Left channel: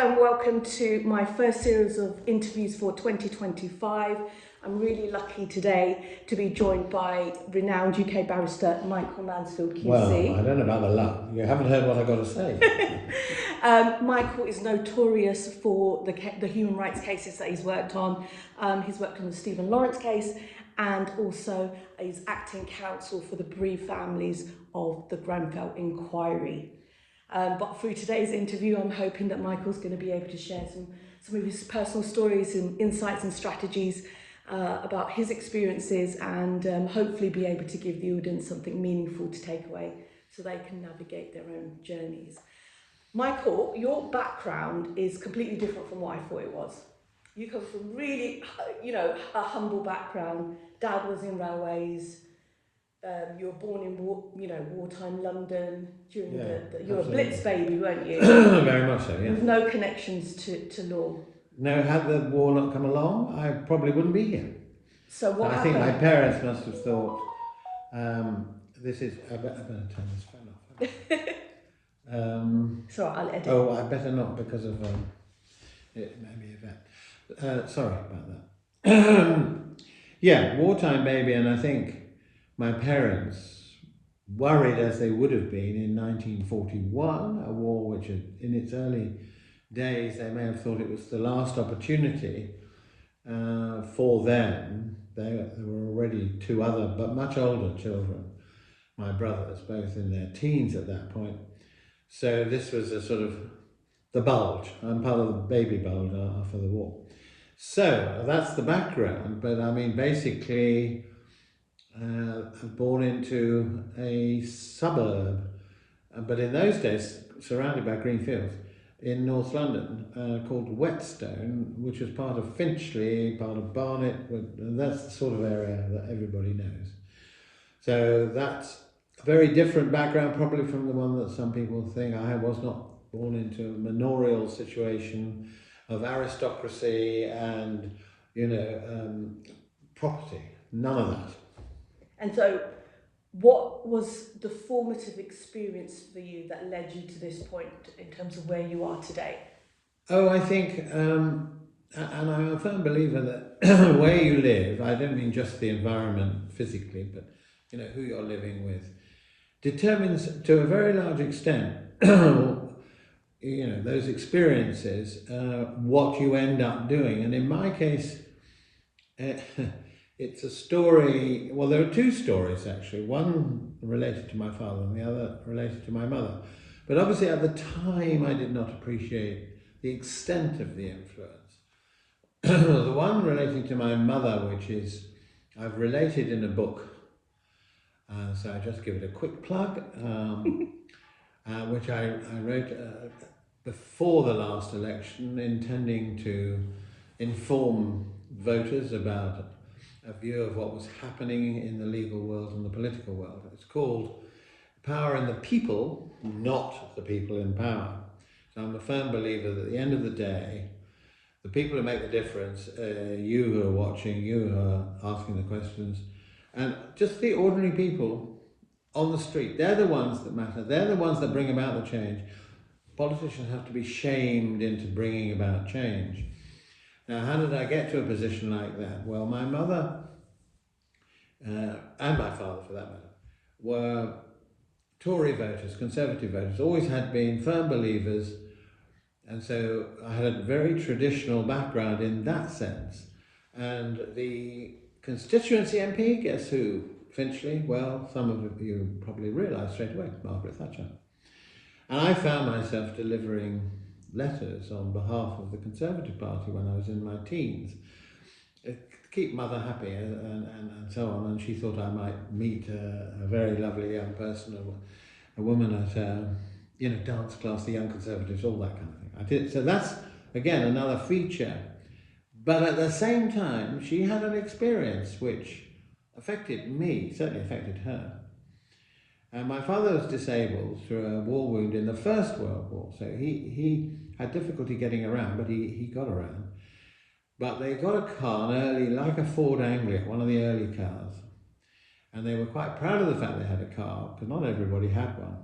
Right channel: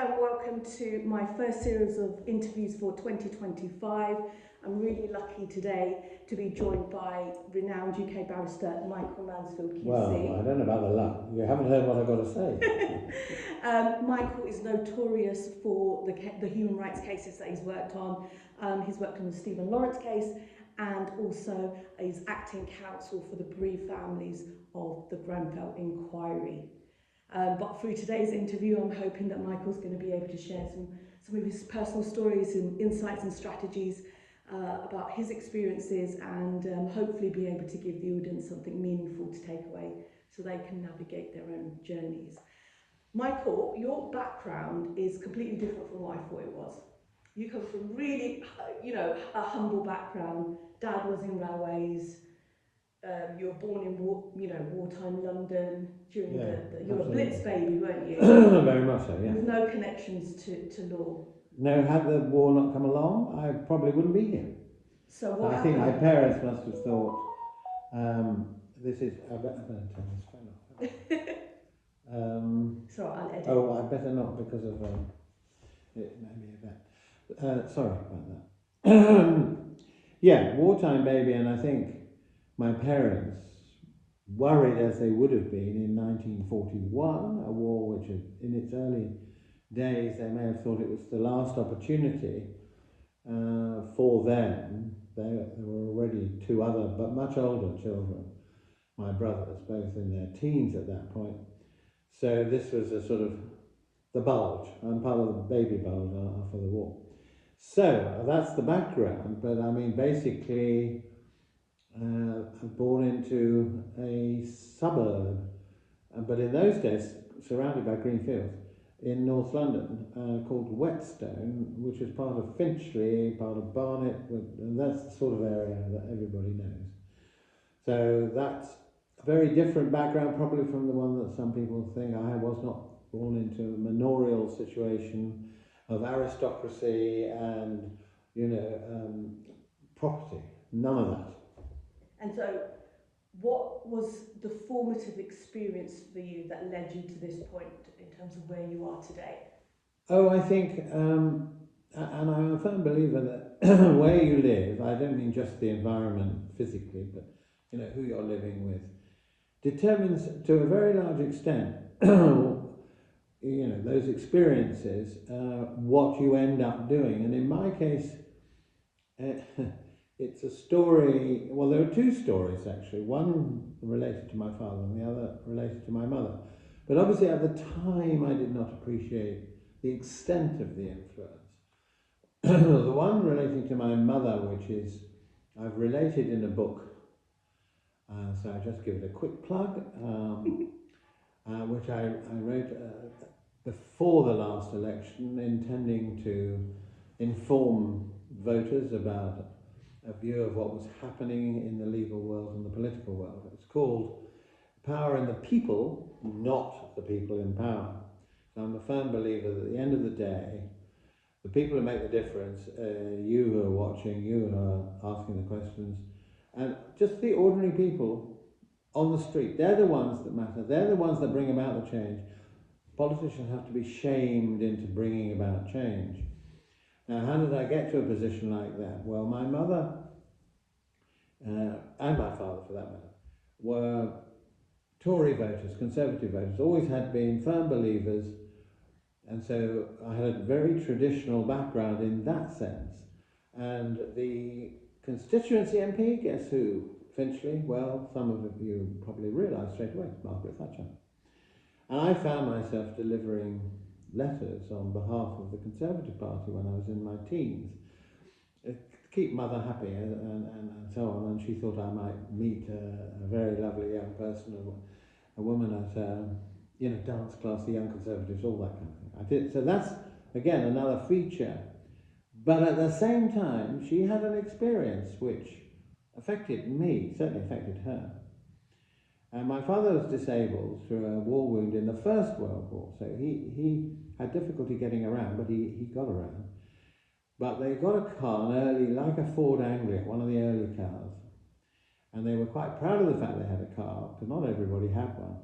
and welcome to my first series of interviews for 2025. I'm really lucky today to be joined by renowned UK barrister Michael Mansfield QC. Well, I don't know about the luck. You haven't heard what I've got to say. Michael is notorious for the human rights cases that he's worked on. He's worked on the Stephen Lawrence case and also is acting counsel for the bereaved families of the Grenfell inquiry. But through today's interview, I'm hoping that Michael's going to be able to share some of his personal stories and insights and strategies about his experiences and hopefully be able to give the audience something meaningful to take away so they can navigate their own journeys. Michael, your background is completely different from what I thought it was. You come from really, a humble background. Dad was in railways. You were born in wartime London during you were a Blitz baby, weren't you? Very much so, yeah. With no connections to law. No, had the war not come along, I probably wouldn't be here. So what happened? I think my parents must have thought, this is, I better turn this phone off. Sorry, I'll edit. Oh, I better not because of, it may be a vet. Sorry about that. Yeah, wartime baby, and I think my parents, worried as they would have been in 1941, a war which had, in its early days, they may have thought it was the last opportunity for them. There were already two other, but much older children, my brothers, both in their teens at that point. So this was a sort of the bulge. I'm part of the baby bulge after the war. So that's the background, but I mean, basically, born into a suburb, but in those days surrounded by green fields in North London, called Whetstone, which was part of Finchley, part of Barnet, and that's the sort of area that everybody knows. So that's a very different background probably from the one that some people think. I was not born into a manorial situation of aristocracy and, property, none of that. And so, what was the formative experience for you that led you to this point in terms of where you are today? Oh, I think, and I'm a firm believer that where you live, I don't mean just the environment physically, but who you're living with, determines to a very large extent, those experiences, what you end up doing. And in my case, it's a story, well, there are two stories actually, one related to my father and the other related to my mother. But obviously at the time I did not appreciate the extent of the influence. The one relating to my mother, which is, I've related in a book, so I just give it a quick plug, which I wrote before the last election, intending to inform voters about a view of what was happening in the legal world and the political world. It's called Power in the People, Not the People in Power. So I'm a firm believer that at the end of the day, the people who make the difference, you who are watching, you who are asking the questions, and just the ordinary people on the street, they're the ones that matter. They're the ones that bring about the change. Politicians have to be shamed into bringing about change. Now, how did I get to a position like that? Well, my mother, and my father for that matter, were Tory voters, Conservative voters, always had been firm believers, and so I had a very traditional background in that sense. And the constituency MP, guess who? Finchley, well, some of you probably realise straight away, Margaret Thatcher. And I found myself delivering letters on behalf of the Conservative Party when I was in my teens. Keep mother happy and so on, and she thought I might meet a very lovely young person, a woman at dance class, the Young Conservatives, all that kind of thing. I did. So that's, again, another feature. But at the same time, she had an experience which affected me, certainly affected her. And my father was disabled through a war wound in the First World War, so he had difficulty getting around, but he got around. But they got a car, like a Ford Anglia, one of the early cars, and they were quite proud of the fact they had a car, because not everybody had one.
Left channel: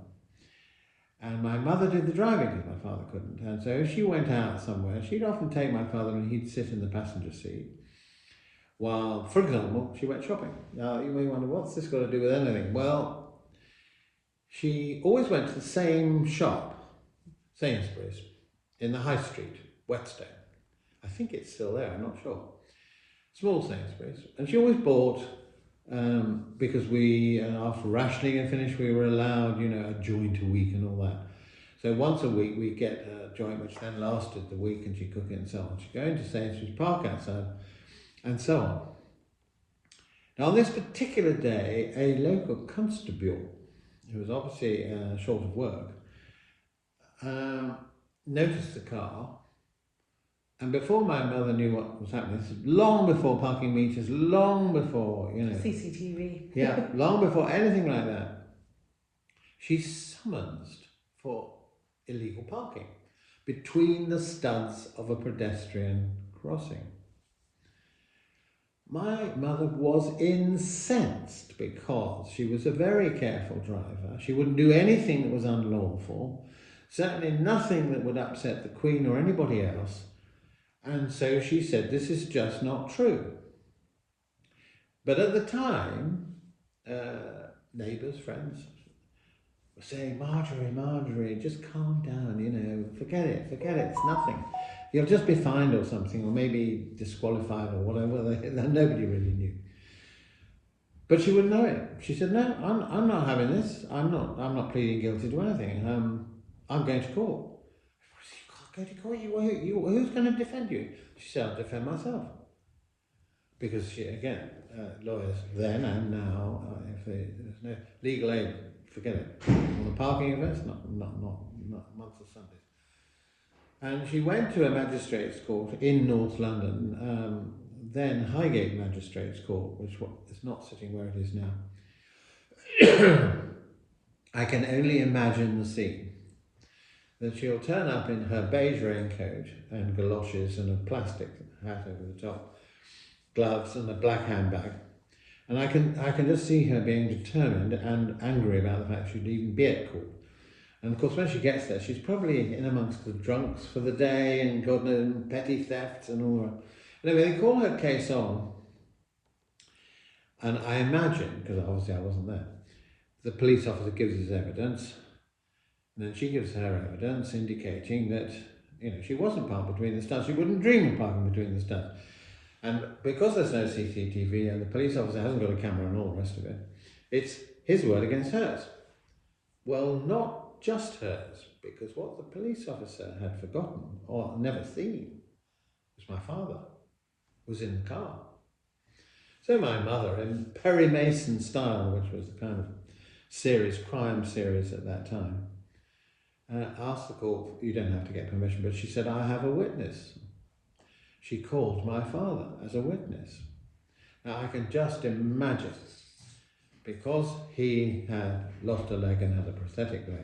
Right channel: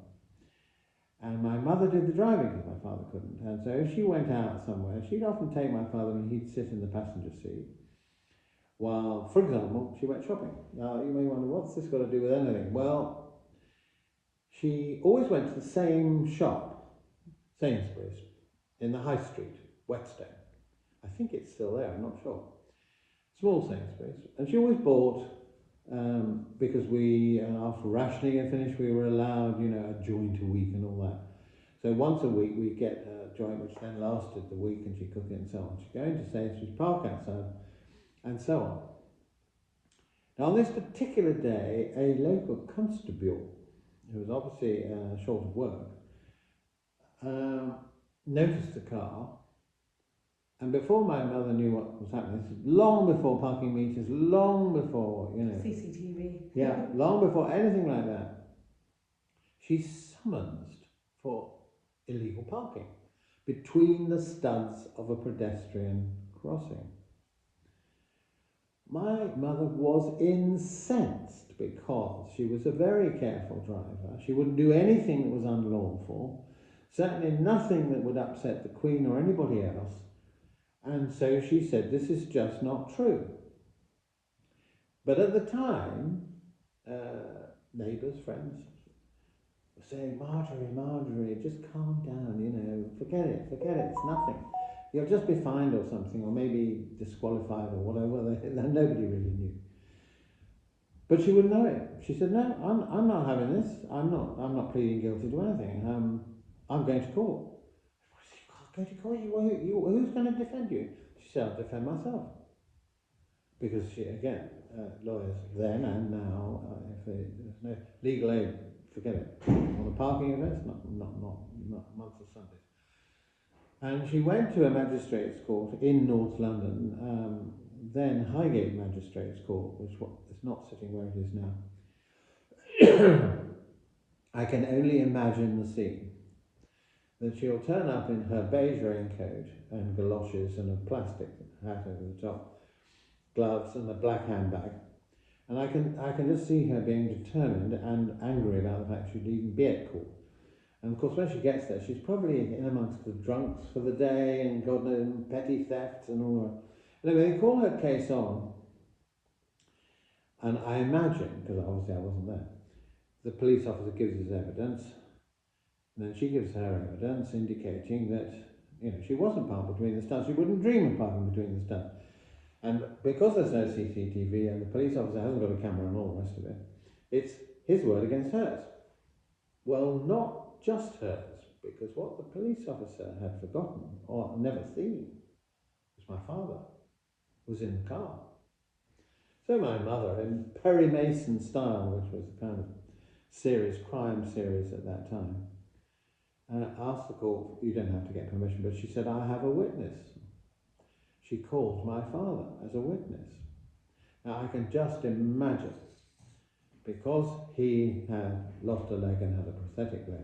And my mother did the driving because my father couldn't. And so if she went out somewhere, she'd often take my father and he'd sit in the passenger seat while, for example, she went shopping. Now, you may wonder, what's this got to do with anything? Well, she always went to the same shop, Sainsbury's, in the High Street, Whetstone. I think it's still there, I'm not sure. Small Sainsbury's. And she always bought, because we, after rationing had finished, we were allowed, you know, a joint a week and all that. So once a week we'd get a joint which then lasted the week and she'd cook it and so on. She'd go into Sainsbury's, park outside, and so on. Now on this particular day, a local constable, who was obviously short of work, noticed the car, and before my mother knew what was happening, this is long before parking meters, long before, you know, CCTV. yeah, long before anything like that, she summonsed for illegal parking between the studs of a pedestrian crossing. My mother was incensed because she was a very careful driver. She wouldn't do anything that was unlawful, certainly nothing that would upset the Queen or anybody else. And so she said, this is just not true. But at the time, neighbours, friends, were saying, Marjorie, just calm down, you know, forget it, it's nothing. You'll just be fined or something, or maybe disqualified or whatever. Nobody really knew. But she wouldn't know it. She said, no, I'm not having this. I'm not pleading guilty to anything. I'm going to court. Go to court? Who's going to defend you? She said, I'll defend myself. Because she, again, lawyers then and now, if there's no legal aid, forget it. On the parking offence, not once a Sunday. And she went to a magistrate's court in North London, then Highgate Magistrates Court, which is not sitting where it is now. I can only imagine the scene. That she'll turn up in her beige raincoat and galoshes and a plastic hat over the top, gloves and a black handbag. And I can just see her being determined and angry about the fact she'd even be at court. And of course, when she gets there, she's probably in amongst the drunks for the day and God knows, petty thefts and all that. Anyway, they call her case on. And I imagine, because obviously I wasn't there, the police officer gives his evidence. And then she gives her evidence indicating that, you know, she wasn't parked between the studs. She wouldn't dream of parking between the studs. And because there's no CCTV and the police officer hasn't got a camera and all the rest of it, it's his word against hers. Well, not just hers, because what the police officer had forgotten or never seen was my father was in the car. So my mother, in Perry Mason style, which was the kind of crime series at that time, asked the court, you don't have to get permission, but she said, I have a witness. She called my father as a witness. Now I can just imagine, because he had lost a leg and had a prosthetic leg,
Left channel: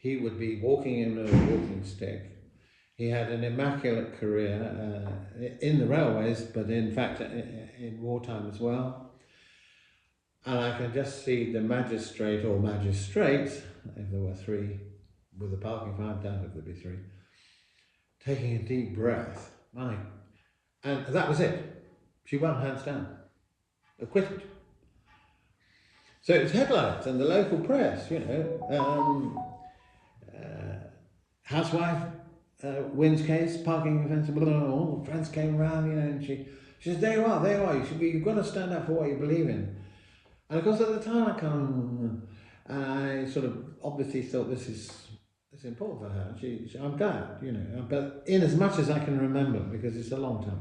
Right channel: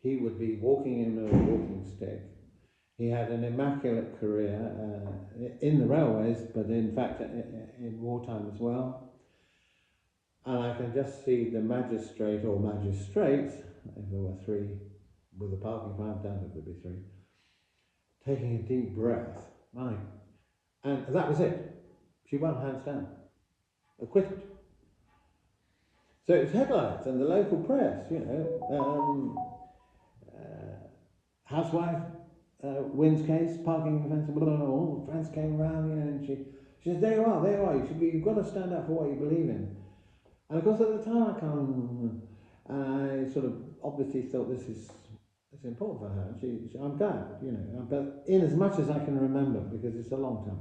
he would be walking in a walking stick. He had an immaculate career in the railways, but in fact in wartime as well. And I can just see the magistrate or magistrates, if there were three, with the parking fine, I doubt if there'd be three, taking a deep breath. And that was it. She won hands down. Acquitted. So it was headlines and the local press, you know, housewife wins case, parking offence, blah, blah, blah, all the friends came around, you know, and she says, there you are, you've got to stand up for what you believe in. And of course at the time I sort of obviously thought this is important for her. I'm glad, you know, but in as much as I can remember, because it's a long time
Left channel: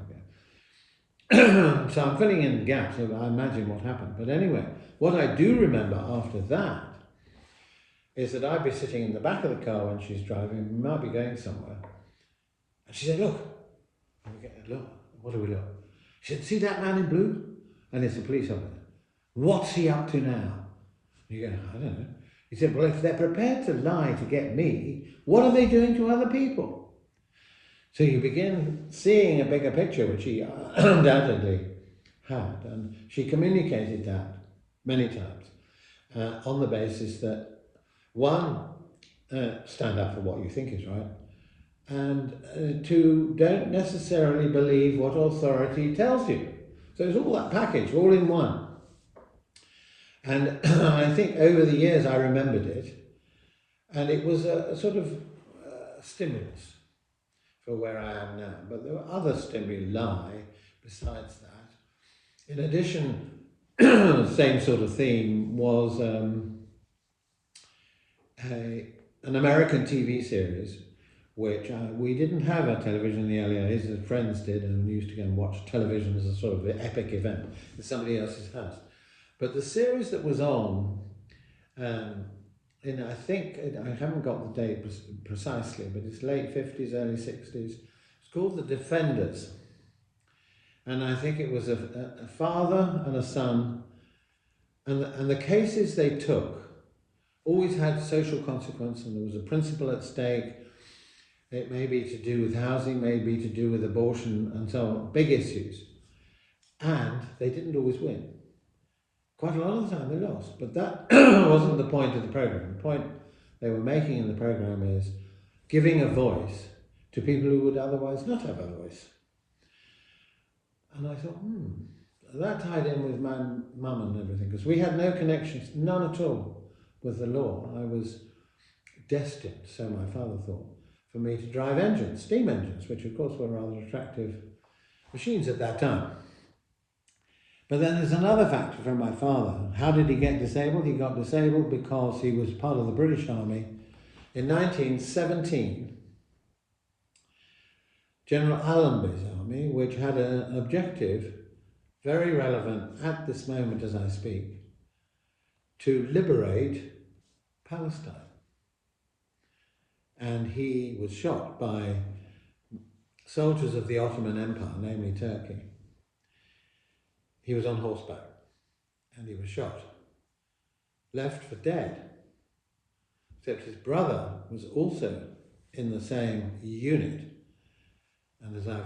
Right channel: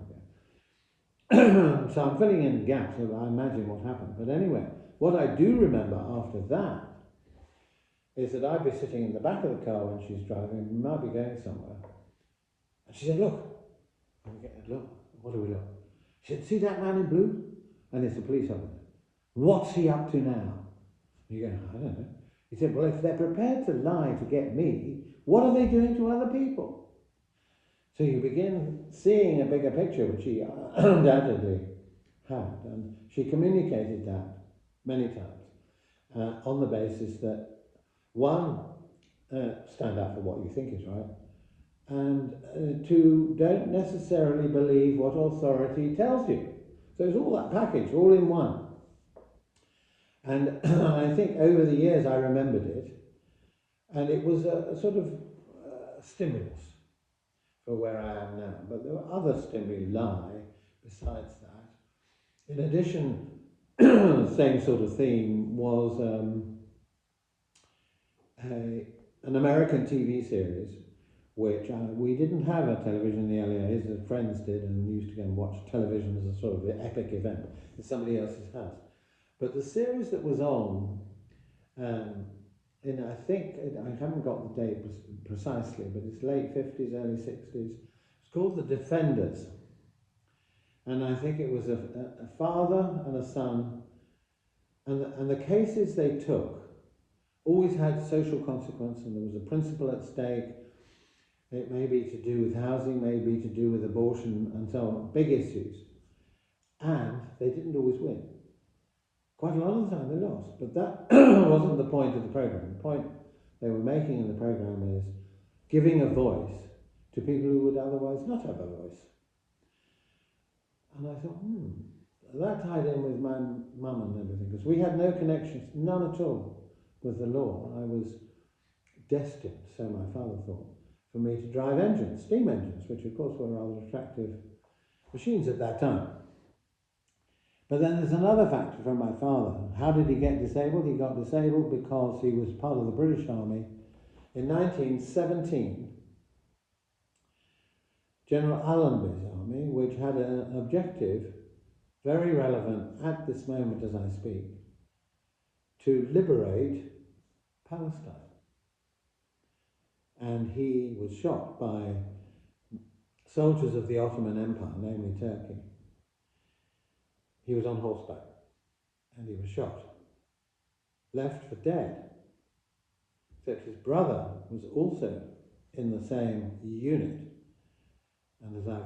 ago. So I'm filling in the gaps of I imagine what happened. But anyway, what I do remember after that is that I'd be sitting in the back of the car when she's driving, we might be going somewhere, and she said, look, what do we look? She said, see that man in blue? And it's a police officer. What's he up to now? You go, I don't know. He said, well, if they're prepared to lie to get me, what are they doing to other people? So you begin seeing a bigger picture, which she undoubtedly had, and she communicated that many times on the basis that, one, stand up for what you think is right, and to don't necessarily believe what authority tells you. So it's all that package, all in one. And I think over the years I remembered it, and it was a sort of stimulus for where I am now. But there were other stimuli besides that. In addition, the same sort of theme was an American TV series, which we didn't have a television in the early days, as friends did, and we used to go and watch television as a sort of an epic event in somebody else's house. But the series that was on, I think, I haven't got the date precisely, but it's late 50s, early 60s. It's called The Defenders. And I think it was a father and a son, and the cases they took always had social consequence, and there was a principle at stake. It may be to do with housing, may be to do with abortion, and so on, big issues. And they didn't always win. Quite a lot of the time they lost, but that wasn't the point of the programme. The point they were making in the programme is giving a voice to people who would otherwise not have a voice. And I thought, that tied in with my mum and everything, because we had no connections, none at all, with the law. I was destined, so my father thought, for me to drive engines, steam engines, which of course were rather attractive machines at that time. But then there's another factor from my father. How did he get disabled? He got disabled because he was part of the British Army. In 1917, General Allenby's army, which had an objective, very relevant at this moment as I speak, to liberate Palestine. And he was shot by soldiers of the Ottoman Empire, namely Turkey. He was on horseback and he was shot, left for dead, except his brother was also in the same unit. And as I've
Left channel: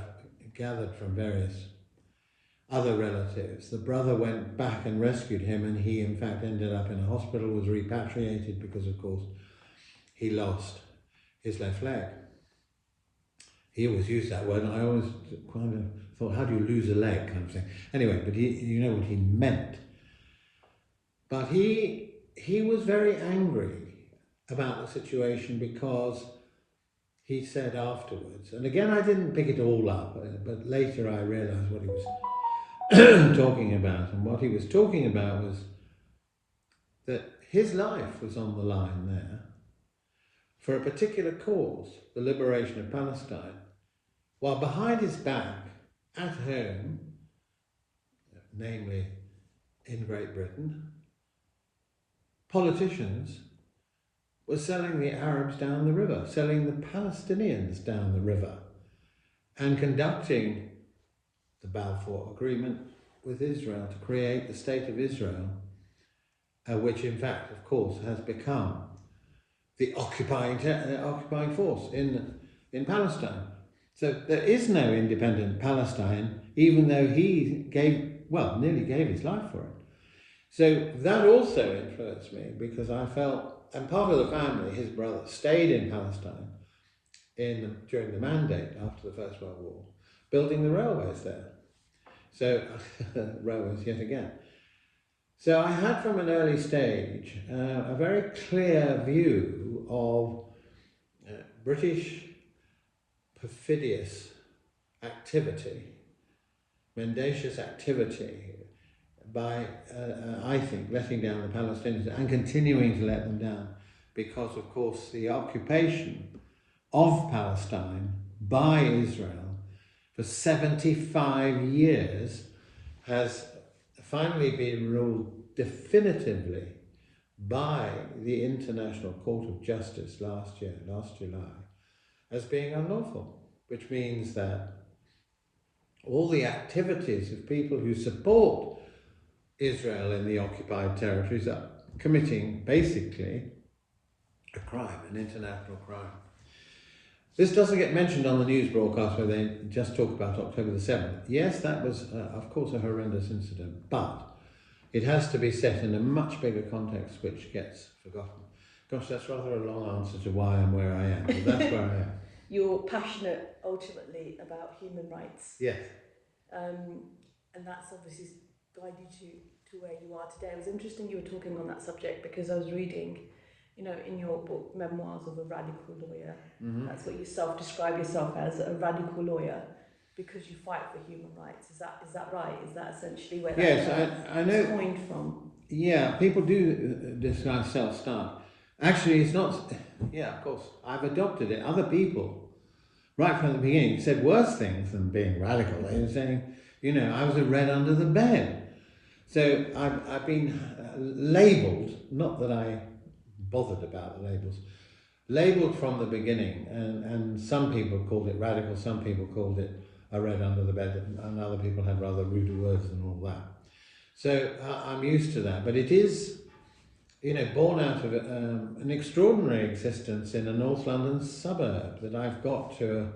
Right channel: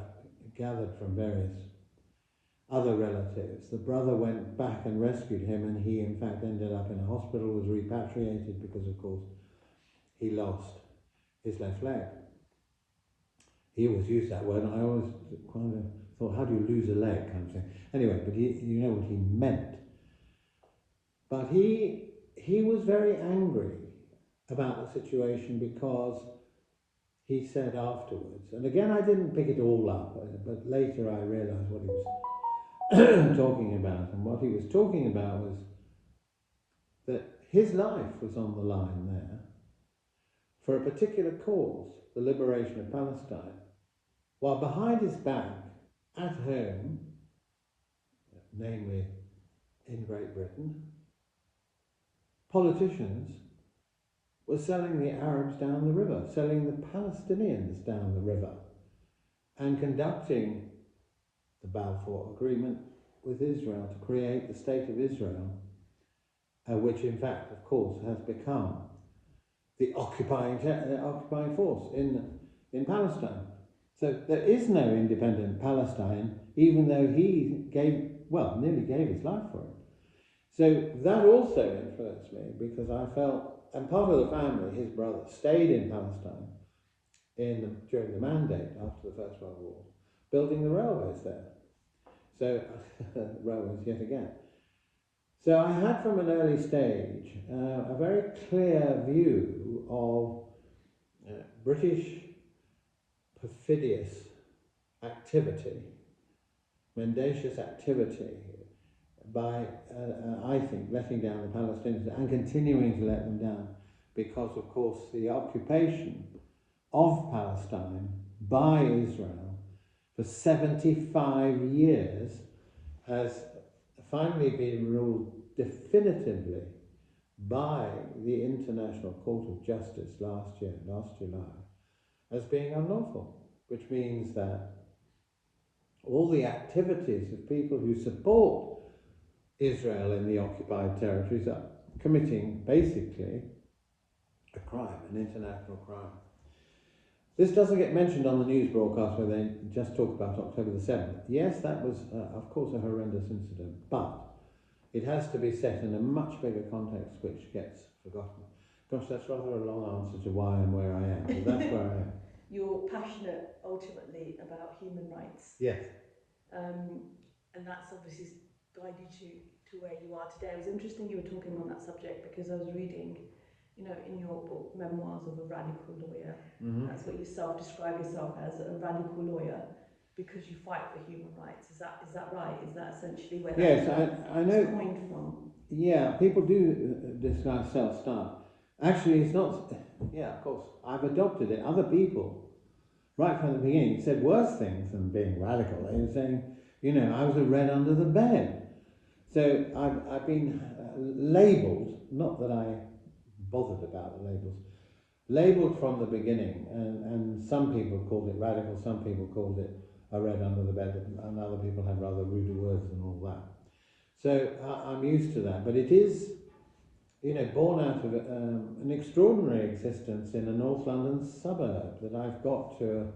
gathered from various other relatives, the brother went back and rescued him, and he in fact ended up in a hospital, was repatriated because of course he lost his left leg. He always used that word, and I always kind of thought, how do you lose a leg, kind of thing. Anyway, but you know what he meant. But he was very angry about the situation because he said afterwards, and again I didn't pick it all up, but later I realised what he was talking about, and what he was talking about was that his life was on the line there for a particular cause, the liberation of Palestine, while behind his back, at home, namely in Great Britain, politicians were selling the Arabs down the river, selling the Palestinians down the river, and conducting the Balfour Agreement with Israel to create the State of Israel, which in fact, of course, has become the occupying force in Palestine. So there is no independent Palestine, even though he nearly gave his life for it. So that also influenced me, because I felt, and part of the family, his brother, stayed in Palestine during the Mandate after the First World War, building the railways there. So, railways yet again. So I had from an early stage a very clear view of British perfidious activity, mendacious activity by, I think, letting down the Palestinians and continuing to let them down, because of course the occupation of Palestine by Israel for 75 years has finally been ruled definitively by the International Court of Justice last July, as being unlawful, which means that all the activities of people who support Israel in the occupied territories are committing basically a crime, an international crime. This doesn't get mentioned on the news broadcast where they just talk about October the 7th. Yes, that was, of course, a horrendous incident, but it has to be set in a much bigger context which gets forgotten. Gosh, that's rather a long answer to why I'm where I am, but that's where I am. You're passionate ultimately about human rights. Yes. And that's obviously guided you to where you are today. It was interesting you were talking on that subject because I was reading, you know, in your book, Memoirs of a Radical Lawyer. Mm-hmm. That's what you self-describe yourself as, a radical lawyer, because you fight for human rights. Is that right? Is that essentially where I know. Coined from? Yeah, people do describe self-start. Actually, it's not. Yeah, of course, I've adopted it. Other people, right from the beginning, said worse things than being radical. They were saying, you know, I was a red under the bed. So I've been labelled. Not that I bothered about the labels. Labelled from the beginning, and some people called it radical. Some people called it a red under the bed, and other people had rather ruder words than all that. So I'm used to that, but it is, you know, born out of an extraordinary existence in a North London suburb that I've got to,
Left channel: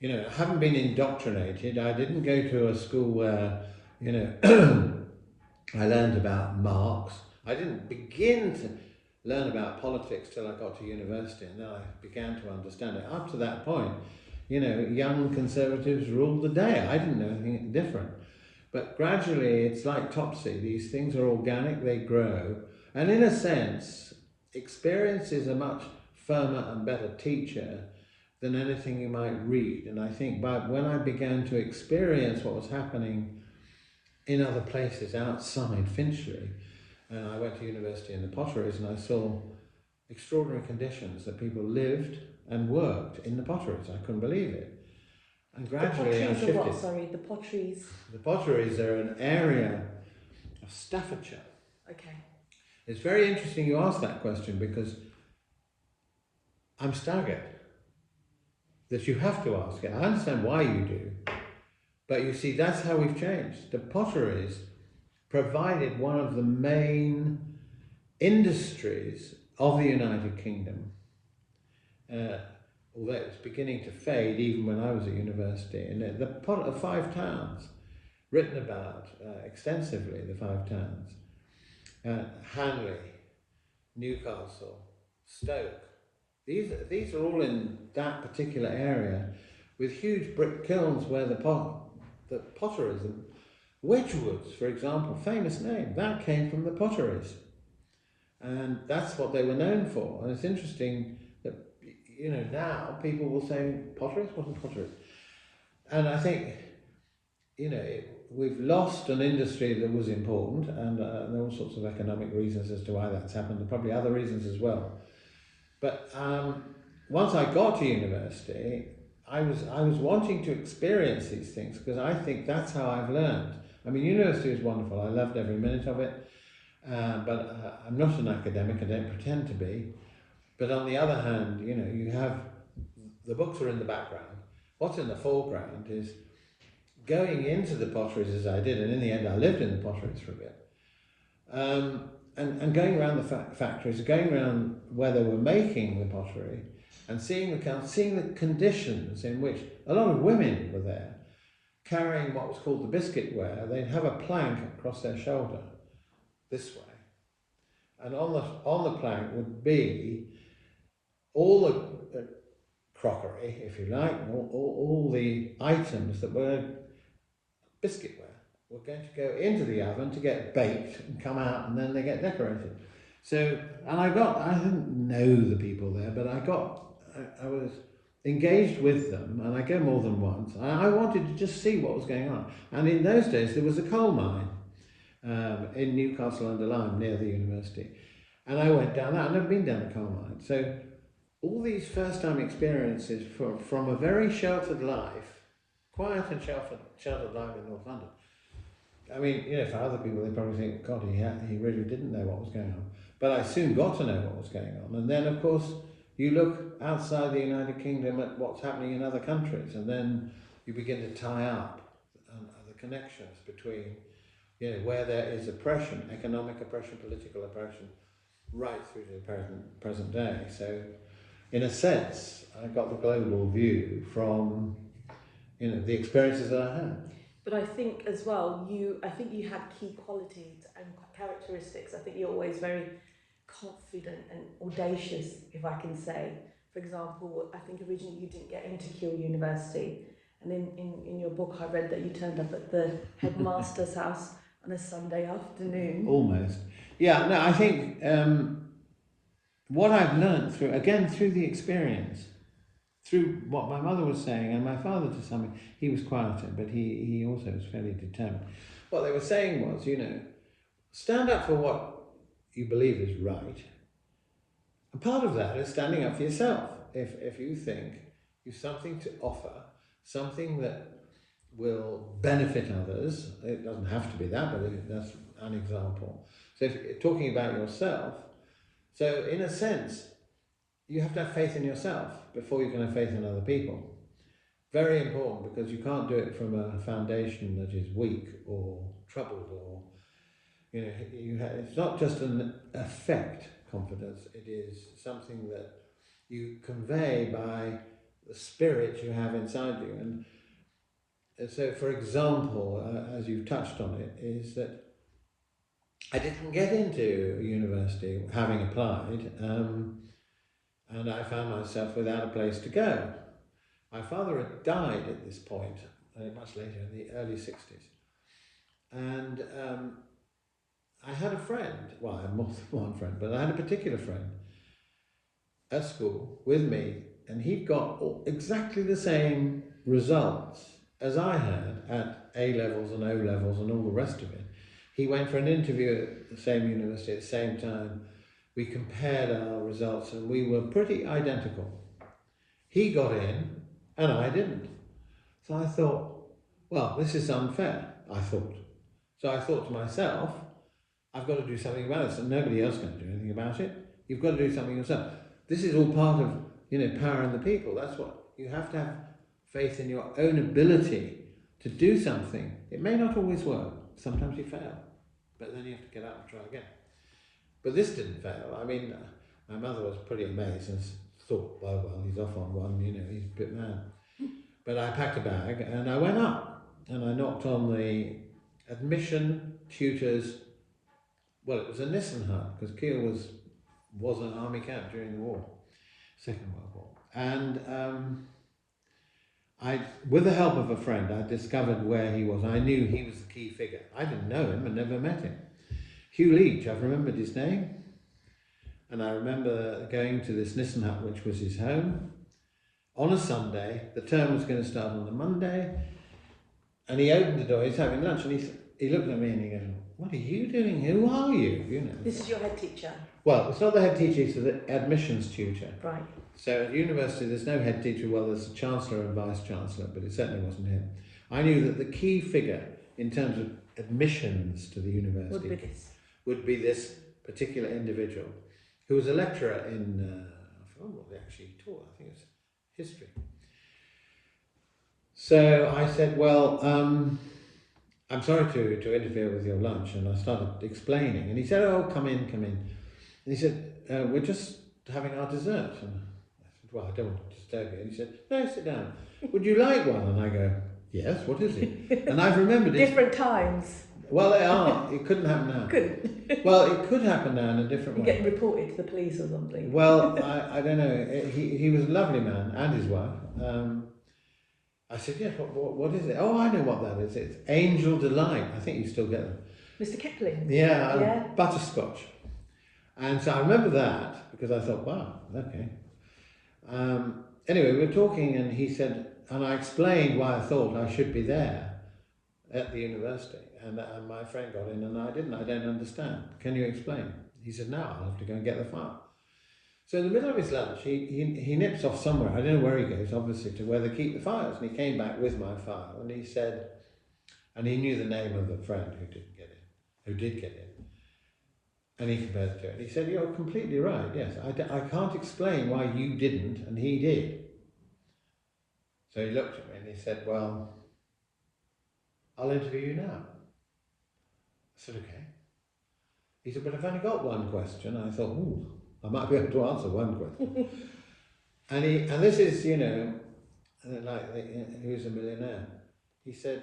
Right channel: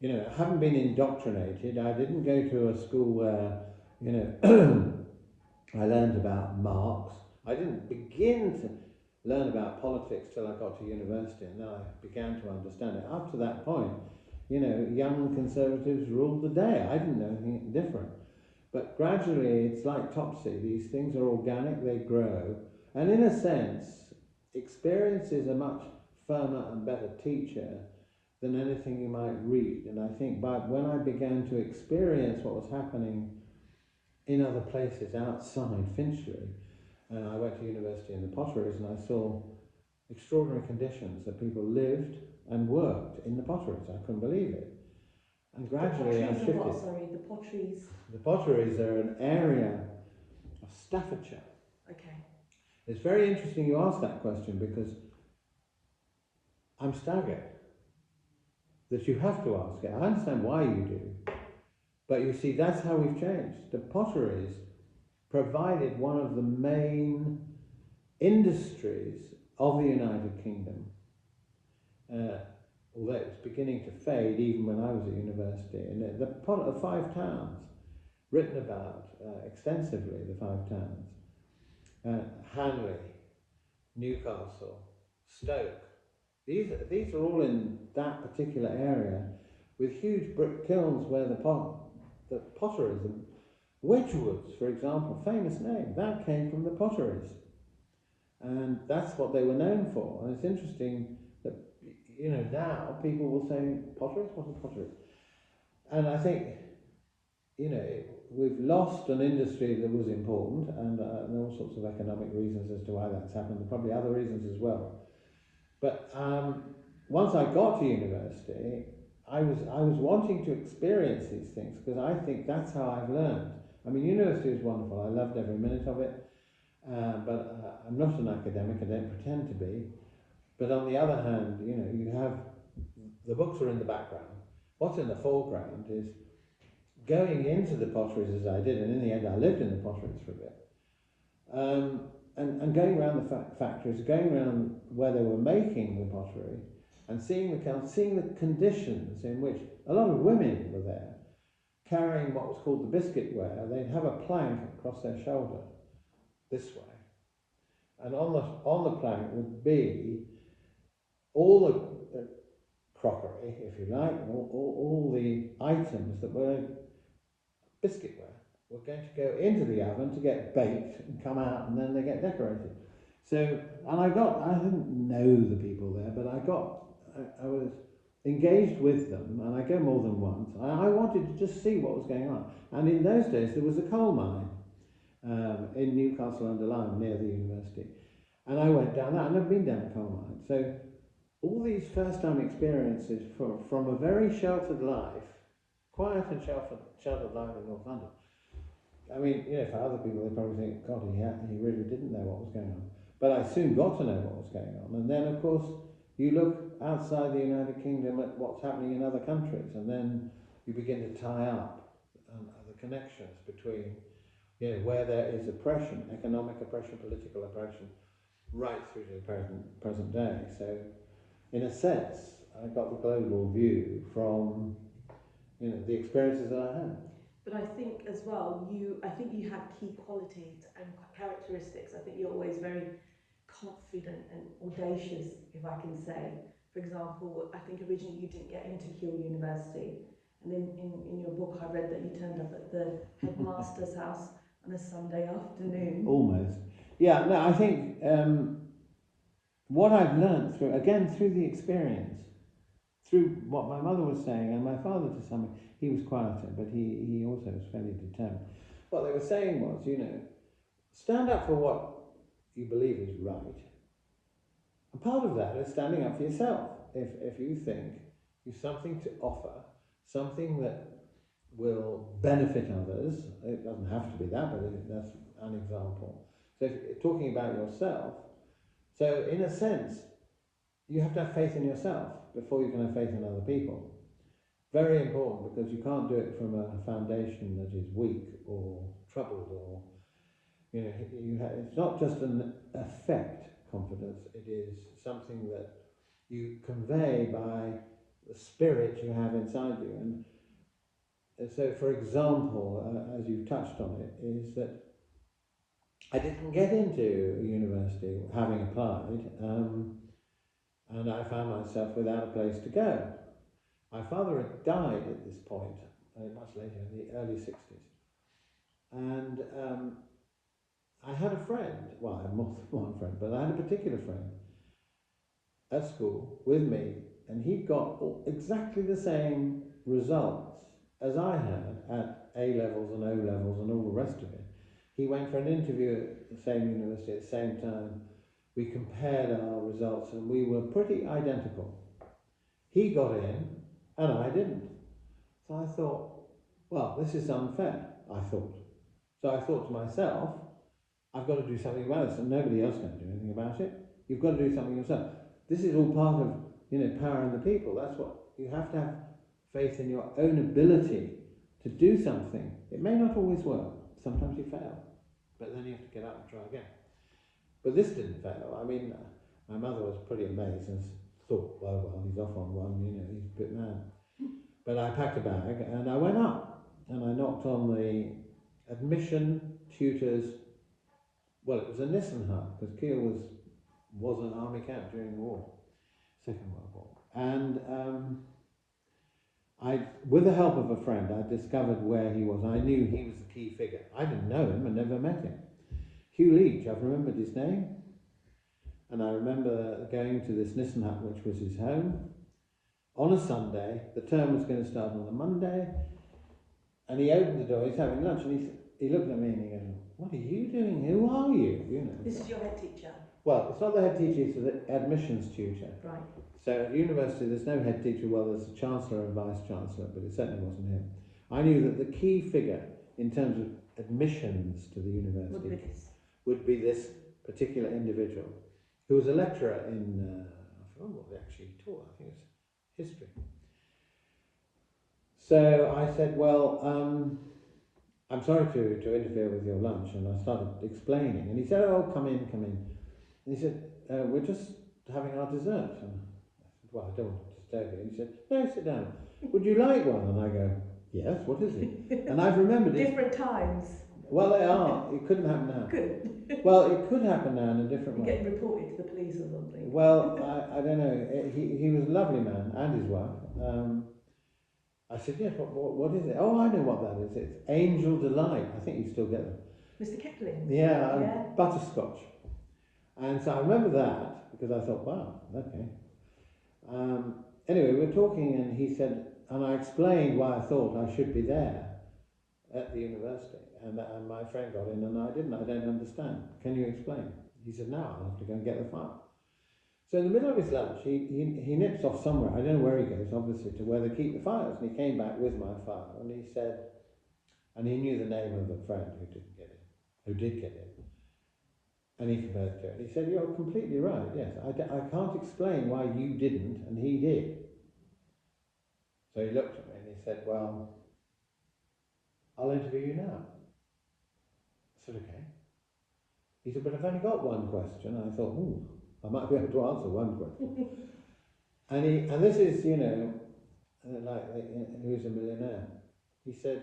you know, I haven't been indoctrinated. I didn't go to a school where, you know, I learned about Marx. I didn't begin to learn about politics till I got to university, and then I began to understand it. Up to that point, you know, young conservatives ruled the day. I didn't know anything different. But gradually, it's like Topsy. These things are organic, they grow. And in a sense, experience is a much firmer and better teacher than anything you might read. And I think when I began to experience what was happening in other places outside Finchley, and I went to university in the Potteries and I saw extraordinary conditions that people lived and worked in the Potteries. I couldn't believe it. And gradually I shifted. What? Sorry, the Potteries. The Potteries are an area of Staffordshire. Okay. It's very interesting you ask that question because I'm staggered that you have to ask it. I understand why you do, but you see, that's how we've changed. The Potteries provided one of the main industries of the United Kingdom. Although it was beginning to fade even when I was at university. And the Five Towns, written about extensively, the Five Towns, Hanley, Newcastle, Stoke. These are all in that particular area with huge brick kilns where the potteries, and Wedgwoods, for example, famous name, that came from the Potteries. And that's what they were known for. And it's interesting that, you know, now people will say Potteries wasn't Potteries. And I think, you know, we've lost an industry that was important, and there are all sorts of economic reasons as to why that's happened, and probably other reasons as well. But once I got to university, I was wanting to experience these things because I think that's how I've learned. I mean, university is wonderful. I loved every minute of it, but I'm not an academic. I don't pretend to be. But on the other hand, you know, you have the books are in the background. What's in the foreground is going into the potteries as I did, and in the end I lived in the potteries for a bit, and going around the factories, going around where they were making the pottery, and seeing the conditions in which a lot of women were there, carrying what was called the biscuit ware. They'd have a plank across their shoulder, this way, and on the plank would be all the crockery, if you like, all the items that were biscuitware were going to go into the oven to get baked and come out, and then they get decorated. So, and I didn't know the people there, but I was engaged with them, and I go more than once. I wanted to just see what was going on. And in those days, there was a coal mine in Newcastle under Lyme near the university. And I went down that. I'd never been down a coal mine. So all these first-time experiences from a very sheltered life, quiet and sheltered life in North London. I mean, you know, for other people, they probably think, God, he really didn't know what was going on. But I soon got to know what was going on. And then, of course, you look outside the United Kingdom at what's happening in other countries, and then you begin to tie up the connections between, you know, where there is oppression, economic oppression, political oppression, right through to the present day. So, in a sense, I got the global view from, you know, the experiences that I had. But I think as well, I think you had key qualities and characteristics. I think you're always very confident and audacious, if I can say. For example, I think originally you didn't get into Keele University, and in your book I read that you turned up at the headmaster's house on a Sunday afternoon. Almost. Yeah, no, I think what I've learned through the experience, through what my mother was saying, and my father to some extent, he was quieter, but he also was fairly determined. What they were saying was, stand up for what you believe is right. And part of that is standing up for yourself. If you think you've something to offer, something that will benefit others, it doesn't have to be that, but that's an example. So if you're talking about yourself, so in a sense, you have to have faith in yourself before you can have faith in other people. Very important, because you can't do it from a foundation that is weak or troubled, or it's not just an effect confidence, it is something that you convey by the spirit you have inside you. And so, for example, as you've touched on it, is that I didn't get into university having applied, and I found myself without a place to go. My father had died at this point, much later, in the early 60s. And I had a friend, well, I had more than one friend, but I had a particular friend at school with me, and he'd got exactly the same results as I had at A-levels and O-levels and all the rest of it. He went for an interview at the same university at the same time. We compared our results and we were pretty identical. He got in and I didn't. So I thought, well, this is unfair, I thought. So I thought to myself, I've got to do something about this, and nobody else can do anything about it. You've got to do something yourself. This is all part of, power in the people. That's what you have to have faith in your own ability to do something. It may not always work. Sometimes you fail, but then you have to get up and try again. But this didn't fail. I mean, my mother was pretty amazed and thought, well, he's off on one, he's a bit mad. But I packed a bag and I went up and I knocked on the admission tutors. Well, it was a Nissen hut, because Keele was an army camp during the war, Second World War. And with the help of a friend, I discovered where he was. I knew he was the key figure. I didn't know him and never met him. Hugh Leach, I've remembered his name. And I remember going to this Nissen hut, which was his home, on a Sunday. The term was going to start on the Monday. And he opened the door, he's having lunch, and he looked at me and he goes, "What are you doing? Who are you?" This is your head teacher? Well, it's not the head teacher, it's the admissions tutor. Right. So at university, there's no head teacher. Well, there's a chancellor and vice chancellor, but it certainly wasn't him. I knew that the key figure in terms of admissions to the university would be this particular individual, who was a lecturer in, I forgot what they actually taught, I think it was history. So I said, well, I'm sorry to interfere with your lunch, and I started explaining, and he said, "Oh, come in. And he said, "We're just having our dessert." And I said, "Well, I don't want to disturb you." And he said, "No, sit down. Would you like one?" And I go, "Yes, what is it?" And I've remembered it. Different times. Well, they are. It couldn't happen now. Couldn't. Well, it could happen now in a different way. Get reported to the police or something. Well, I don't know. He was a lovely man, and his wife. I said, "Yes, what is it?" "Oh, I know what that is. It's Angel Delight." I think you still get them. Mr. Kipling? Yeah, butterscotch. And so I remember that, because I thought, wow, okay. Anyway, we were talking, and he said, and I explained why I thought I should be there at the university. And my friend got in, and I didn't. "I don't understand. Can you explain?" He said, "No, I'll have to go and get the file." So in the middle of his lunch, he nips off somewhere, I don't know where he goes, obviously, to where they keep the files. And he came back with my file, and he said, and he knew the name of the friend who did get in. And he compared it to it. He said, "You're completely right, yes. I can't explain why you didn't, and he did." So he looked at me and he said, "Well, I'll interview you now." I said, "Okay." He said, "But I've only got one question." I thought, ooh, I might be able to answer one question. and this is, like, Who's a Millionaire? He said,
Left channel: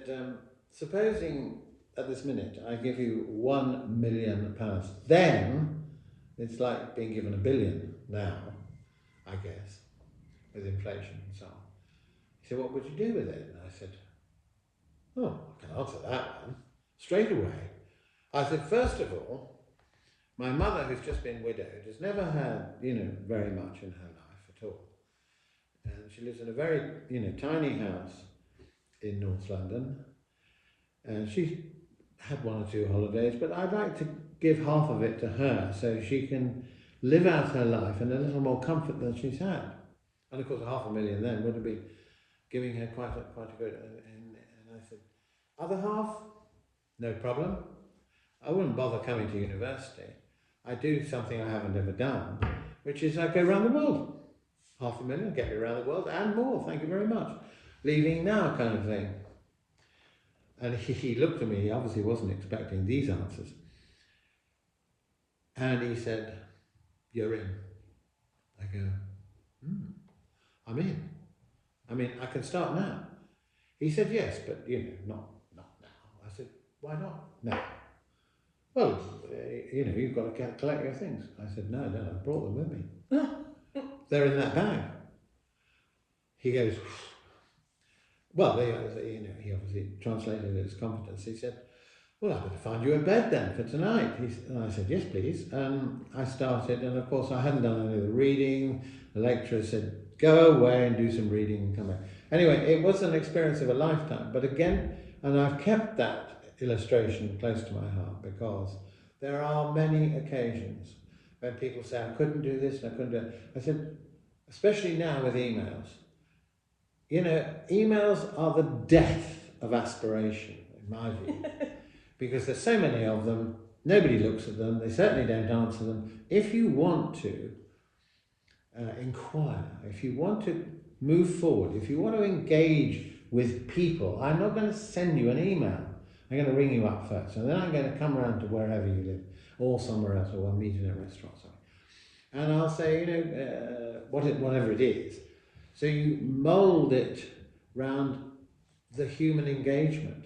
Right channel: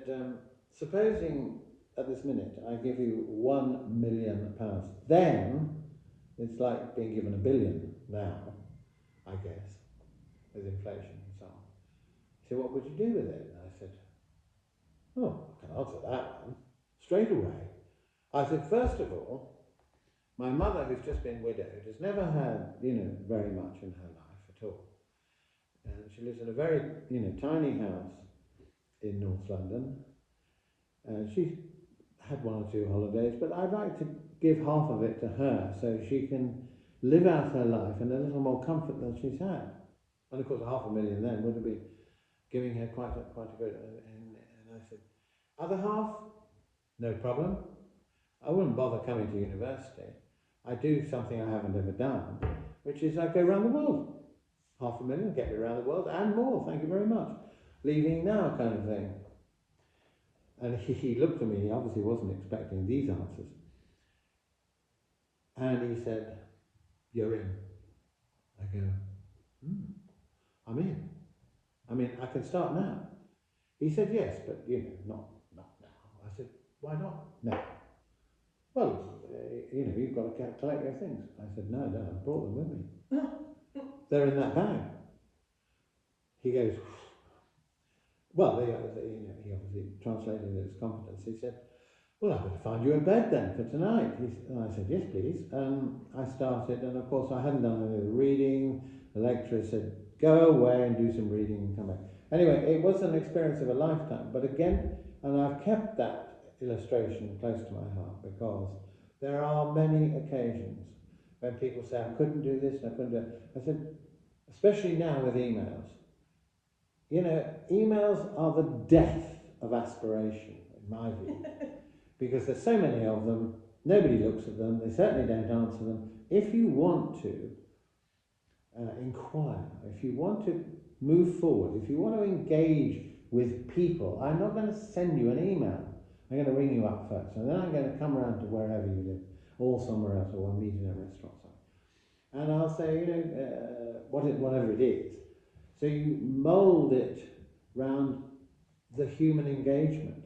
supposing at this minute I give you £1 million, then It's like being given $1 billion now, I guess, with inflation and so on. He said, what would you do with it? And I said, oh, I can answer that one straight away. I said, first of all, my mother, who's just been widowed, has never had, very much in her life at all. And she lives in a very, tiny house in North London. And she had 1 or 2 holidays, but I'd like to give half of it to her so she can live out her life in a little more comfort than she's had. And of course, $500,000 then would have been giving her quite a good. And I said, other half, no problem. I wouldn't bother coming to university. I do something I haven't ever done, which is I go around the world. $500,000, get me around the world and more, thank you very much. Leaving now kind of thing. And he looked at me, he obviously wasn't expecting these answers. And he said, you're in. I go, I'm in. I mean, I can start now. He said, yes, but not now. I said, why not now? Well, you've got to collect your things. I said, no, I brought them with me. They're in that bag. He goes, well, he obviously translated it as confidence. He said, well, I better find you a bed then for tonight. And I said, yes, please. I started, and of course I hadn't done any of the reading. The lecturer said, go away and do some reading and come back. Anyway, it was an experience of a lifetime. But again, and I've kept that illustration close to my heart because there are many occasions when people say, I couldn't do this, I couldn't do that. I said, especially now with emails, emails are the death of aspiration, in my view, because there's so many of them, nobody looks at them, they certainly don't answer them. If you want to inquire, if you want to move forward, if you want to engage with people, I'm not going to send you an email. I'm going to ring you up first, and then I'm going to come around to wherever you live, or somewhere else, or we'll meet in a restaurant or something. And I'll say, whatever it is. So you mould it round the human engagement.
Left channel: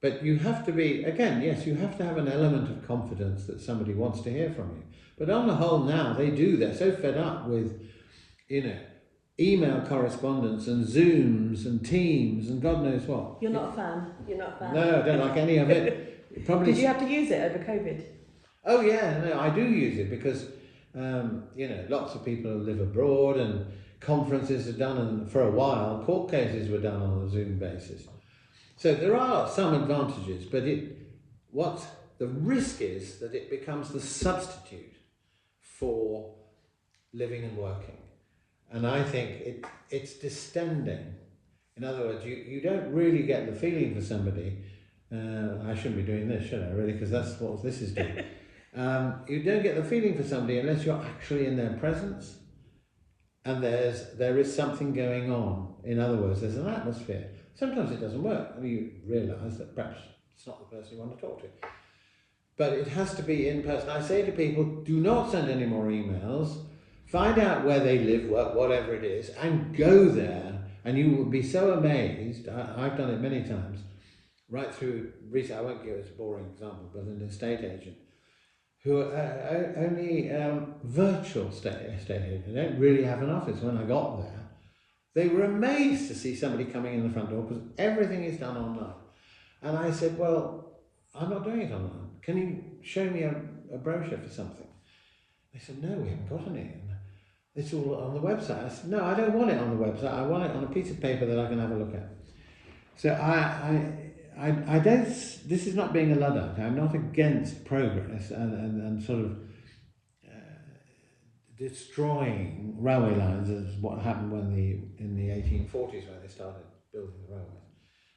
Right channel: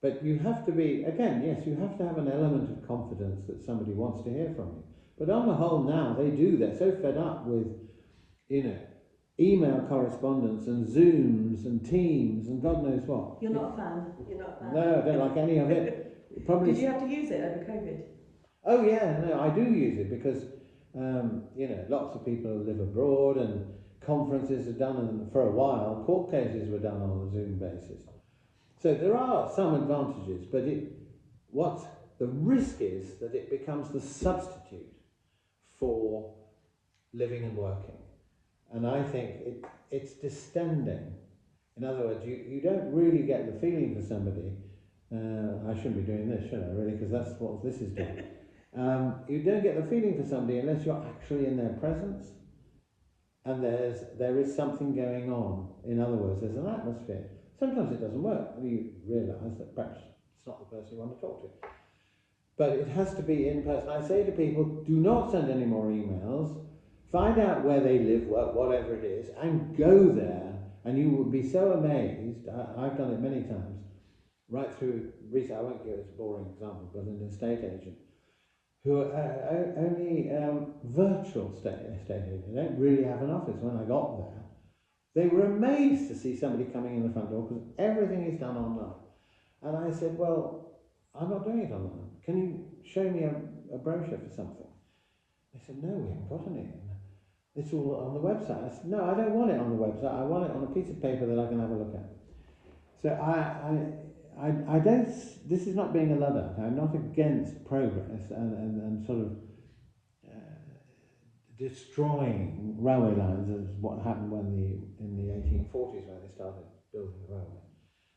But you have to be, again, yes, you have to have an element of confidence that somebody wants to hear from you. But on the whole now, they're so fed up with, email correspondence and Zooms and Teams and God knows what. You're not a fan? You're not a fan? No, I don't like any of it. Probably. Did you have to use it over COVID? Oh yeah, no, I do use it because, lots of people live abroad and conferences are done, and for a while, court cases were done on a Zoom basis. So there are some advantages, but the risk is that it becomes the substitute for living and working. And I think it's distending. In other words, you don't really get the feeling for somebody. I shouldn't be doing this, should I, really? Because that's what this is doing. You don't get the feeling for somebody unless you're actually in their presence and there is something going on. In other words, there's an atmosphere. Sometimes it doesn't work. I mean, you realise that perhaps it's not the person you want to talk to. But it has to be in person. I say to people, do not send any more emails. Find out where they live, work, whatever it is, and go there. And you will be so amazed. I've done it many times. Right through recently, I won't give it a boring example, but an estate agent who only virtual estate agent. They don't really have an office. When I got there, they were amazed to see somebody coming in the front door because everything is done online. And I said, well, I'm not doing it online. Can you show me a brochure for something? They said, no, we haven't got any. It's all on the website. I said, no, I don't want it on the website. I want it on a piece of paper that I can have a look at. So I don't, this is not being a Luddite. I'm not against progress and sort of destroying railway lines as what happened in the 1840s when they started building the railways.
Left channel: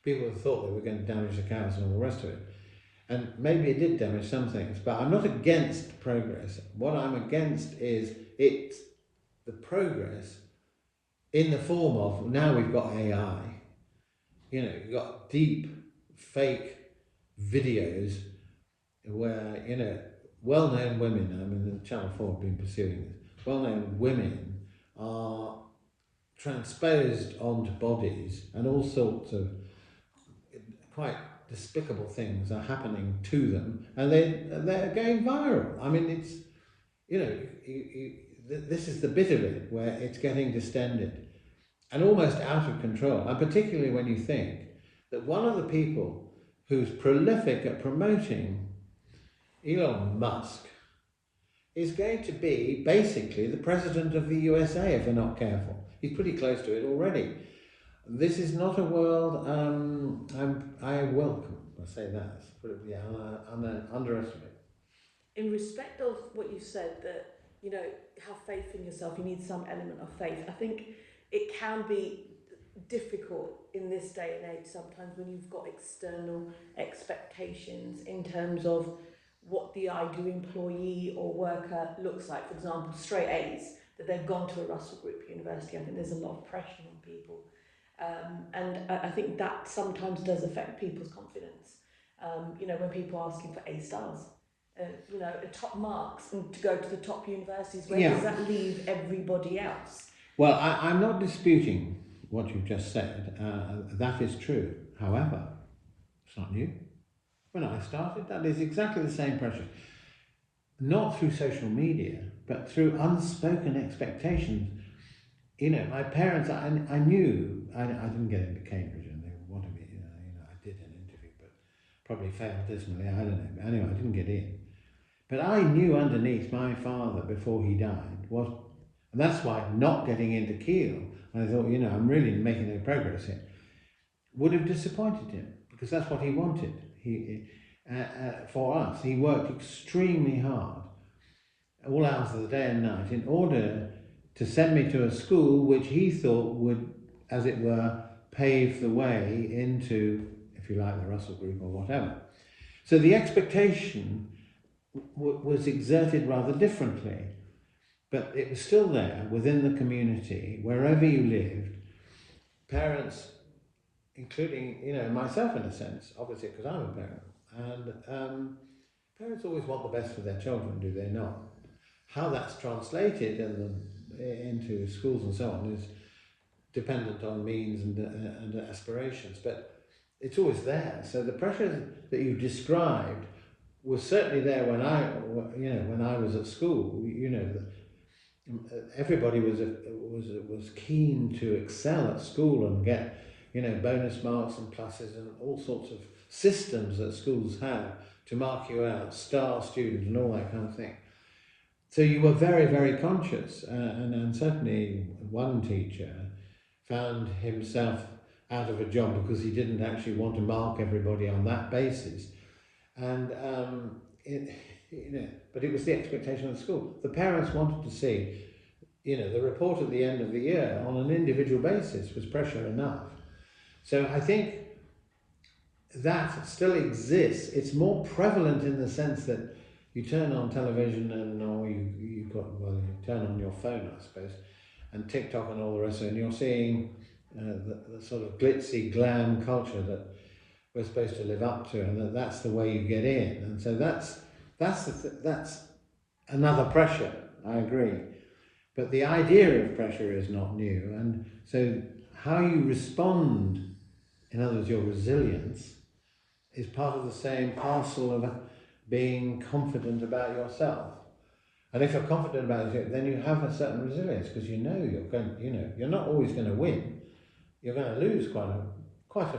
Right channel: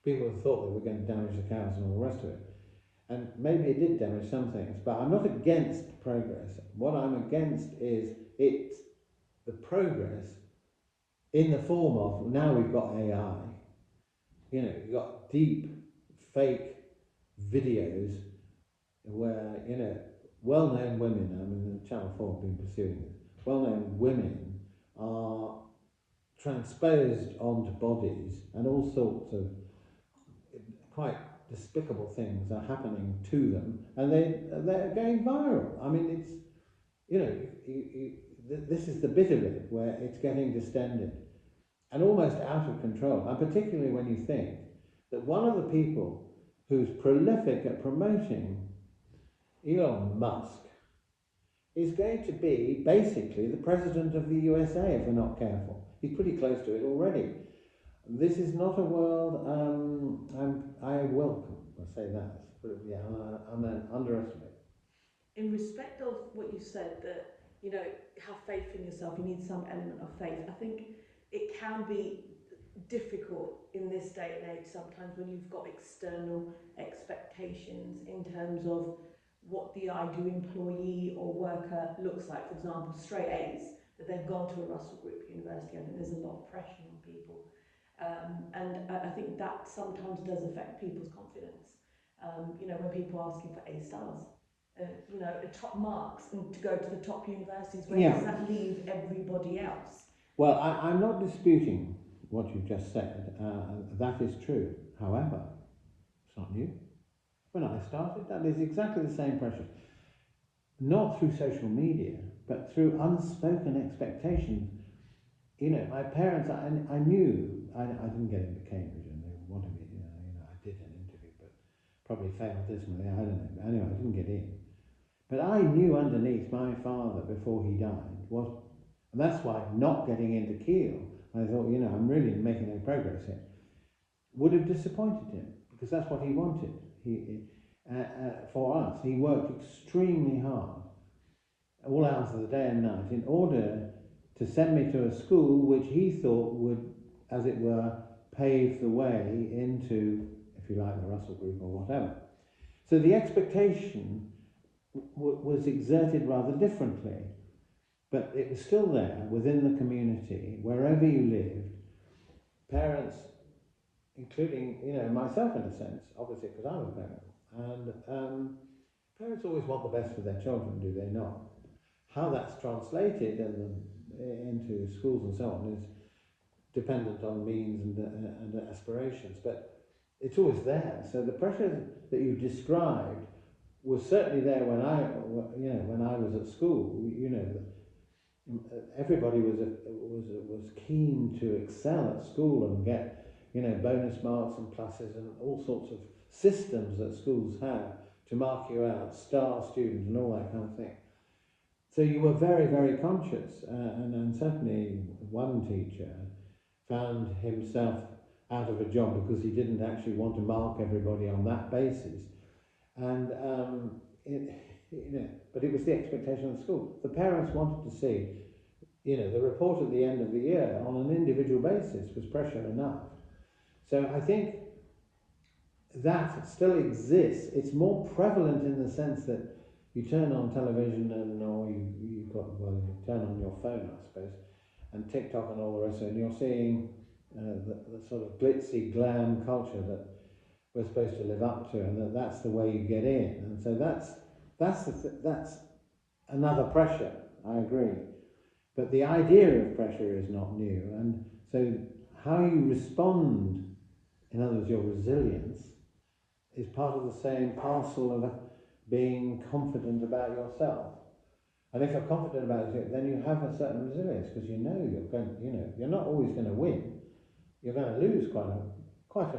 People thought they were going to damage the cows and all the rest of it. And maybe it did damage some things, but I'm not against progress. What I'm against is it's the progress in the form of, now we've got AI, you've got deep fake videos where, well-known women, I mean, the Channel 4 have been pursuing this, well-known women are transposed onto bodies and all sorts of quite despicable things are happening to them and they're going viral. I mean, you know, this is the bit of it where it's getting distended and almost out of control. And particularly when you think that one of the people who's prolific at promoting Elon Musk is going to be basically the president of the USA if we're not careful. He's pretty close to it already. This is not a world I welcome. I'll say that. Yeah, underestimate. In respect of what you said, that, you know, have faith in yourself, you need some element of faith. I think it can be difficult in this day and age sometimes when you've got external expectations in terms of what the ideal employee or worker looks like. For example, straight A's, that they've gone to a Russell Group university. I think there's a lot of pressure on people. And I think that sometimes does affect people's confidence. You know, when people are asking for A stars, you know, the top marks and to go to the top universities, where does that leave everybody else? Well, I'm not disputing what you've just said. That is true. However, it's not new. When I started, that is exactly the same pressure. Not through social media, but through unspoken expectations. You know, my parents, I knew, I didn't get into Cambridge and they wanted me, you know, I did an interview, but probably failed dismally, I don't know. But anyway, I didn't get in. But I knew underneath my father before he died was, and that's why not getting into Keele, I thought, you know, I'm really making no progress here, would have disappointed him, because that's what he wanted. For us, he worked extremely hard, all hours of the day and night, in order to send me to a school which he thought would, as it were, pave the way into, if you like, the Russell Group or whatever. So the expectation was exerted rather differently, but it was still there within the community, wherever you lived. Parents, including, you know, myself in a sense, obviously because I'm a parent, and parents always want the best for their children, do they not? How that's translated into schools and so on is dependent on means and aspirations, but it's always there. So the pressure that you described was certainly there when I was at school. You know, everybody was keen to excel at school and get, you know, bonus marks and pluses and all sorts of systems that schools have to mark you out, star student and all that kind of thing. So you were very, very conscious, and certainly one teacher found himself out of a job because he didn't actually want to mark everybody on that basis. And you know, but it was the expectation of the school. The parents wanted to see, you know, the report at the end of the year on an individual basis was pressure enough. So I think that still exists. It's more prevalent in the sense that you turn on television or you turn on your phone, I suppose, and TikTok and all the rest of it, and you're seeing the sort of glitzy glam culture that we're supposed to live up to, and that's the way you get in. And so that's another pressure, I agree. But the idea of pressure is not new, and so how you respond, in other words, your resilience, is part of the same parcel of being confident about yourself. And if you're confident about it, then you have a certain resilience, because you know you're not always going to win. You're going to lose quite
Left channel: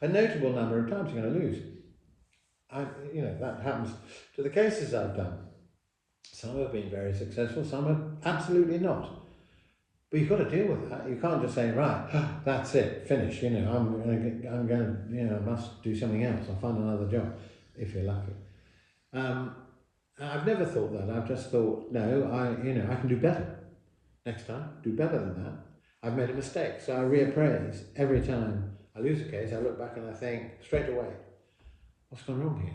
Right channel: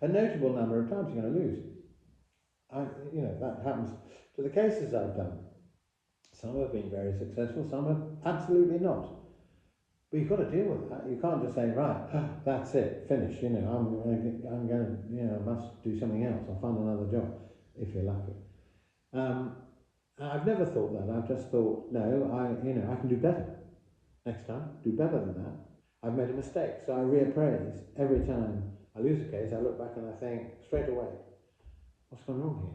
a notable number of times. You're going to lose. That happens to the cases I've done. Some have been very successful, some have absolutely not. But you've got to deal with that. You can't just say, right, that's it, finish. You know, I'm going to, I must do something else. I'll find another job if you're lucky. I've never thought that. I've just thought, no, I can do better next time. Do better than that. I've made a mistake, so I reappraise every time I lose a case. I look back and I think straight away, what's gone wrong here?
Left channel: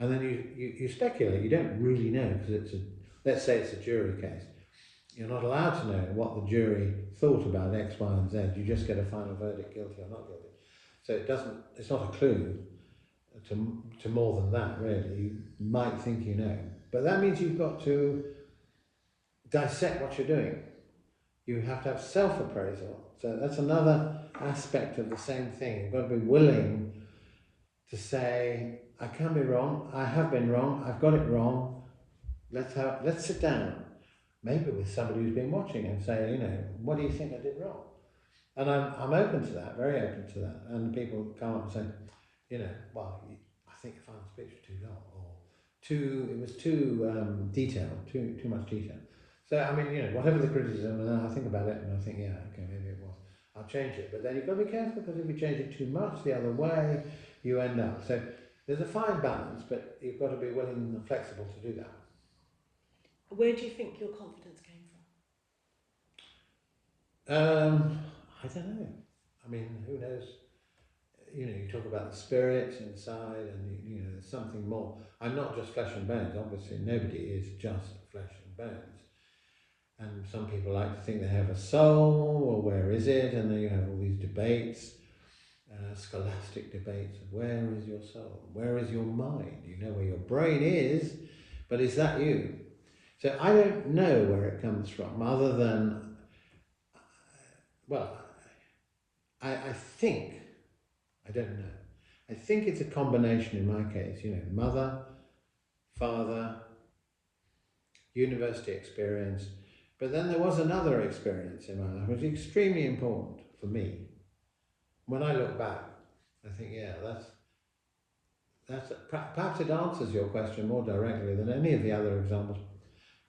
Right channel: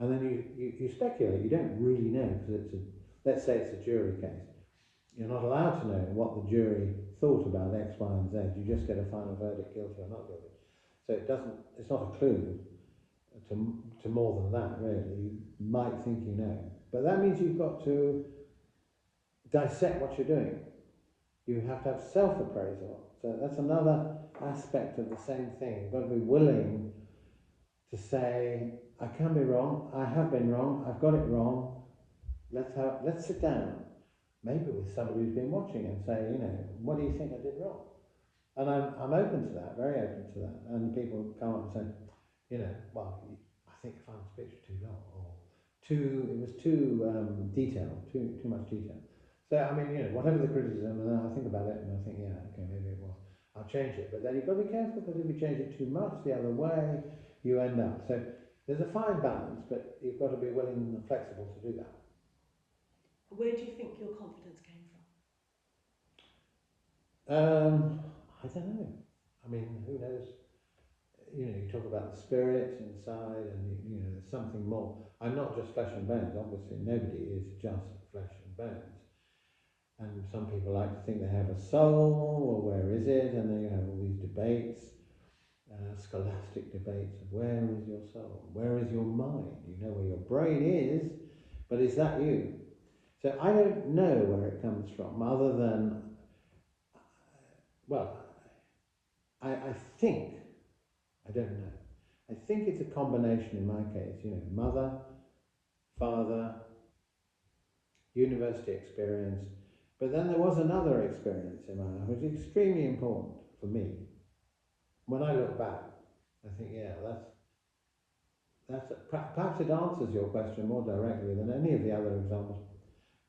And then you speculate. You don't really know, because let's say it's a jury case. You're not allowed to know what the jury thought about X, Y, and Z. You just get a final verdict, guilty or not guilty. So it's not a clue to more than that, really. You might think you know. But that means you've got to dissect what you're doing. You have to have self-appraisal. So that's another aspect of the same thing. You've got to be willing to say, I can be wrong, I have been wrong, I've got it wrong, let's sit down, maybe with somebody who's been watching and say, you know, what do you think I did wrong? And I'm open to that, very open to that. And people come up and say, you know, well, I think your final speech was too long, or it was too detailed, too much detail. So I mean, you know, whatever the criticism, and I think about it, and I think, yeah, okay, maybe it was. I'll change it. But then you've got to be careful, because if you change it too much the other way, you end up. So there's a fine balance, but you've got to be willing and flexible to do that. Where do you think your confidence came from? I don't know. I mean, who knows? You know, you talk about the spirit inside, and you know, there's something more. I'm not just flesh and bones. Obviously, nobody is just flesh and bones. And some people like to think they have a soul, or where is it? And then you have all these debates, scholastic debates of where is your soul? Where is your mind? You know where your brain is, but is that you? So I don't know where it comes from, other than, well, I think, I don't know. I think it's a combination in my case, you know, mother, father, university experience, but then there was another experience in my life which was extremely important for me. When I look back, I think, yeah, perhaps it answers your question more directly than any of the other examples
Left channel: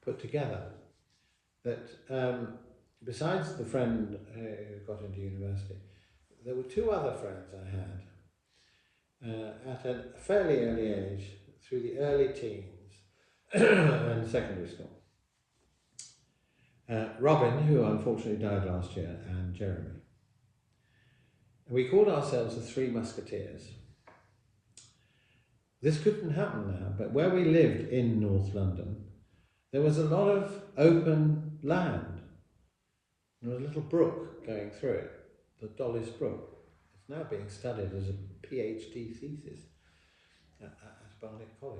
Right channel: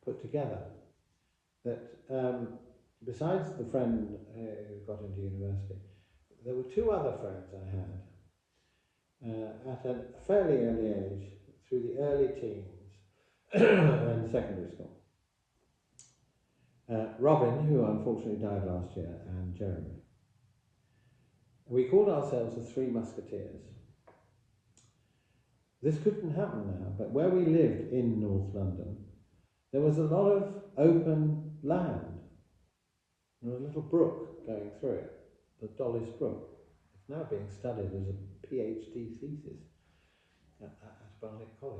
put together. That besides the friend who got into university, there were two other friends I had at a fairly early age, through the early teens and secondary school. Robin, who unfortunately died last year, and Jeremy. We called ourselves the Three Musketeers. This couldn't happen now, but where we lived in North London, there was a lot of open land. There was a little brook going through it, the Dollis Brook. It's now being studied as a PhD thesis at Barnet College,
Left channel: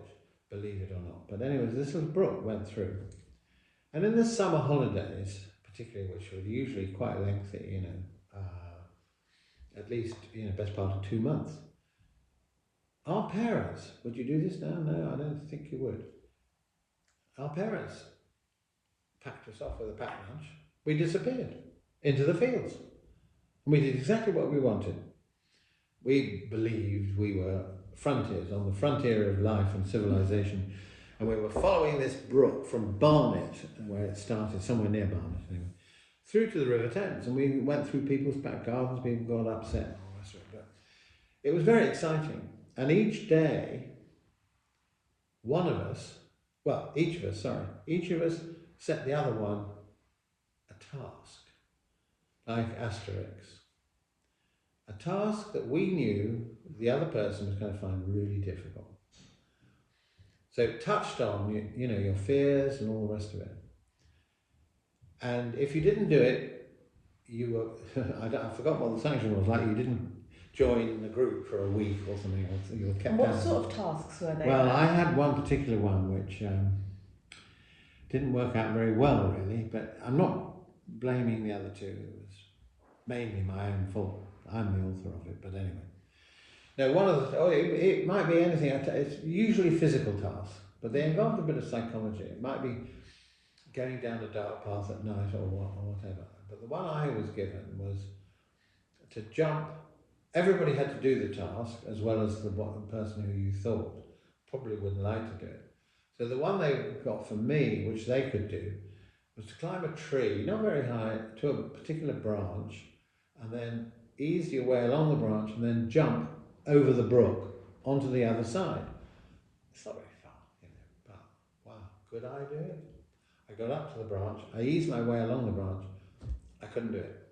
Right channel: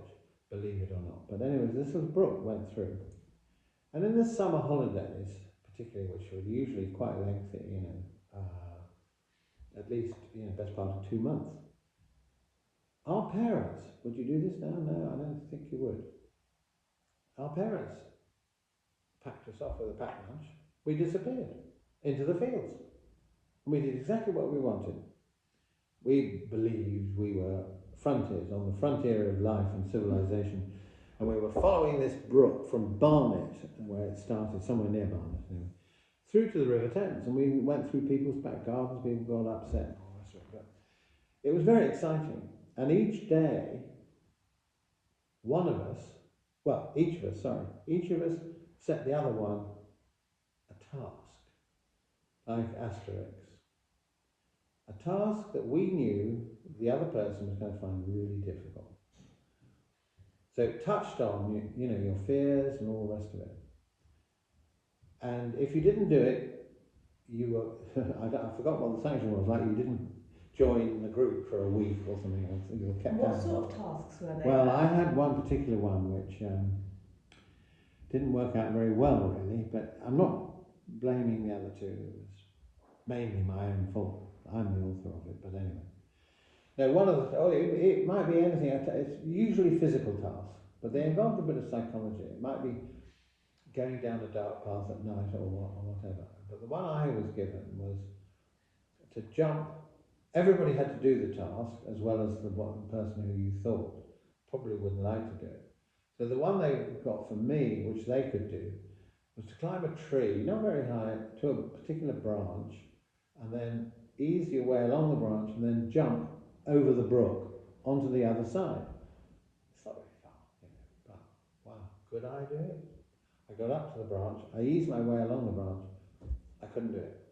believe it or not. But anyway, this little brook went through. And in the summer holidays, particularly, which were usually quite lengthy, you know, at least, you know, best part of 2 months, our parents, would you do this now? No, I don't think you would. Our parents packed us off with a packed lunch. We disappeared into the fields. And we did exactly what we wanted. We believed we were frontiers, on the frontier of life and civilization. And we were following this brook from Barnet, where it started, somewhere near Barnet anyway, through to the River Thames. And we went through people's back gardens, people got upset and all the rest of it. But it was very exciting. And each day, each of us set the other one a task, like Asterix. A task that we knew the other person was going to find really difficult. So it touched on, you know, your fears and all the rest of it. And if you didn't do it, you were, I forgot what the sanction was, like you didn't join the group for a week or something, or you were kept down. What sort of tasks were they? Well, I had one particular one which didn't work out very well, really, but I'm not blaming the other two. It was mainly my own fault. I'm the author of it, but anyway. No, it might be anything. It's usually physical tasks, but they involved a bit of psychology. It might be going down a dark path at night or whatever. But the one I was given was to jump. Everybody had to do the task, as well as the person who you thought probably wouldn't like to do it. So the one they got for me, which they could do, was to climb a tree, not very high, to a particular branch, and then ease your way along the branch, and then jump over the brook onto the other side. It's not very far, you know, but wow, could I do it? I got up to the branch, I eased my way along the branch, I couldn't do it.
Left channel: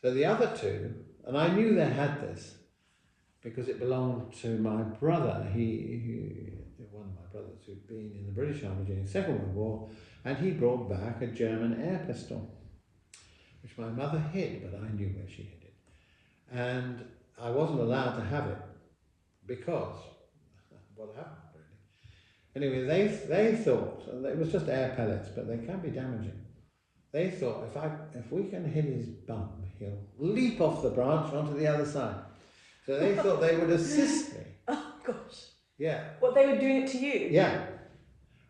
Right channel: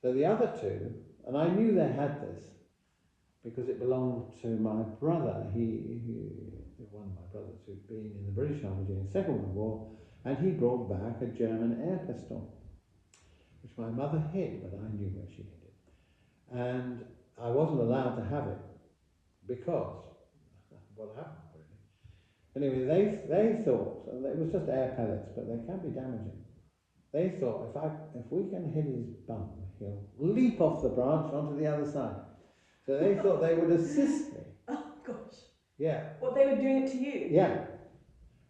So the other two, and I knew they had this because it belonged to my brother. One of my brothers who'd been in the British Army during the Second World War, and he brought back a German air pistol, which my mother hid, but I knew where she hid it. And I wasn't allowed to have it because what happened really. Anyway, they thought, and it was just air pellets, but they can be damaging. They thought if we can hit his bum, he'll leap off the branch onto the other side. So they thought they would assist me. Oh gosh. Yeah. What, they were doing it to you? Yeah.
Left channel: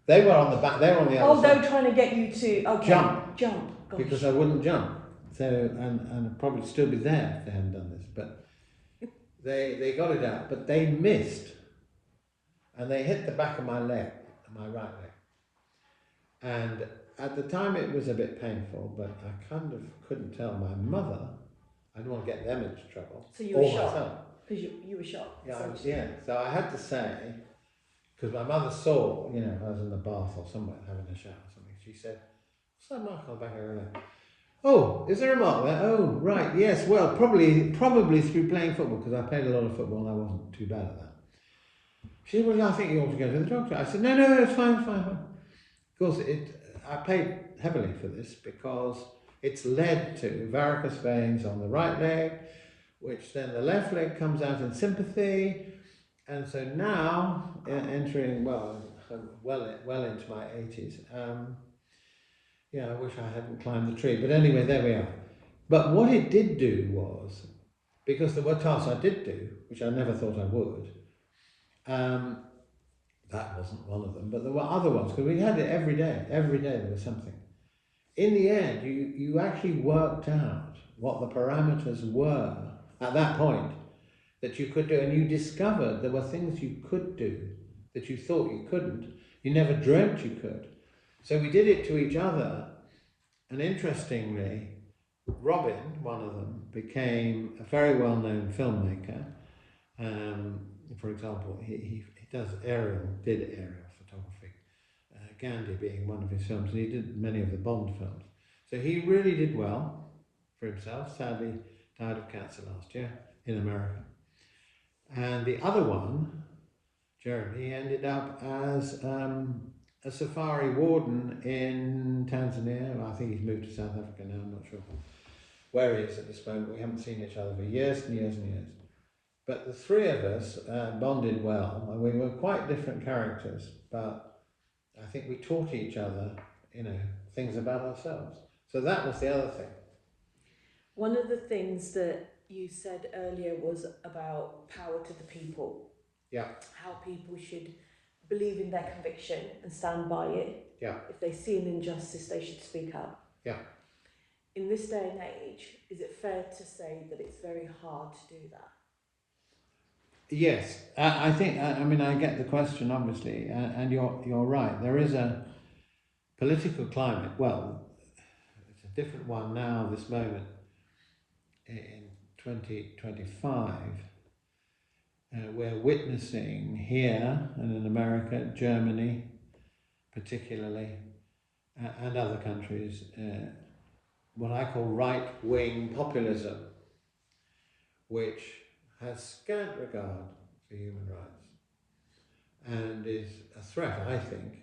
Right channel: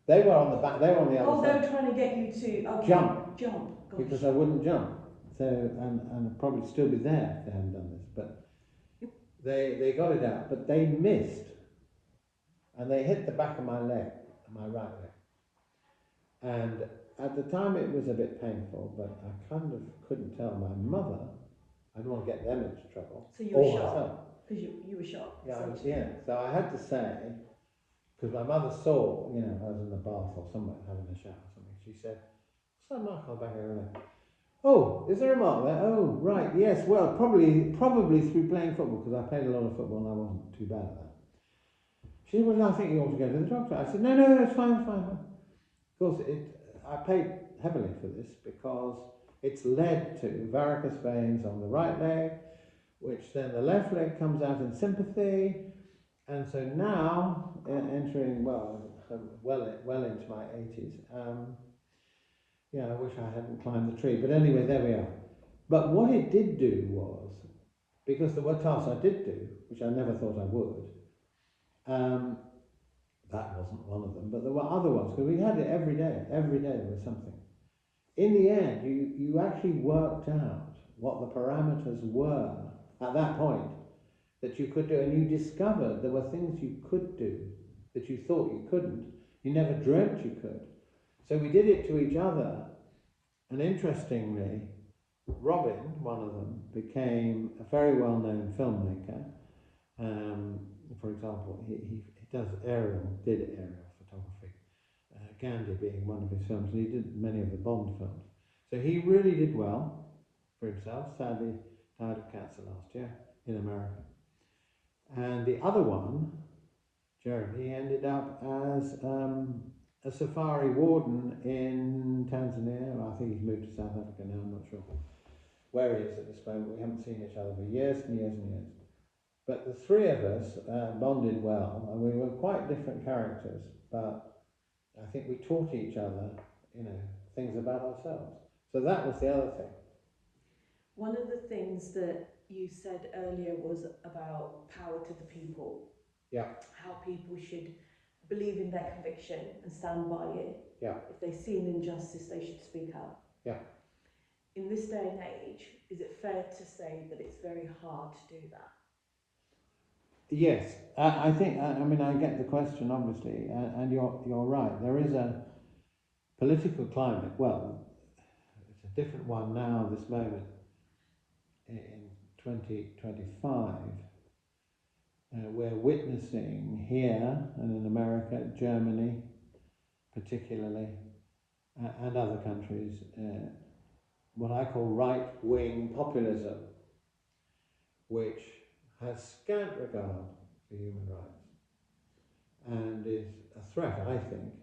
They were on the back. They were on the other Oh, side. they were trying to get you to Jump. Gosh. Because I wouldn't jump. So and I'd probably still be there if they hadn't done this. But they got it out, but they missed, and they hit the back of my leg, my right leg. And at the time it was a bit painful, but I kind of couldn't tell my mother. I didn't want to get them into trouble. So you were or shocked? myself. Because you were shocked. Yeah, so I had to say, because my mother saw, I was in the bath or somewhere having a shower or something. She said, "What's that mark on the back of your leg?" "Oh, is there a mark there?" "Oh, right, yes. Well, probably through playing football, because I played a lot of football and I wasn't too bad at that." She said, "Well, I think you ought to go to the doctor." I said, No, it's fine. Of course, I paid heavily for this because it's led to varicose veins on the right leg, which then the left leg comes out in sympathy, and so now, entering, well into my 80s, I wish I hadn't climbed the tree, but anyway, there we are. But what it did do was, because there were tasks I did do, which I never thought I would, that wasn't one of them, but there were other ones, because we had it every day there was something. In the end, you actually worked out what the parameters were at that point that you could do, and you discovered there were things you could do that you thought you couldn't. You never dreamt you could. So we did it to each other, and interestingly, Robin, one of them, became a very well-known filmmaker. For example, he did aerial photography, Gandhi being one of his films, and he did many of the Bond films. So he really did well for himself. Sadly, died of cancer last year in America. And the other one, Jeremy, ended up as a safari warden in Tanzania. I think he's moved to South Africa now, I'm not sure where he is at this moment. We haven't seen each other for years and years and years. But the three of us bonded well, and we were quite different characters, but I think we taught each other, things about ourselves. So that was the other thing. One of the things that you said earlier was about power to the people. Yeah. How people should believe in their conviction and stand by it. Yeah. If they see an injustice, they should speak up. Yeah. In this day and age, is it fair to say that it's very hard to do that? Yes, I think. I get the question, obviously, and you're right. There is a political climate. Well, it's a different one now. This moment in 2025, we're witnessing here and in America, Germany, particularly, and other countries, what I call right-wing populism, which has scant regard for human rights and is a threat, I think,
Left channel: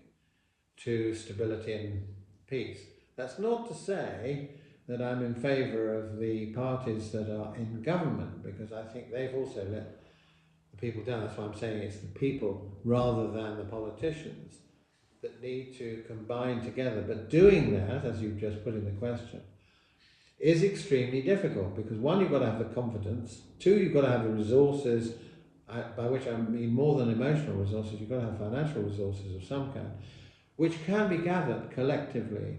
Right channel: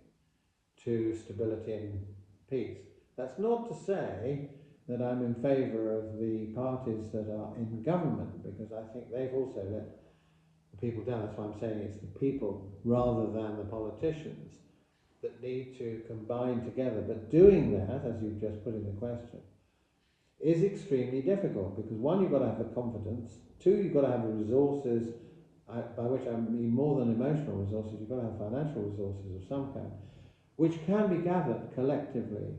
to stability and peace. That's not to say that I'm in favour of the parties that are in government, because I think they've also let the people down. That's why I'm saying it's the people rather than the politicians that need to combine together. But doing that, as you've just put in the question, is extremely difficult, because one, you've got to have the confidence, two, you've got to have the resources, by which I mean more than emotional resources, you've got to have financial resources of some kind, which can be gathered collectively,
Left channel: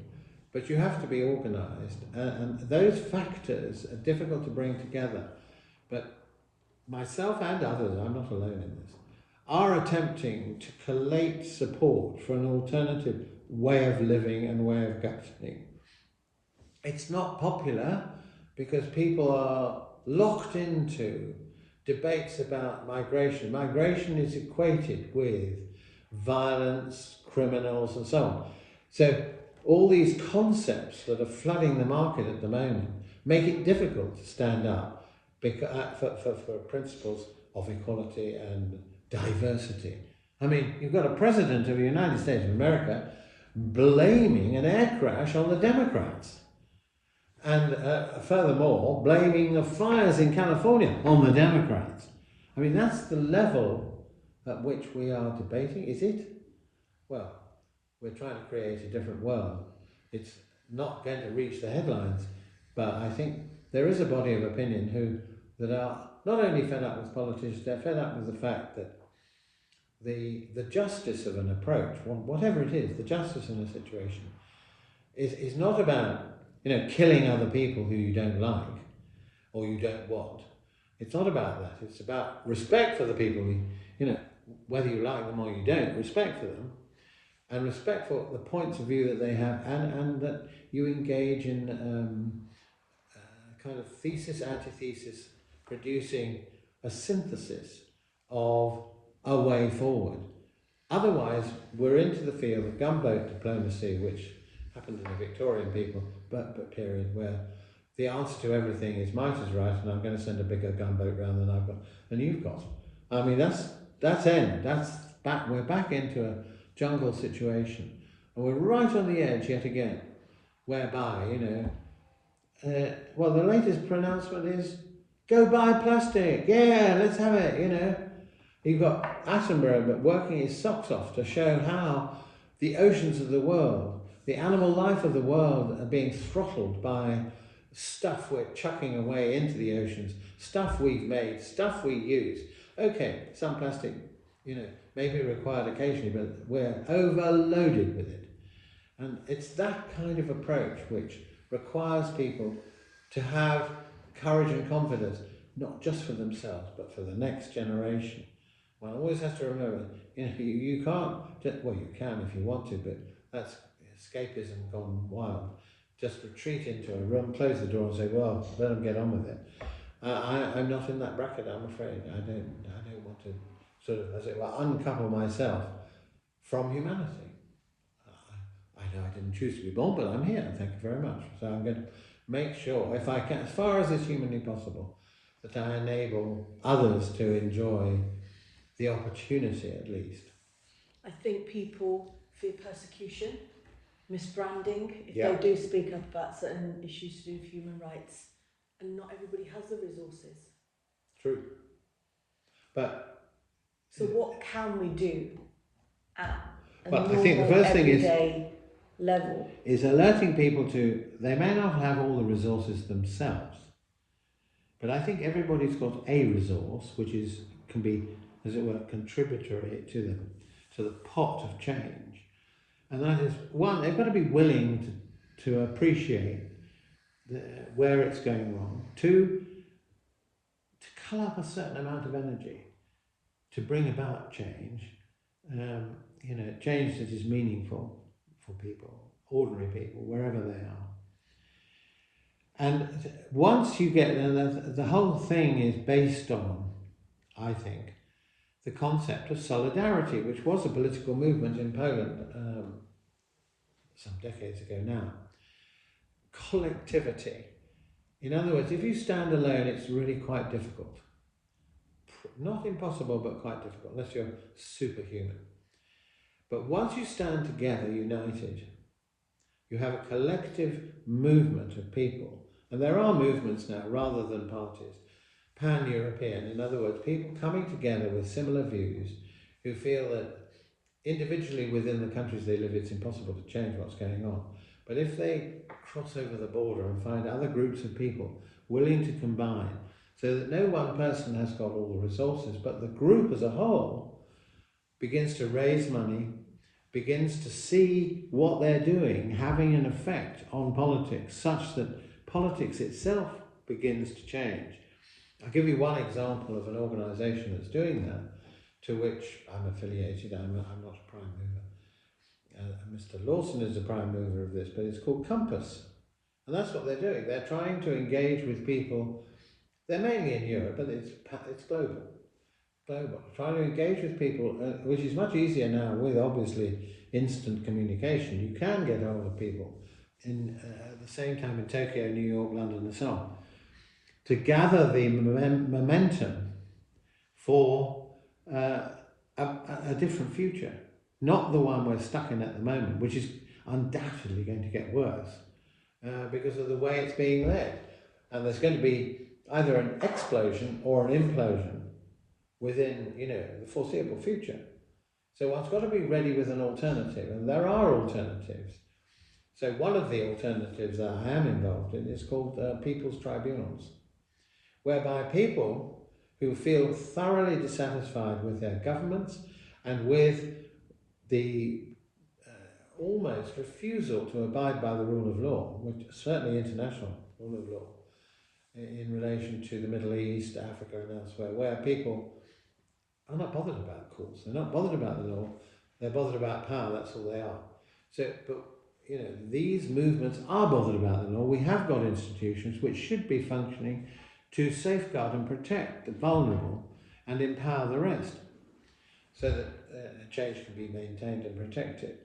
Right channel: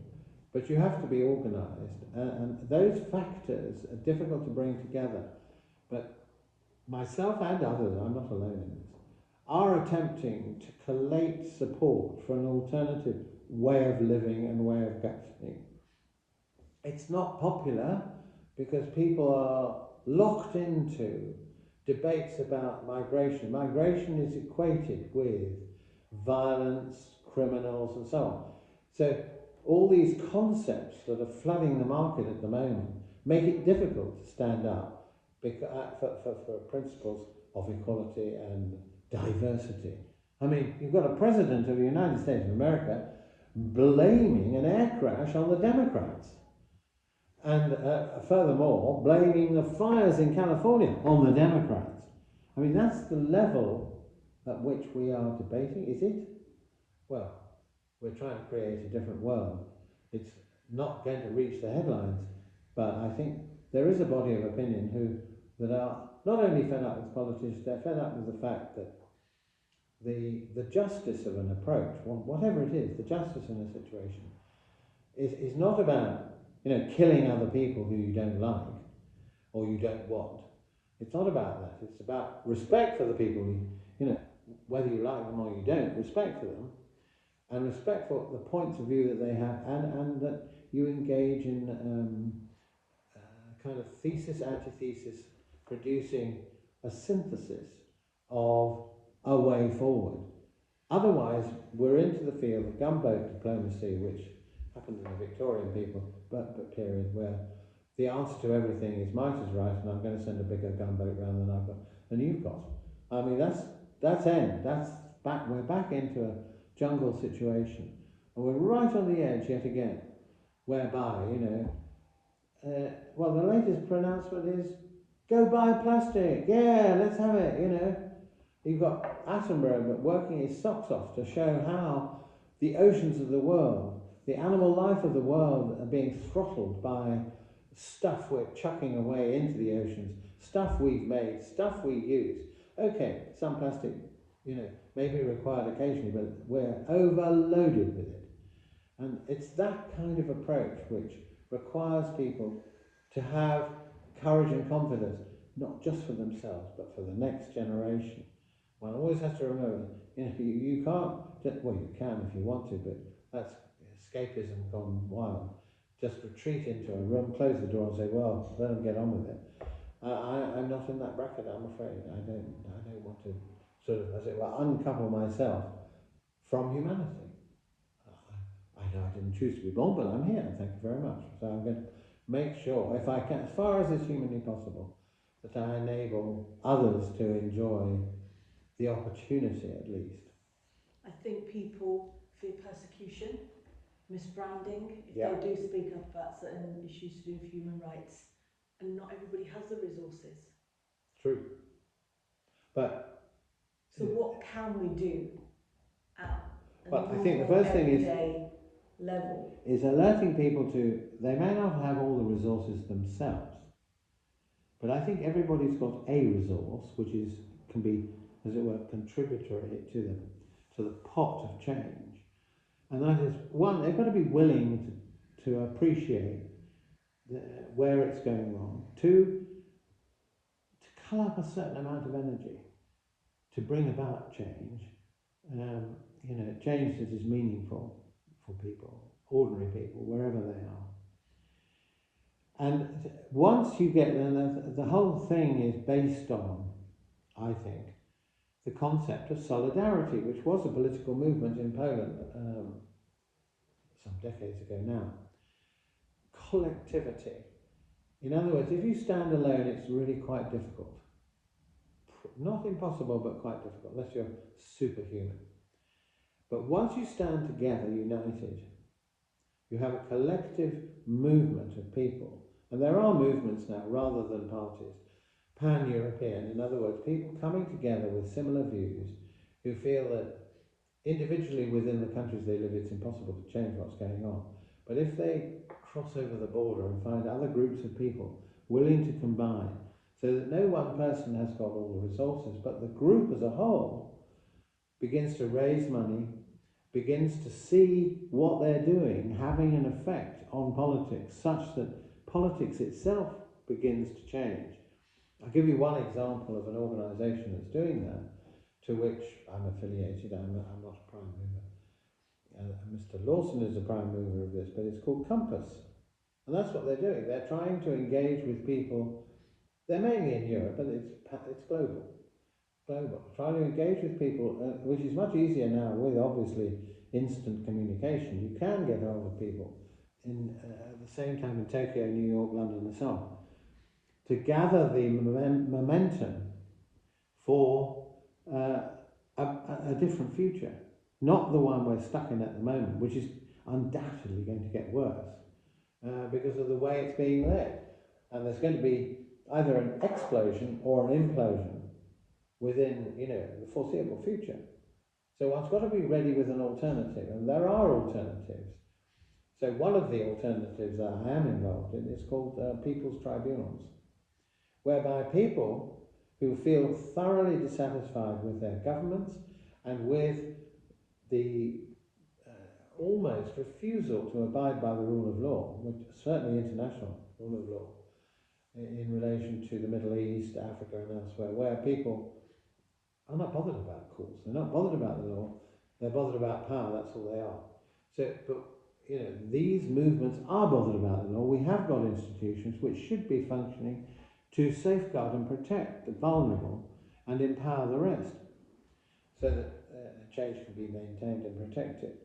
but you have to be organised, and those factors are difficult to bring together. But myself and others, I'm not alone in this, are attempting to collate support for an alternative way of living and way of governing. It's not popular because people are locked into debates about migration. Migration is equated with violence, criminals, and so on. So all these concepts that are flooding the market at the moment make it difficult to stand up for principles of equality and diversity. I mean, you've got a president of the United States of America blaming an air crash on the Democrats. And furthermore, blaming the fires in California on the Democrats. I mean, that's the level at which we are debating, is it? Well, we're trying to create a different world. It's not going to reach the headlines, but I think there is a body of opinion that are not only fed up with politicians, they're fed up with the fact that the justice of an approach, whatever it is, the justice in a situation, is not about, killing other people who you don't like or you don't want. It's not about that. It's about respect for the people, whether you like them or you don't, respect for them, and respect for the points of view that they have, and that you engage in kind of thesis, antithesis, producing a synthesis of a way forward. Otherwise, we're into the field of gunboat diplomacy, which happened in the Victorian period, where the answer to everything is might is right, and I'm going to send a bigger gunboat round than you've got. I mean, that's end. That's back. We're back into a jungle situation, and we're right on the edge yet again, whereby well, the latest pronouncement is go buy plastic. Yeah, let's have it. You've got Attenborough but working his socks off to show how the oceans of the world, the animal life of the world, are being throttled by stuff we're chucking away into the oceans, stuff we've made, stuff we use. Okay, some plastic, may be required occasionally, but we're overloaded with it. And it's that kind of approach which requires people to have courage and confidence, not just for themselves, but for the next generation. One always has to remember, you can't, well, you can if you want to, but that's escapism gone wild. Just retreat into a room, close the door and say, well, let them get on with it. I'm not in that bracket, I'm afraid. I don't want to sort of, as it were, uncouple myself from humanity. I know I didn't choose to be born, but I'm here, thank you very much. So I'm going to make sure, if I can, as far as is humanly possible, that I enable others to enjoy the opportunity, at least. I think people fear persecution, misbranding, if they do speak up about certain issues to do with human rights, and not everybody has the resources. True. But so what can we do at a I think the first thing level is alerting people to, they may not have all the resources themselves, but I think everybody's got a resource which can be, as it were, contributory to the pot of change. And that is, one, they've got to be willing to appreciate where it's going wrong. Two, to cull up a certain amount of energy to bring about change, change that is meaningful for people, ordinary people, wherever they are. And once you get there, the whole thing is based on, I think, the concept of solidarity, which was a political movement in Poland some decades ago now. Collectivity. In other words, if you stand alone, it's really quite difficult. Not impossible, but quite difficult, unless you're superhuman. But once you stand together, united, you have a collective movement of people. And there are movements now, rather than parties, pan-European. In other words, people coming together with similar views who feel that individually within the countries they live, it's impossible to change what's going on. But if they cross over the border and find other groups of people willing to combine, so that no one person has got all the resources, but the group as a whole begins to raise money, begins to see what they're doing having an effect on politics, such that politics itself begins to change. I'll give you one example of an organisation that's doing that, to which I'm affiliated. I'm not a prime mover. Mr. Lawson is a prime mover of this, but it's called Compass. And that's what they're doing. They're trying to engage with people. They're mainly in Europe, but it's global. Trying to engage with people, which is much easier now with, obviously, instant communication. You can get hold of people at the same time in Tokyo, New York, London, and so on, to gather the momentum for a different future, not the one we're stuck in at the moment, which is undoubtedly going to get worse because of the way it's being led. And there's going to be either an explosion or an implosion within, the foreseeable future. So one's got to be ready with an alternative, and there are alternatives. So one of the alternatives that I am involved in is called People's Tribunals, whereby people who feel thoroughly dissatisfied with their governments and with the almost refusal to abide by the rule of law, which certainly international rule of law, in relation to the Middle East, Africa and elsewhere, where people are not bothered about courts, they're not bothered about the law, they're bothered about power, that's all they are. So, but you know, these movements are bothered about the law. We have got institutions which should be functioning to safeguard and protect the vulnerable and empower the rest, so that change can be maintained and protected.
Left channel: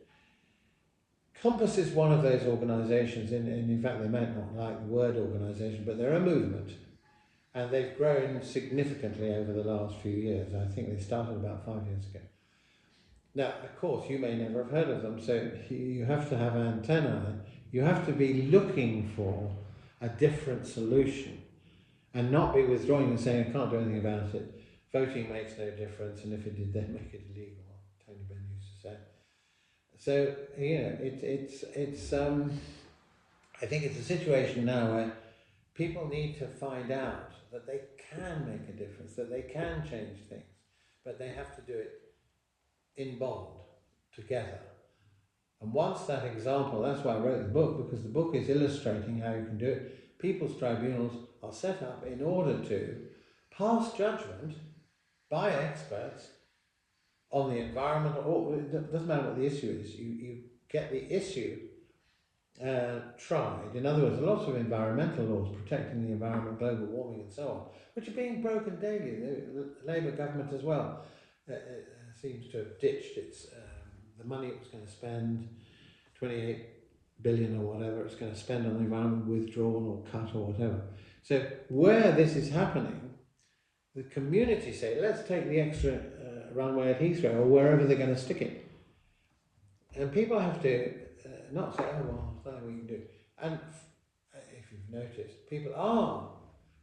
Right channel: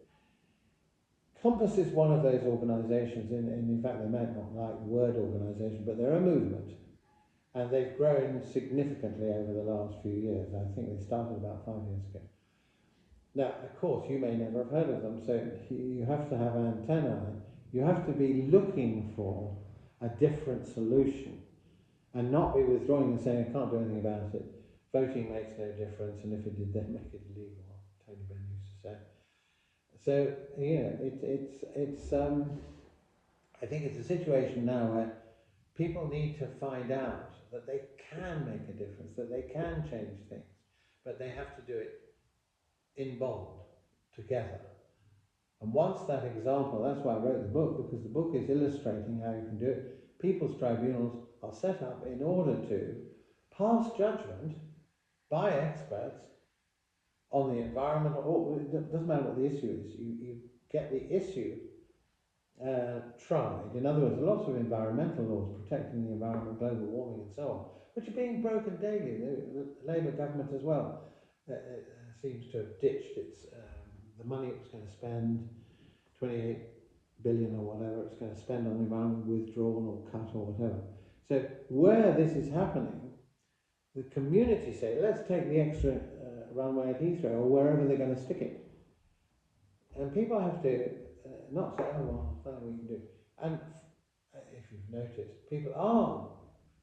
Compass is one of those organisations, and in fact they might not like the word organisation, but they're a movement, and they've grown significantly over the last few years. I think they started about 5 years ago. Now, of course, you may never have heard of them, so you have to have antennae. You have to be looking for a different solution and not be withdrawing and saying, I can't do anything about it. Voting makes no difference, and if it did, then make it illegal, Tony Benn used to say. So, you know, I think it's a situation now where people need to find out that they can make a difference, that they can change things, but they have to do it in bond, together. And once that example, that's why I wrote the book, because the book is illustrating how you can do it. People's tribunals are set up in order to pass judgment by experts on the environment, or it doesn't matter what the issue is, you get the issue tried. In other words, lots of environmental laws protecting the environment, global warming and so on, which are being broken daily. The Labour government as well seems to have ditched its the money it was going to spend, 28 billion or whatever it's going to spend on the environment, withdrawn or cut or whatever. So where this is happening, the community say, let's take the extra runway at Heathrow or wherever they're going to stick it. And people have to not say, oh, well, there's nothing we can do. And if you've noticed, people are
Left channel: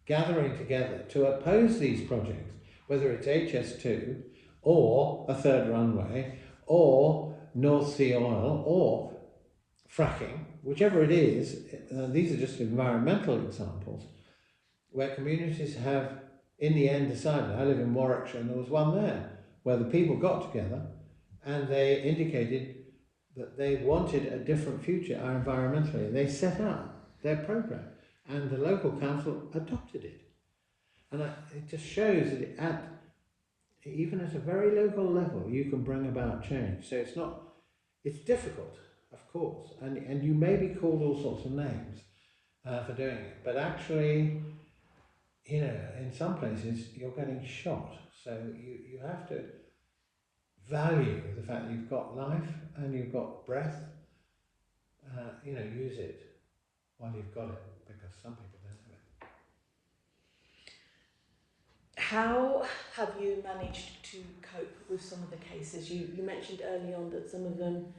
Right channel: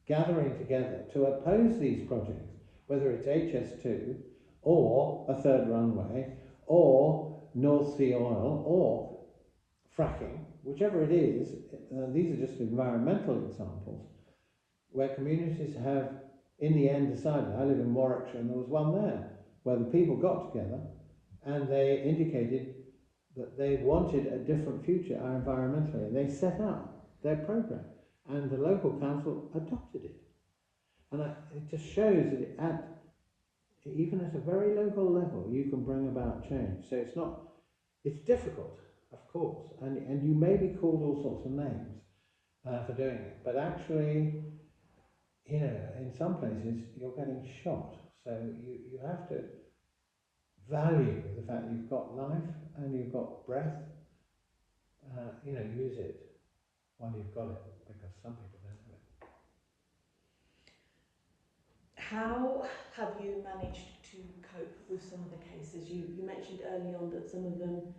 gathering together to oppose these projects, whether it's HS2 or a third runway or North Sea oil or fracking, whichever it is. These are just environmental examples where communities have in the end decided. I live in Warwickshire and there was one there where the people got together and they indicated that they wanted a different future environmentally, and they set up their programme and the local council adopted it. And it just shows that even at a very local level you can bring about change. So it's difficult, of course, and you may be called all sorts of names for doing it, but actually, you know, in some places you're getting shot, so you have to value the fact that you've got life and you've got breath. You know, use it while you've got it, because some people don't have it. How have you managed to cope with some of the cases? You mentioned early on that some of them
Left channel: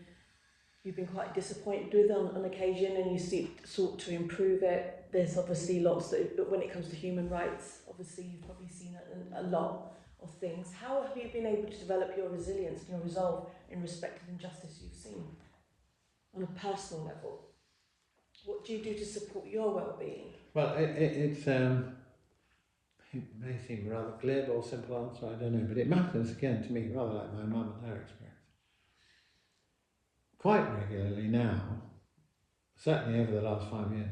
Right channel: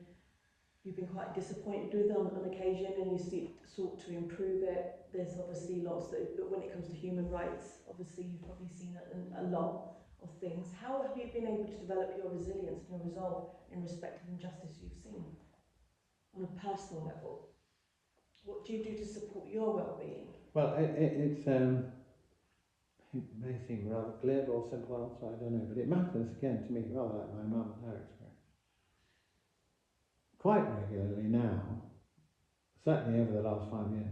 you've been quite disappointed with on occasion, and you sought to improve it. There's obviously lots but when it comes to human rights, obviously you've probably seen a lot of things. How have you been able to develop your resilience and your resolve in respect of injustice you've seen on a personal level? What do you do to support your well-being? Well, it may seem a rather glib or simple answer, I don't know, but it matters again to me, rather like my mum and her experience. Quite regularly now, certainly over the last 5 years,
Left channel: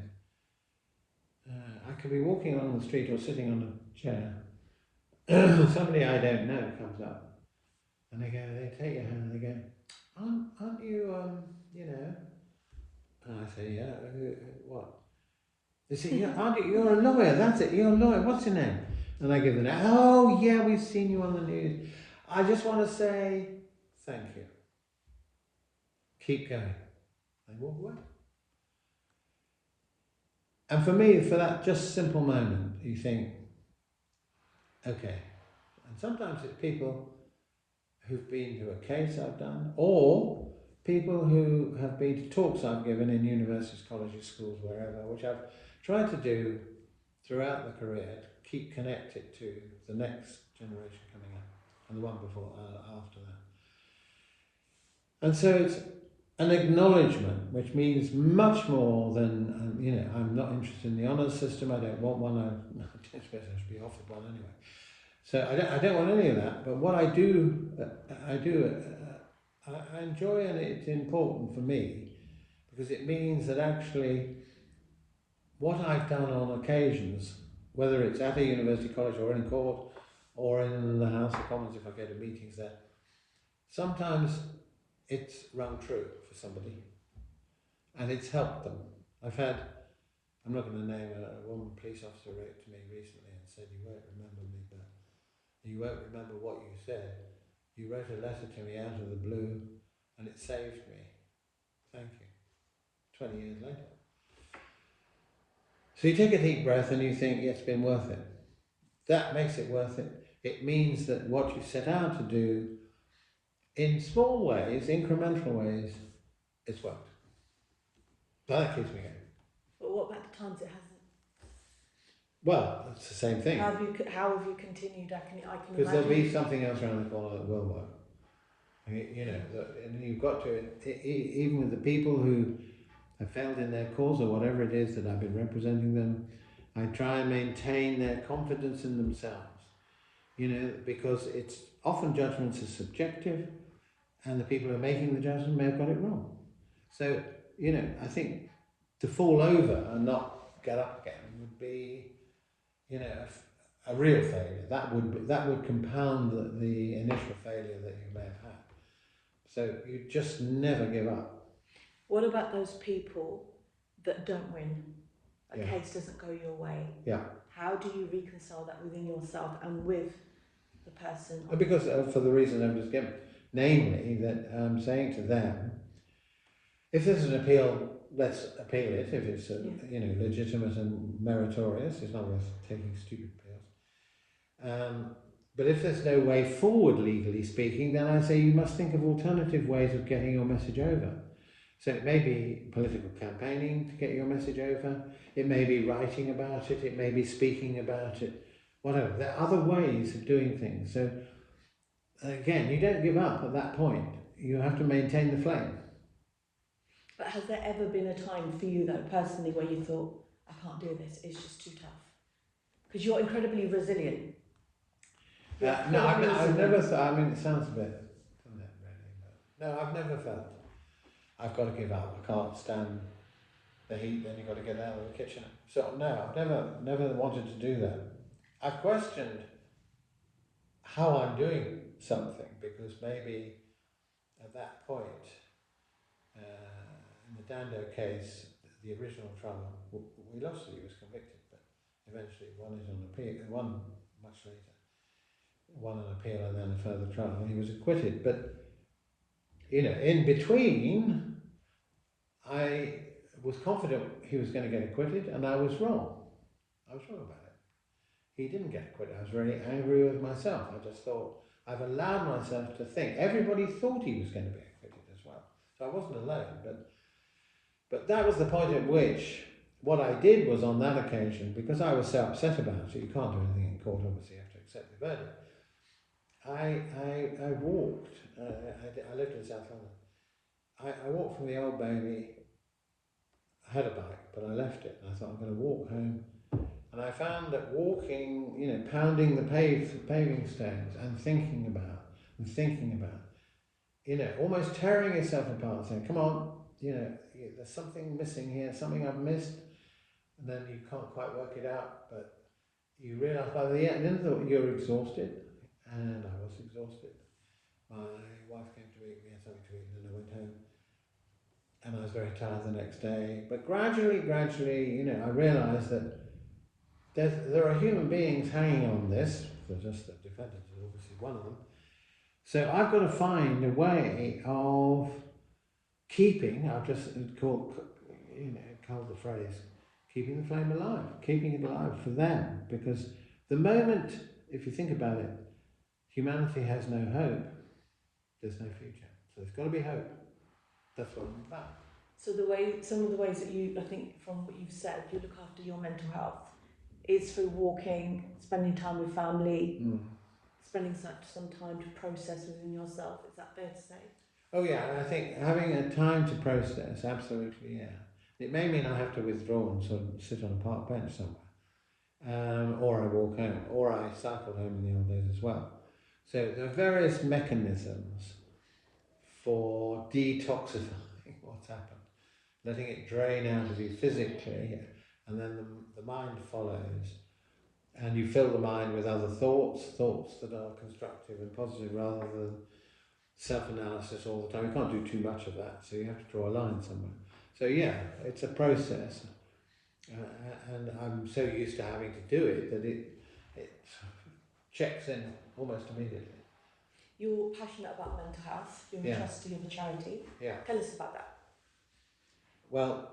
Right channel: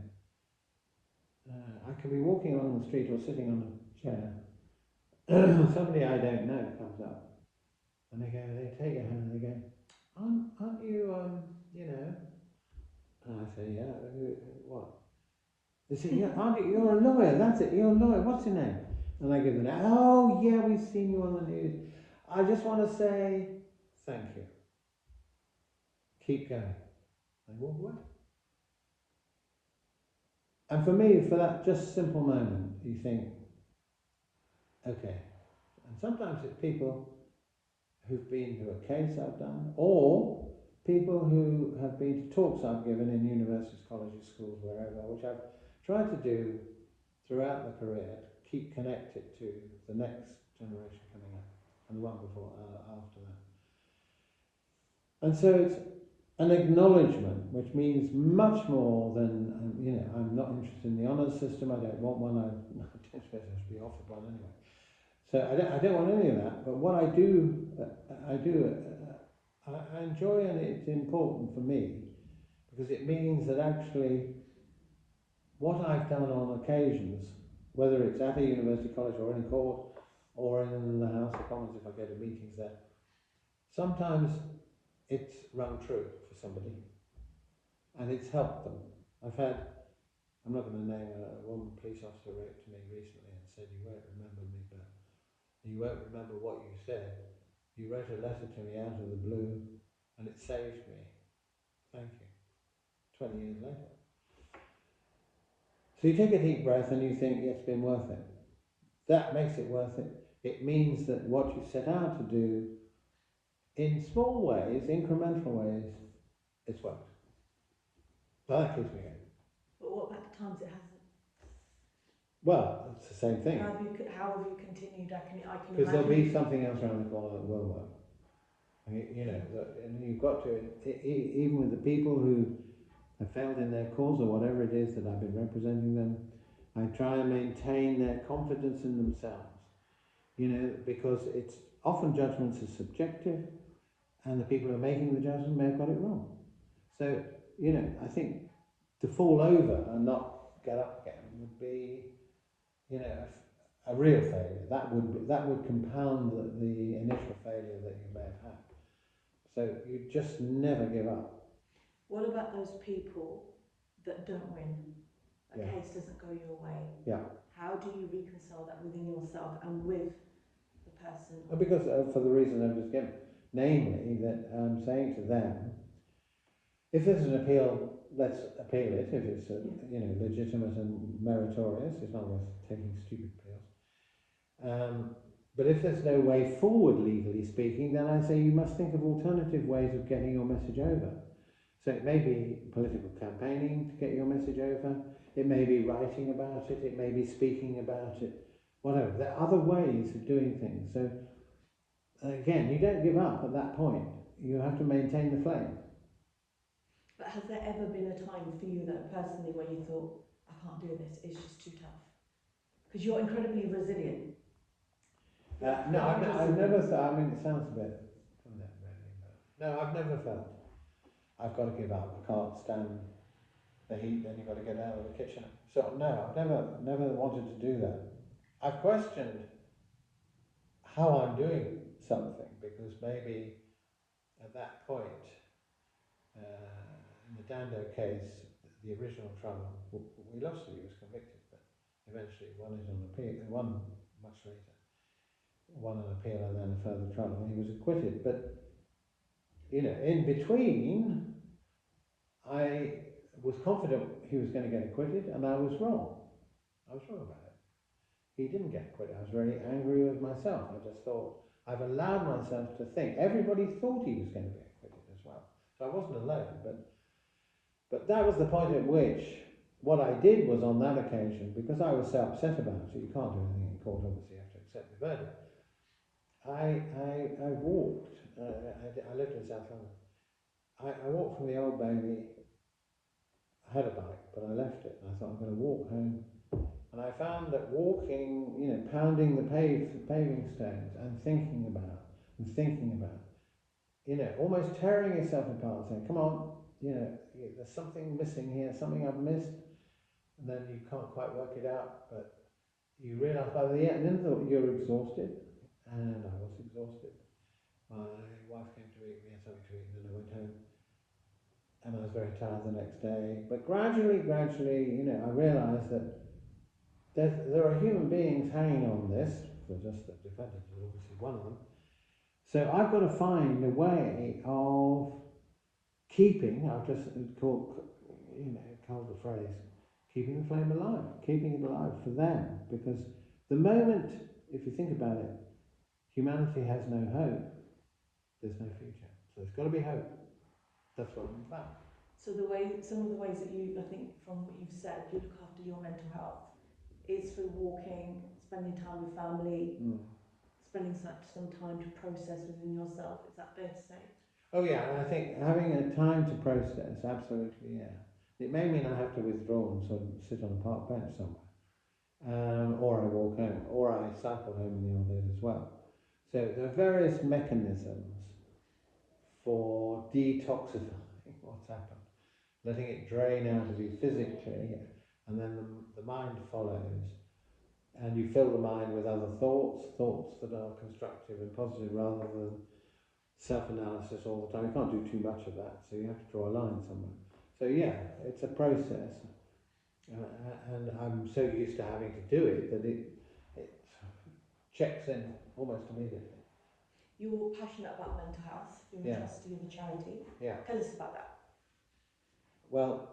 I can be walking along the street or sitting on a chair. Somebody I don't know comes up and they take your hand and they go, aren't you, you know? And I say, yeah, what? They say, yeah, aren't you, you're a lawyer, that's it, you're a lawyer, what's your name? And I give the name, oh yeah, we've seen you on the news. I just want to say, thank you. Keep going. They walk away. And for me, for that just simple moment, you think, okay. And sometimes it's people who've been to a case I've done, or people who have been to talks I've given in universities, colleges, schools, wherever, which I've tried to do throughout the career to keep connected to the next generation coming up and the one before, after that. And so it's an acknowledgement, which means much more than, you know, I'm not interested in the honours system, I don't want one, I don't suppose I should be offered one anyway. So I don't want any of that. But what I do, I enjoy, and it's important for me because it means that actually what I've done on occasions, whether it's at a university college or in court or in the House of Commons if I go to meetings there, sometimes it's rung true for somebody and it's helped them. I'm not going to name one police officer wrote to me recently and said, "You won't remember me, but you won't remember what you said. You wrote a letter to me out of the blue and it saved me. Thank you." 20 years later. So you take a deep breath and you think, it's been worth it. That makes it worth it. It means that what you set out to do in small ways, incremental ways, it's worked. So that keeps me going. But what about the times it hasn't? Well, it's the same thing. How have you continued? I can because there'll imagine. be something else around the corner that will work. You know, and you've got to, even with the people who have failed in their cause or whatever it is that I've been representing them, I try and maintain their confidence in themselves. You know, because it's often judgments are subjective, and the people who are making the judgment may have got it wrong. So, you know, I think to fall over and not get up again would be, you know, a real failure. That would compound the initial failure that you may have had. So you just never give up. What about those people that don't win? A Yeah. case doesn't go your way. Yeah. How do you reconcile that within yourself and with the person? Because for the reason I've just given, namely that I'm saying to them, if there's an appeal, let's appeal it. If it's you know, legitimate and meritorious, it's not worth taking stupid appeals. But if there's no way forward, legally speaking, then I say you must think of alternative ways of getting your message over. So it may be political campaigning to get your message over, it may be writing about it, it may be speaking about it, whatever. There are other ways of doing things. So again, you don't give up at that point. You have to maintain the flame. But has there ever been a time for you, though, personally, where you thought, I can't do this, it's just too tough? Because you're incredibly resilient. No, I've never thought, I mean, it sounds a bit, no, I've never felt, I've got to give up, I can't stand the heat, then you've got to get out of the kitchen. So no, I've never wanted to do that. I've questioned how I'm doing something, because maybe at that point, in the Dando case, the original trial, we lost it, he was convicted, but eventually won it on appeal, won much later. Won an appeal and then a further trial, and he was acquitted. But, you know, in between, I was confident he was going to get acquitted, and I was wrong. I was wrong about it. He didn't get acquitted. I was very angry with myself. I just thought, I've allowed myself to think. Everybody thought he was going to be acquitted as well. So I wasn't alone. But that was the point at which what I did was, on that occasion, because I was so upset about it, you can't do anything in court, obviously, you have to accept the verdict. I walked, I lived in South London, I walked from the Old Bailey. I had a bike, but I left it, and I thought I'm going to walk home, and I found that walking, you know, pounding the paving stones and thinking about, you know, almost tearing yourself apart, saying, come on, you know, there's something missing here, something I've missed, and then you can't quite work it out, but you realise by the end that you're exhausted. And I was exhausted. My wife came to meet me, had something to eat, and then I went home. And I was very tired the next day. But gradually, you know, I realised that there are human beings hanging on this. They're just the defendant is obviously one of them. So I've got to find a way of keeping, I've just called the phrase, keeping the flame alive, keeping it alive for them. Because the moment, if you think about it, humanity has no hope, there's no future. So there's got to be hope. That's what I'm about. So some of the ways that you, I think from what you've said, you look after your mental health is through walking, spending time with family, spending some time to process within yourself. Is that fair to say? Oh yeah, and I think having a time to process, absolutely, yeah. It may mean I have to withdraw and sort of sit on a park bench somewhere. run, or I walk home, or I cycle home in the old days as well. So there are various mechanisms for detoxifying what's happened, letting it drain out of you physically, and then the mind follows. And you fill the mind with other thoughts that are constructive and positive rather than self-analysis all the time. You can't do too much of that, so you have to draw a line somewhere. So yeah, it's a process. And I'm so used to having to do it that it checks in almost immediately. You're passionate about mental health. You're a trustee of a charity. Yeah. Tell us about that. Well,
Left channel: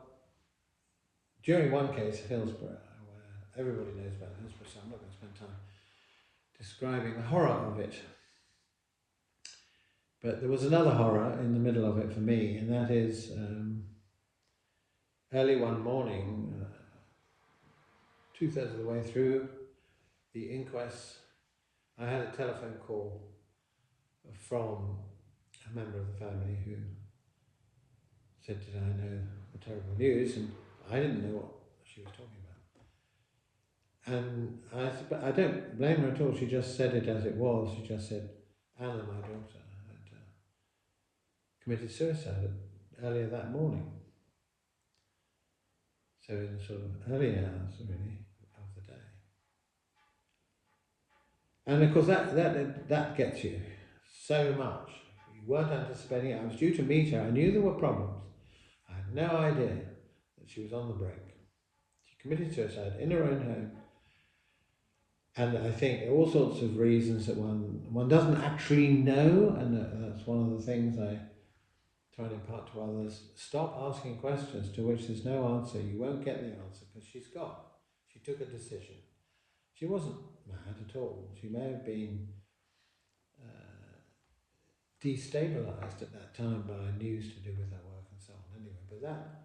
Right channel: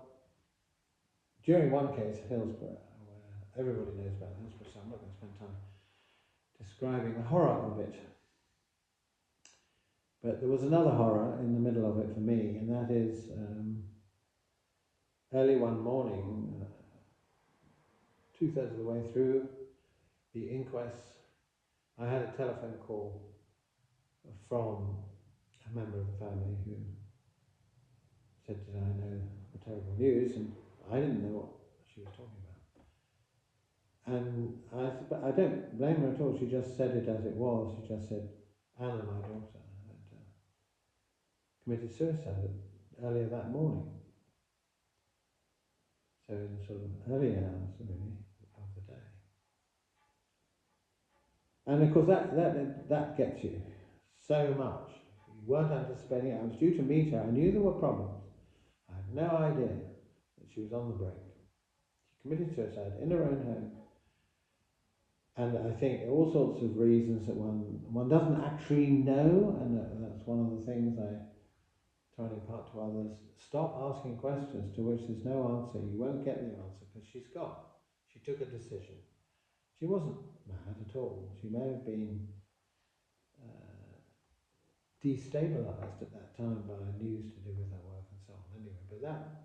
during one case, Hillsborough, where everybody knows about Hillsborough, so I'm not going to spend time describing the horror of it. But there was another horror in the middle of it for me, and that is early one morning, 2/3 of the way through the inquest, I had a telephone call from a member of the family who said, "Did I know the terrible news?" And I didn't know what she was talking about. And I said, but I don't blame her at all. She just said it as it was. She just said, "Anna, my daughter, had committed suicide earlier that morning." So in the sort of early hours, really, of the day. And of course that gets you so much. You weren't anticipating it. I was due to meet her. I knew there were problems. I had no idea that she was on the brink. She committed suicide in her own home. And I think all sorts of reasons that one doesn't actually know, and that's one of the things I try and impart to others. Stop asking questions to which there's no answer. You won't get the answer because she's gone. She took a decision. She wasn't mad at all. She may have been destabilised at that time by news to do with her work and so on anyway, but that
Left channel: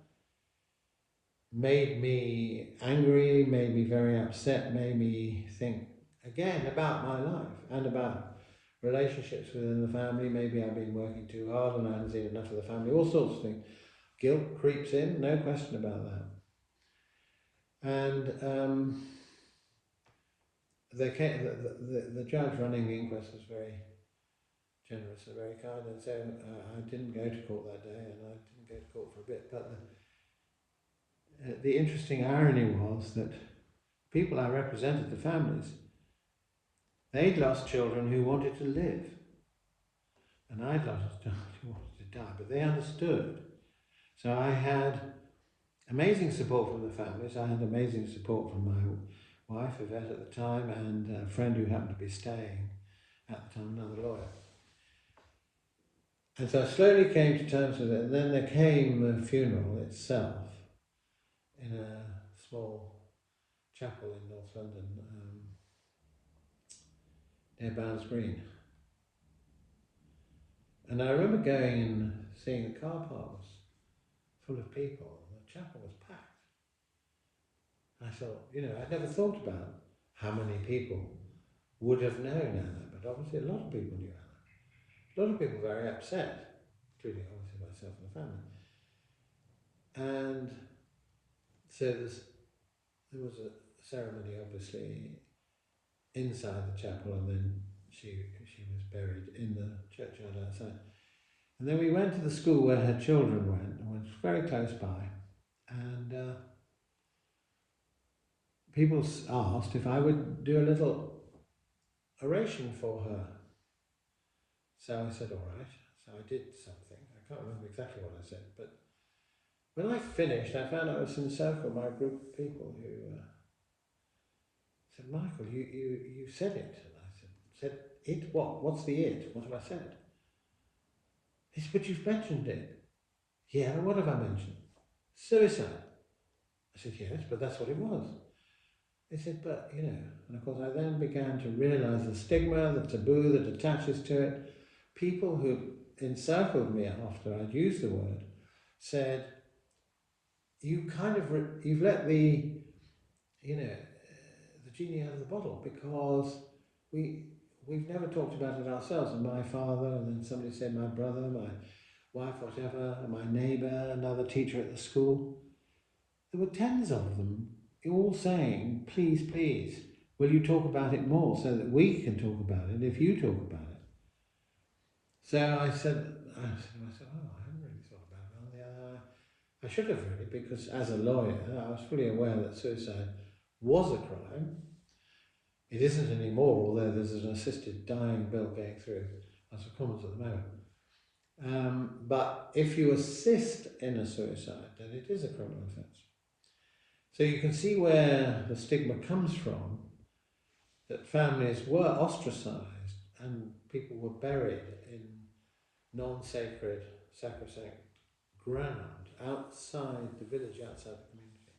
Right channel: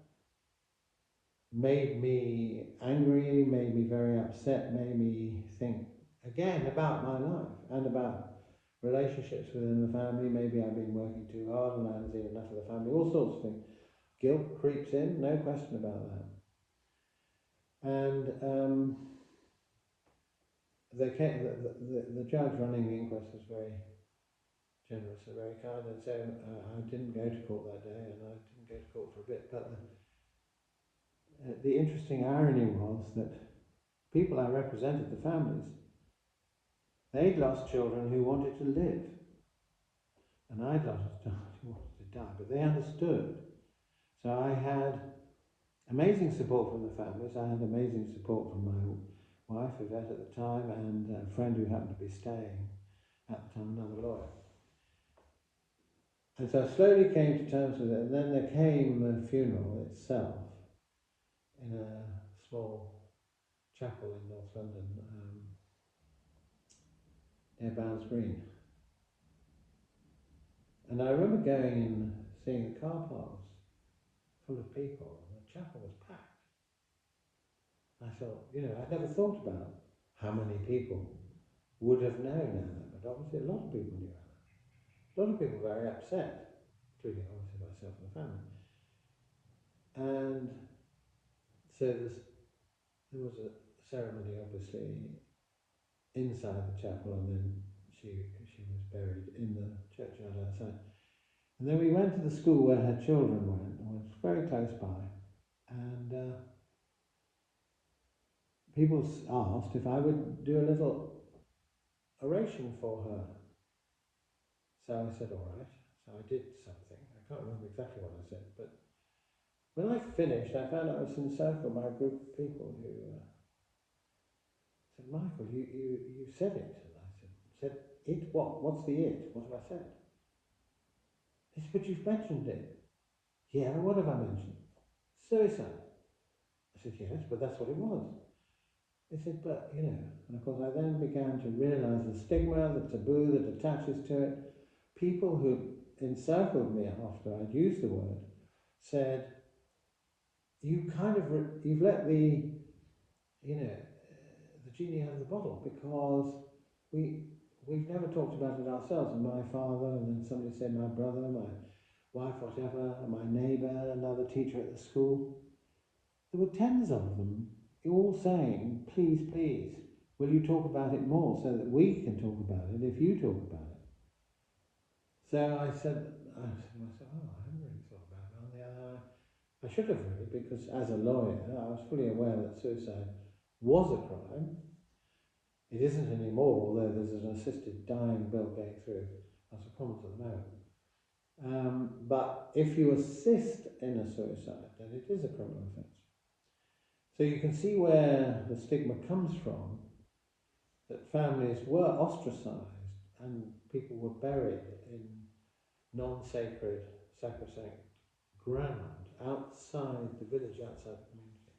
made me angry, made me very upset, made me think again about my life and about relationships within the family. Maybe I've been working too hard and I haven't seen enough of the family, all sorts of things. Guilt creeps in, no question about that. And the judge running the inquest was very generous and very kind, and so I didn't go to court that day, and I didn't go to court for a bit. But the interesting irony was that people I represented, the families, they'd lost children who wanted to live, and I'd lost children who wanted to die, but they understood. So I had amazing support from the families. I had amazing support from my wife, Yvette, at the time, and a friend who happened to be staying at the time, another lawyer. And so I slowly came to terms with it, and then there came the funeral itself in a small chapel in North London, near Barnes Green. And I remember going and seeing the car park was full of people, and the chapel was packed. And I thought, I'd never thought about how many people would have known Anna, but obviously a lot of people knew Anna. A lot of people were very upset, including obviously myself and the family. And so there was a ceremony, obviously, inside the chapel, and then she was buried in the churchyard outside. And then we went to the school where her children went, and was very close by. And people asked if I would do a little oration for her. So I said, all right. So I did something. I can't remember exactly what I said, but when I finished, I found I was encircled by a group of people who said, "Michael, you said it." And I said, "It what? What's the it? What have I said?" They said, "But you've mentioned it." "Yeah, what have I mentioned?" "Suicide." I said, "Yes, but that's what it was." They said, "But, and of course I then began to realise the stigma, the taboo that attaches to it. People who encircled me after I'd used the word said, you've let the genie out of the bottle, because we've never talked about it ourselves." And my father, and then somebody said my brother, my wife, whatever, my neighbour, another teacher at the school. There were tens of them, all saying, "Please, please, will you talk about it more so that we can talk about it if you talk about it? So I said, oh, I haven't really thought about it. On the other hand, I should have really, because as a lawyer, I was fully aware that suicide was a crime. It isn't anymore, although there's an assisted dying bill going through House of Commons at the moment. But if you assist in a suicide, then it is a criminal offence. So you can see where the stigma comes from, that families were ostracised and people were buried in non-sacred, sacrosanct ground outside the village, outside the community.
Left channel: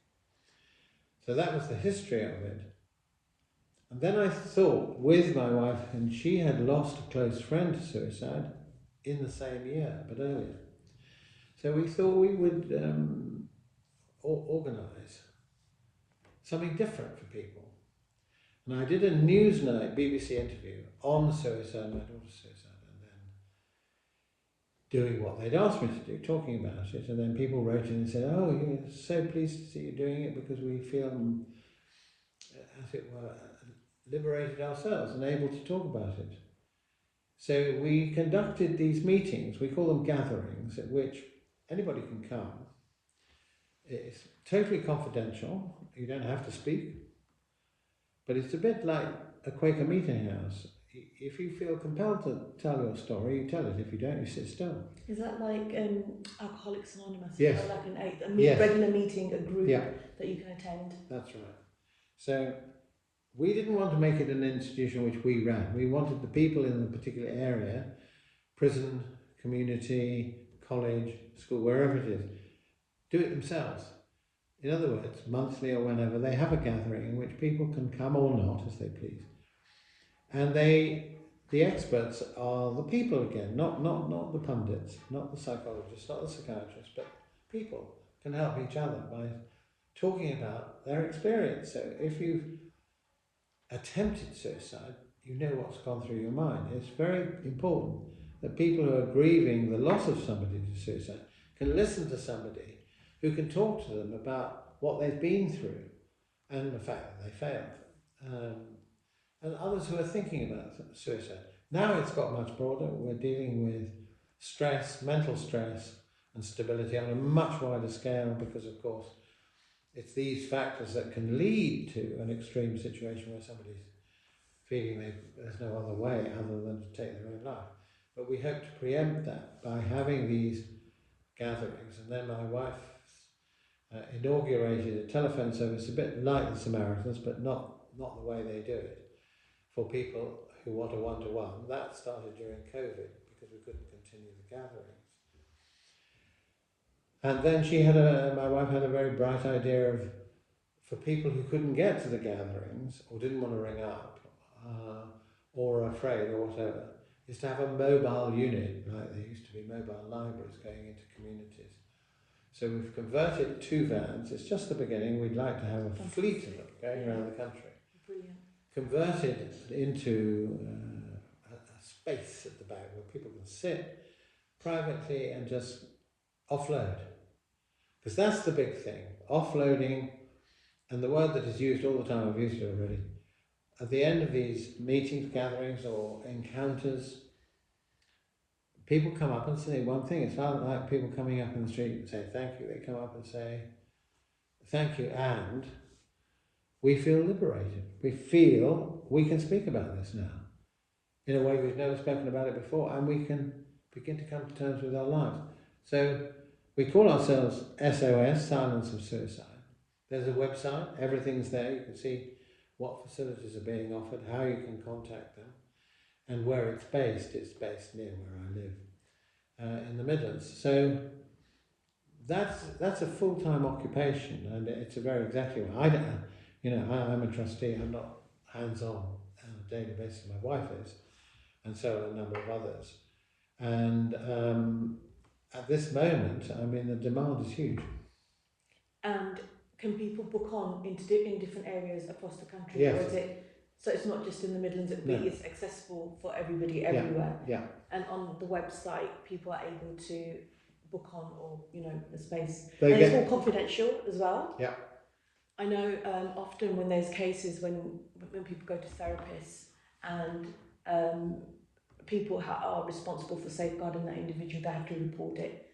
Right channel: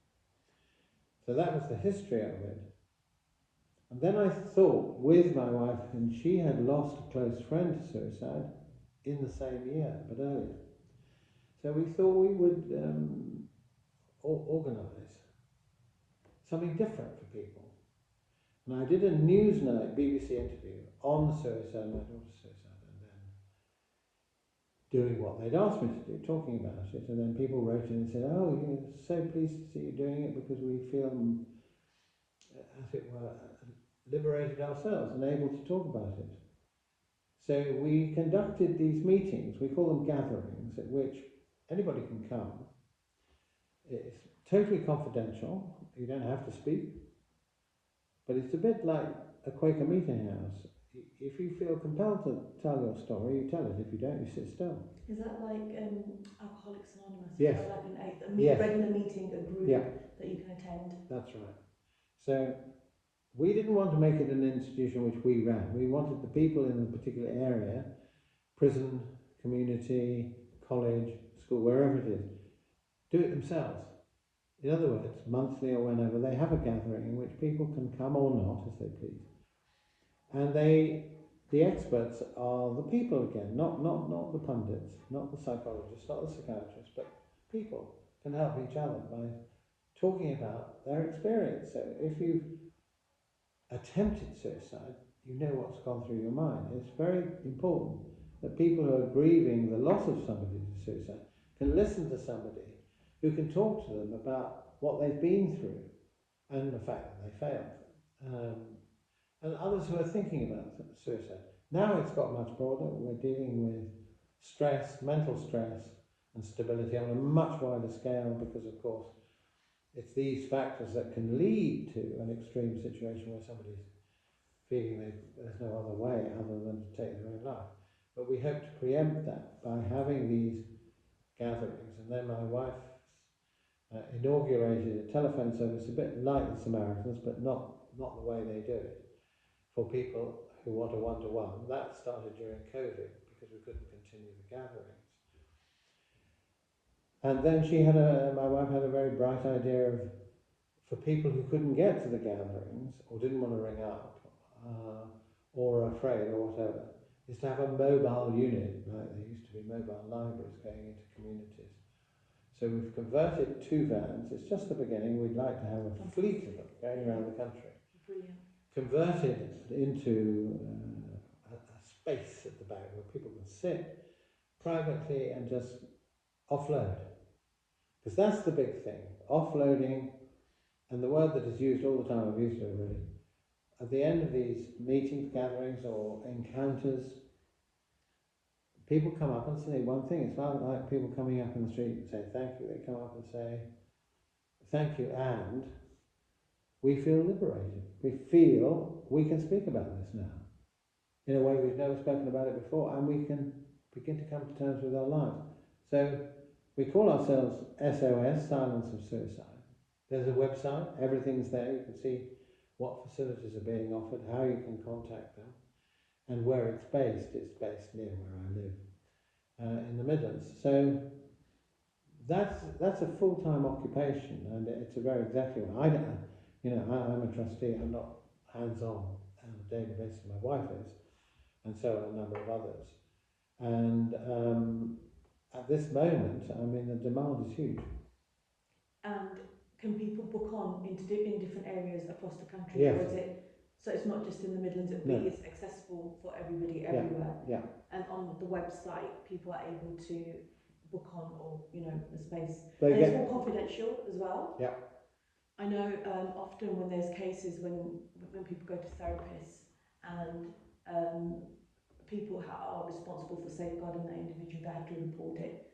So that was the history of it. And then I thought with my wife, and she had lost a close friend to suicide in the same year, but earlier. So we thought we would organise something different for people. And I did a Newsnight BBC interview on suicide, my daughter's suicide, and then doing what they'd asked me to do, talking about it. And then people wrote in and said, oh, you're so pleased to see you doing it because we feel, as it were, liberated ourselves and able to talk about it. So we conducted these meetings, we call them gatherings, at which anybody can come. It's totally confidential, you don't have to speak, but it's a bit like a Quaker meeting house. If you feel compelled to tell your story, you tell it. If you don't, you sit still. Is that like Alcoholics Anonymous? Yes. Like Yes. regular meeting, a group Yeah. that you can attend? That's right. So we didn't want to make it an institution which we ran. We wanted the people in a particular area, prison, community, college, school, wherever it is, do it themselves. In other words, monthly or whenever, they have a gathering in which people can come or not, as they please. And the experts are the people again, not the pundits, not the psychologists, not the psychiatrists, but people can help each other by talking about their experience. So if you've attempted suicide, you know what's gone through your mind. It's very important that people who are grieving the loss of somebody to suicide can listen to somebody who can talk to them about what they've been through and the fact that they failed. And others who are thinking about suicide. Now it's got much broader. We're dealing with stress, mental stress and stability on a much wider scale because, of course, it's these factors that can lead to an extreme situation where somebody's feeling there's no other way other than to take their own life. But we hope to preempt that by having these gatherings. And then my wife inaugurated a telephone service a bit like the Samaritans, but not the way they do it, for people who want a one-to-one. That started during COVID because we couldn't continue the gatherings. And then my wife had a very bright idea for people who couldn't get to the gatherings or didn't want to ring up or are afraid or whatever, is to have a mobile unit, like there used to be mobile libraries going into communities. So we've converted 2 vans. It's just the beginning. We'd like to have a fleet of them going around the country. Brilliant. Converted into a space at the back where people can sit privately and just offload. Because that's the big thing, offloading, and the word that is used all the time, I've used it already. At the end of these meetings, gatherings or encounters, people come up and say one thing. It's not like people coming up in the street and say thank you. They come up and say thank you, and we feel liberated. We feel we can speak about this now in a way we've never spoken about it before, and we can begin to come to terms with our lives. So we call ourselves SOS, Silence of Suicide. There's a website, everything's there. You can see what facilities are being offered, how you can contact them, and where it's based. It's based near where I live, in the Midlands. So that's a full-time occupation, and it's a very exacting one. I'm a trustee. I'm not hands-on on a daily basis. My wife is, and so are a number of others. And at this moment, I mean, the demand is huge. And can people book on in different areas across the country? Yes. Or is it, so it's not just in the Midlands, it's accessible for everybody everywhere. Yeah. And on the website, people are able to book on, or a space. And it's all confidential as well. Yeah. I know often when there's cases when people go to therapists and people are responsible for safeguarding that individual, they have to report it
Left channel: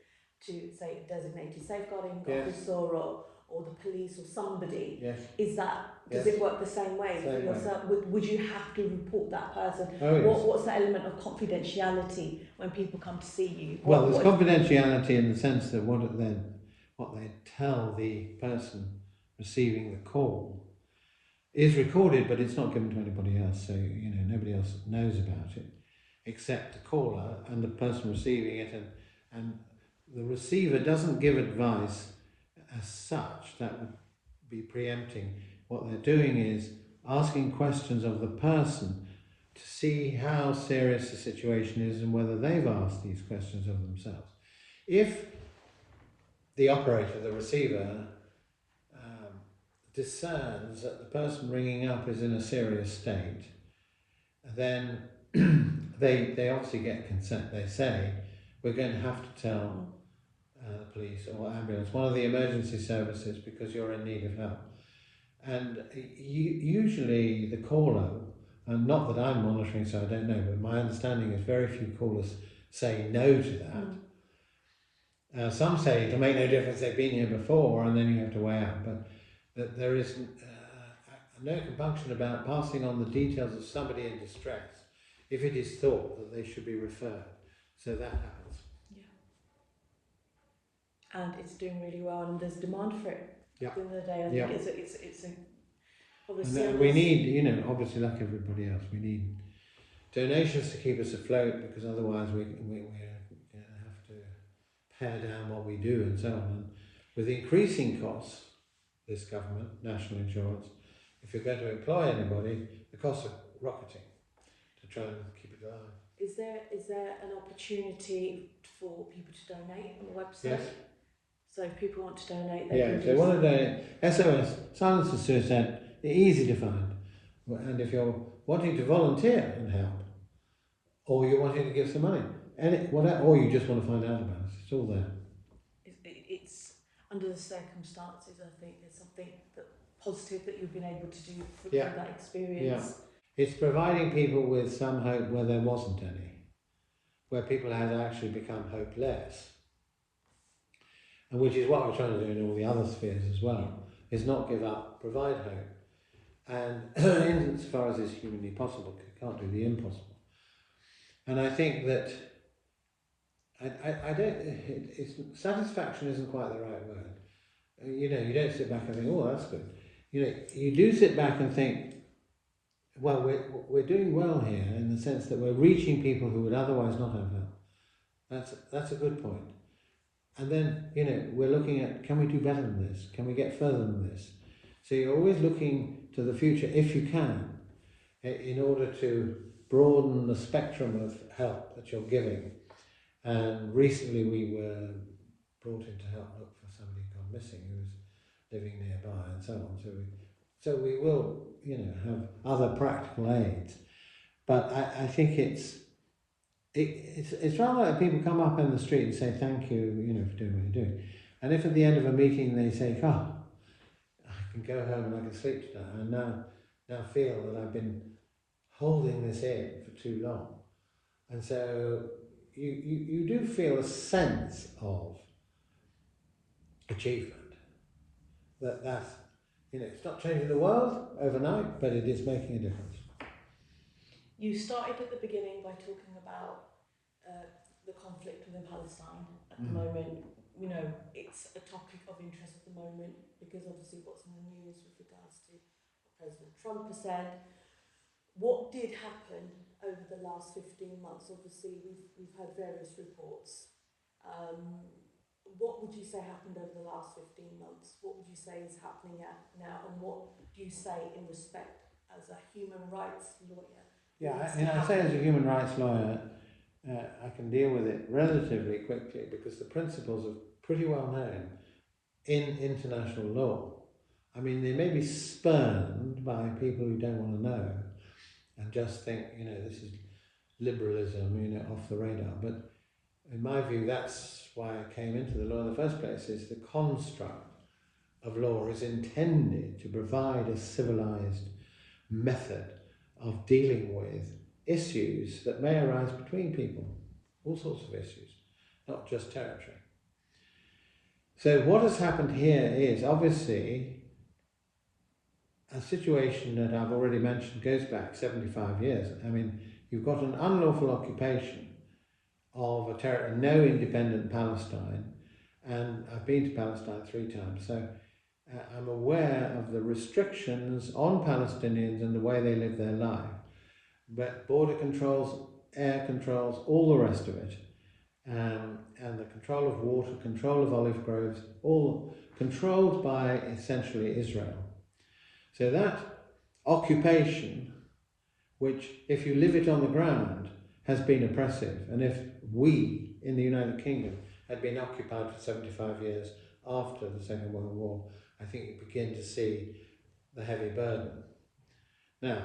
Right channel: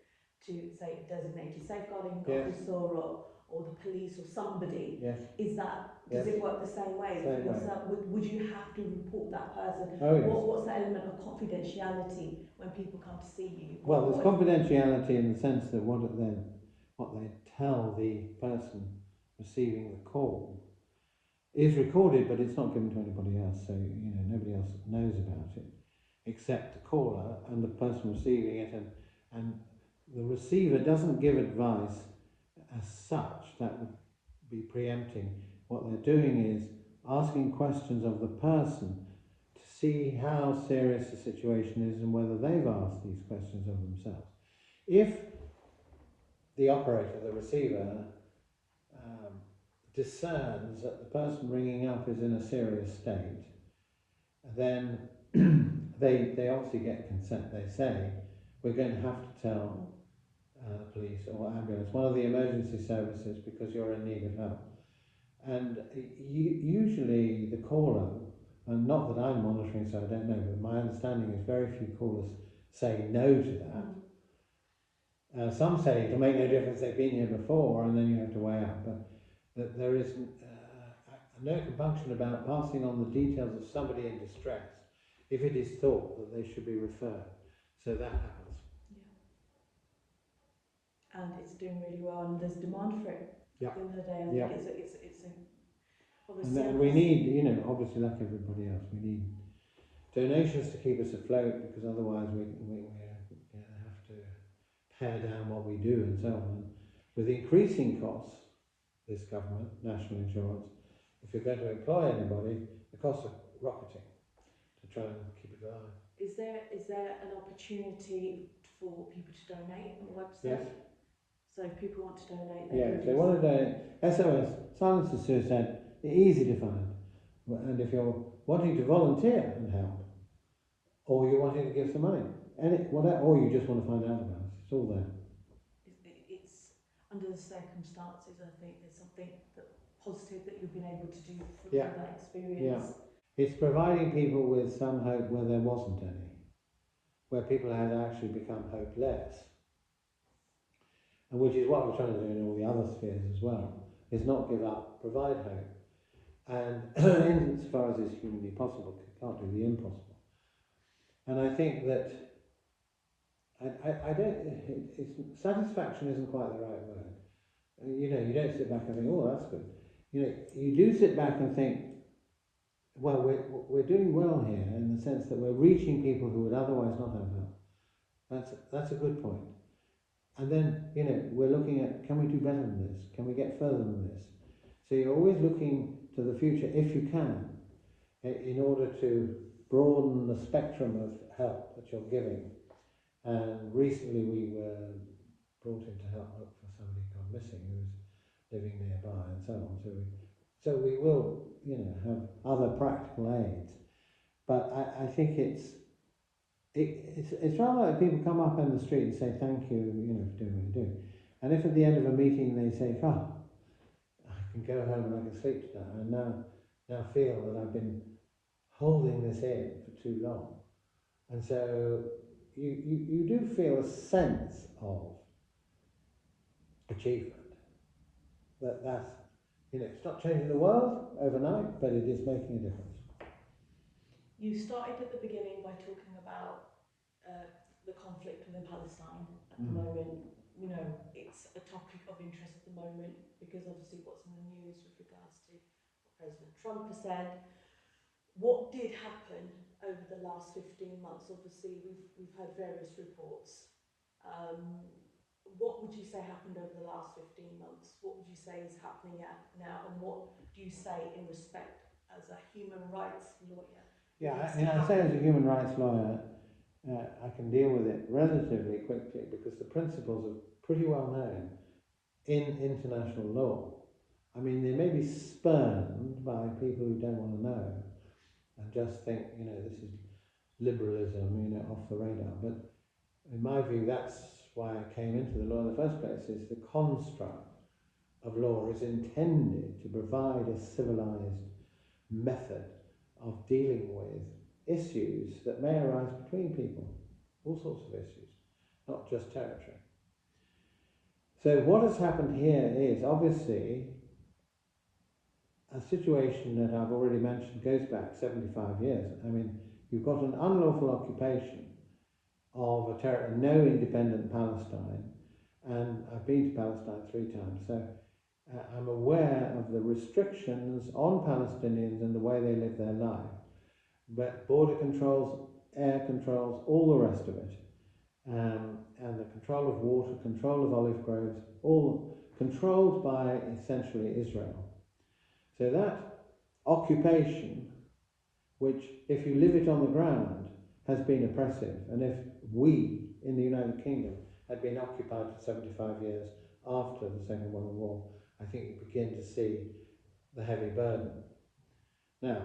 to, say, a designated safeguarding officer or the police or somebody. Yes. Is that, does it work the same way? Same way. Would you have to report that person? Oh, yes. What's the element of confidentiality when people come to see you? Well, there's confidentiality in the sense that what they tell the person receiving the call is recorded, but it's not given to anybody else, so nobody else knows about it except the caller and the person receiving it, and the receiver doesn't give advice as such. That would be preempting. What they're doing is asking questions of the person to see how serious the situation is and whether they've asked these questions of themselves. If the operator, the receiver, discerns that the person ringing up is in a serious state, then they obviously get consent. They say, we're going to have to tell police or ambulance, one of the emergency services, because you're in need of help. And usually the caller, and not that I'm monitoring, so I don't know, but my understanding is very few callers say no to that. Some say it'll make no difference, they've been here before, and then you have to weigh out. But that there is no compunction about passing on the details of somebody in distress if it is thought that they should be referred. So that happens. Yeah. And it's doing really well, and there's demand for it. Yeah. At the end of the day, I think it's a and we need, obviously like everybody else, we need donations to keep us afloat, because otherwise we have to pare down what we do and so on. And with increasing costs, this government, national insurance, if you're going to employ anybody, the costs are rocketing to try and keep it alive. Is there an opportunity for people to donate on the website? Yes. So if people want to donate, if they want to donate, SOS, Silence of Suicide, they're easy to find. And if you're wanting to volunteer and help, or you're wanting to give some money, or you just want to find out about it, it's all there. It's under the circumstances, I think there's something positive that you've been able to do from that experience. Yeah. It's providing people with some hope where there wasn't any, where people had actually become hopeless. And which is what we're trying to do in all the other spheres as well, is not give up, provide hope. And as far as is humanly possible, you can't do the impossible. And I think that, satisfaction isn't quite the right word. You don't sit back and think, oh, that's good. You do sit back and think, well, we're doing well here in the sense that we're reaching people who would otherwise not have help. That's a good point. And then, we're looking at, can we do better than this? Can we get further than this? So you're always looking to the future, if you can, in order to broaden the spectrum of help that you're giving. And recently we were brought in to help look for somebody gone missing who was living nearby and so on. So we will, have other practical aids. But I think it's rather like people come up in the street and say thank you, for doing what you're doing. And if at the end of a meeting they say, I can go home and I can sleep tonight, I now feel that I've been holding this in for too long. And so you do feel a sense of achievement. That's, it's not changing the world overnight, but it is making a difference. You started at the beginning by talking about the conflict within Palestine at the moment. It's a topic of interest at the moment because obviously what's in the news with regards to what President Trump has said. What did happen over the last 15 months? Obviously we've heard various reports. What would you say happened over the last 15 months? What would you say is happening now, and what do you say in respect as a human rights lawyer? Yeah, I say as a human rights lawyer, I can deal with it relatively quickly because the principles are pretty well known in international law. I mean, they may be spurned by people who don't want to know and just think, this is liberalism, off the radar. But in my view, that's why I came into the law in the first place, is the construct of law is intended to provide a civilized method of dealing with issues that may arise between people, all sorts of issues, not just territory. So what has happened here is obviously a situation that I've already mentioned goes back 75 years. I mean, you've got an unlawful occupation of a territory, no independent Palestine, and I've been to Palestine 3 times, so I'm aware of the restrictions on Palestinians and the way they live their life. But border controls, air controls, all the rest of it, and the control of water, control of olive groves, all controlled by essentially Israel. So that occupation, which if you live it on the ground, has been oppressive, and if we in the United Kingdom had been occupied for 75 years after the Second World War, I think you begin to see the heavy burden. Now,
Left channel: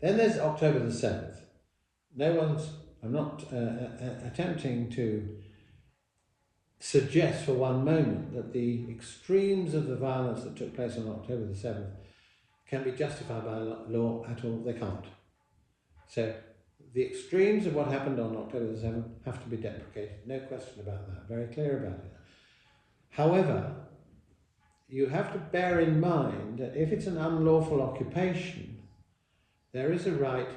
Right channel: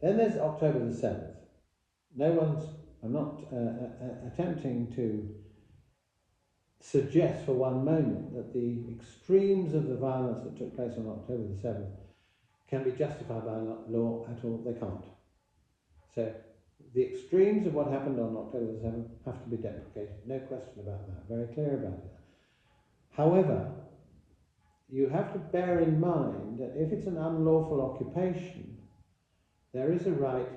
then there's October the 7th. I'm not attempting to suggest for one moment that the extremes of the violence that took place on October the 7th can be justified by law at all. They can't. So the extremes of what happened on October the 7th have to be deprecated. No question about that. Very clear about it. However, you have to bear in mind that if it's an unlawful occupation, there is a right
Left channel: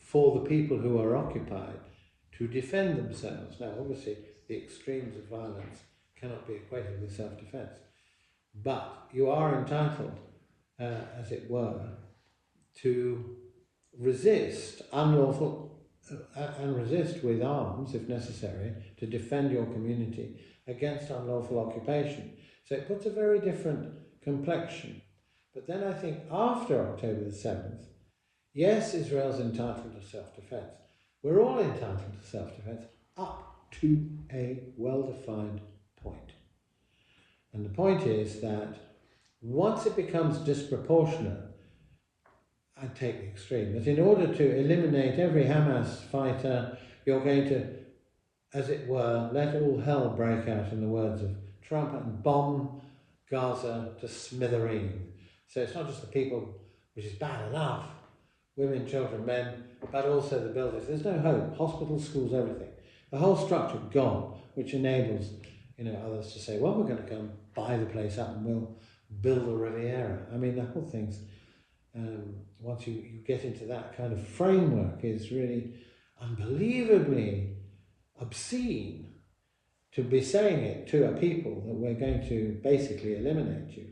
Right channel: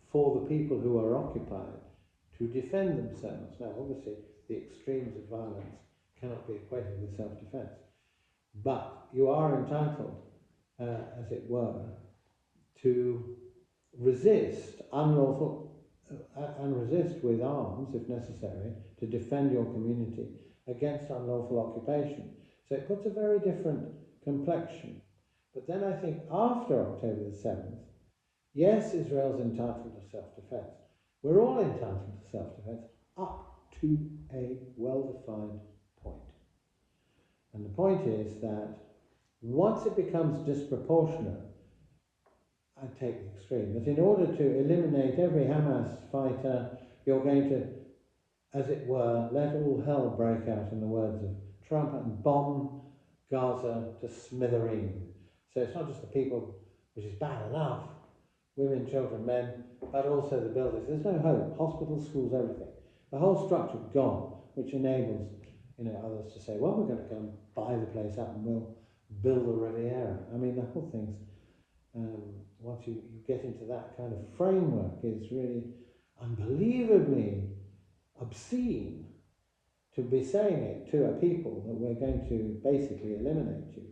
for the people who are occupied to defend themselves. Now, obviously, the extremes of violence cannot be equated with self-defense, but you are entitled, as it were, to resist unlawful and resist with arms, if necessary, to defend your community against unlawful occupation. So it puts a very different complexion. But then I think after October the 7th, yes, Israel's entitled to self-defense. We're all entitled to self-defense up to a well-defined point. And the point is that once it becomes disproportionate, I take the extreme, that in order to eliminate every Hamas fighter, you're going to, as it were, let all hell break out, in the words of Trump, and bomb Gaza to smithereen. So it's not just the people, which is bad enough, women, children, men, but also the buildings. There's no hope. Hospitals, schools, everything. The whole structure gone, which enables, others to say, well, we're going to go and buy the place up and we'll build a Riviera. I mean, the whole thing's, once you get into that kind of framework, is really unbelievably obscene to be saying it to a people that we're going to basically eliminate you.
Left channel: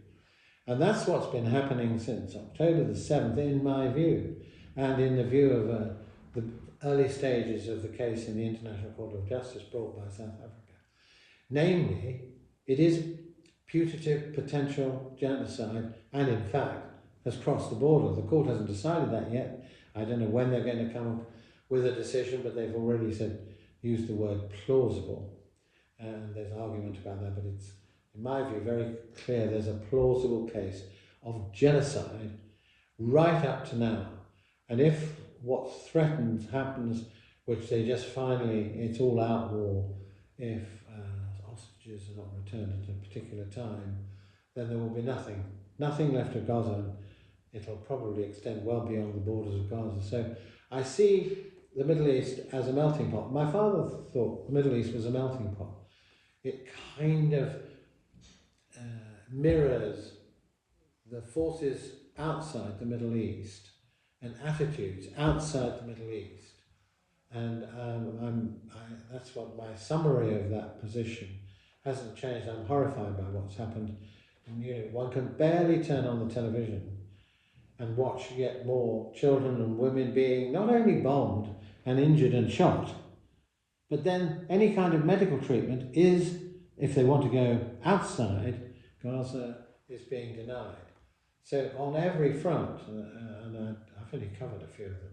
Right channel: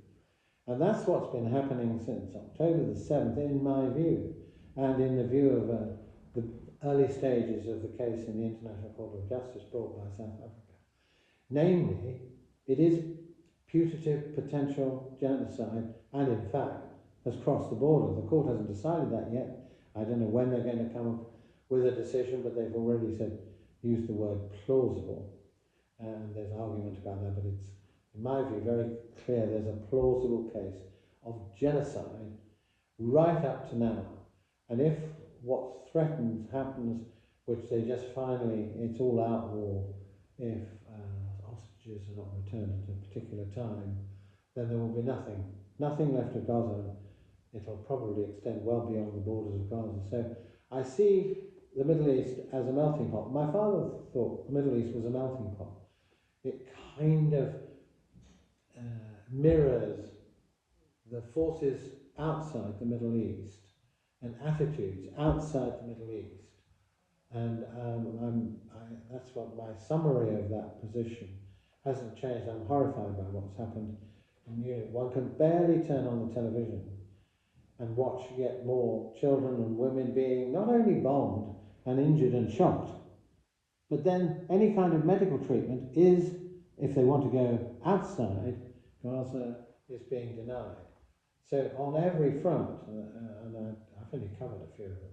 And that's what's been happening since October the 7th, in my view, and in the view of the early stages of the case in the International Court of Justice brought by South Africa. Namely, it is putative potential genocide, and in fact has crossed the border. The court hasn't decided that yet. I don't know when they're going to come up with a decision, but they've already used the word plausible. And there's argument about that, but it's, in my view, very clear there's a plausible case of genocide right up to now. And if what threatens happens, which they just finally, it's all out war, if hostages are not returned at a particular time, then there will be nothing left of Gaza. It'll probably extend well beyond the borders of Gaza. So I see the Middle East as a melting pot. My father thought the Middle East was a melting pot. It kind of mirrors the forces outside the Middle East and attitudes outside the Middle East. And that's what my summary of that position hasn't changed. I'm horrified by what's happened. And one can barely turn on the television and watch yet more children and women being not only bombed and injured and shot, but then any kind of medical treatment is, if they want to go outside Gaza, is being denied. So on every front, and I've only covered a few of them,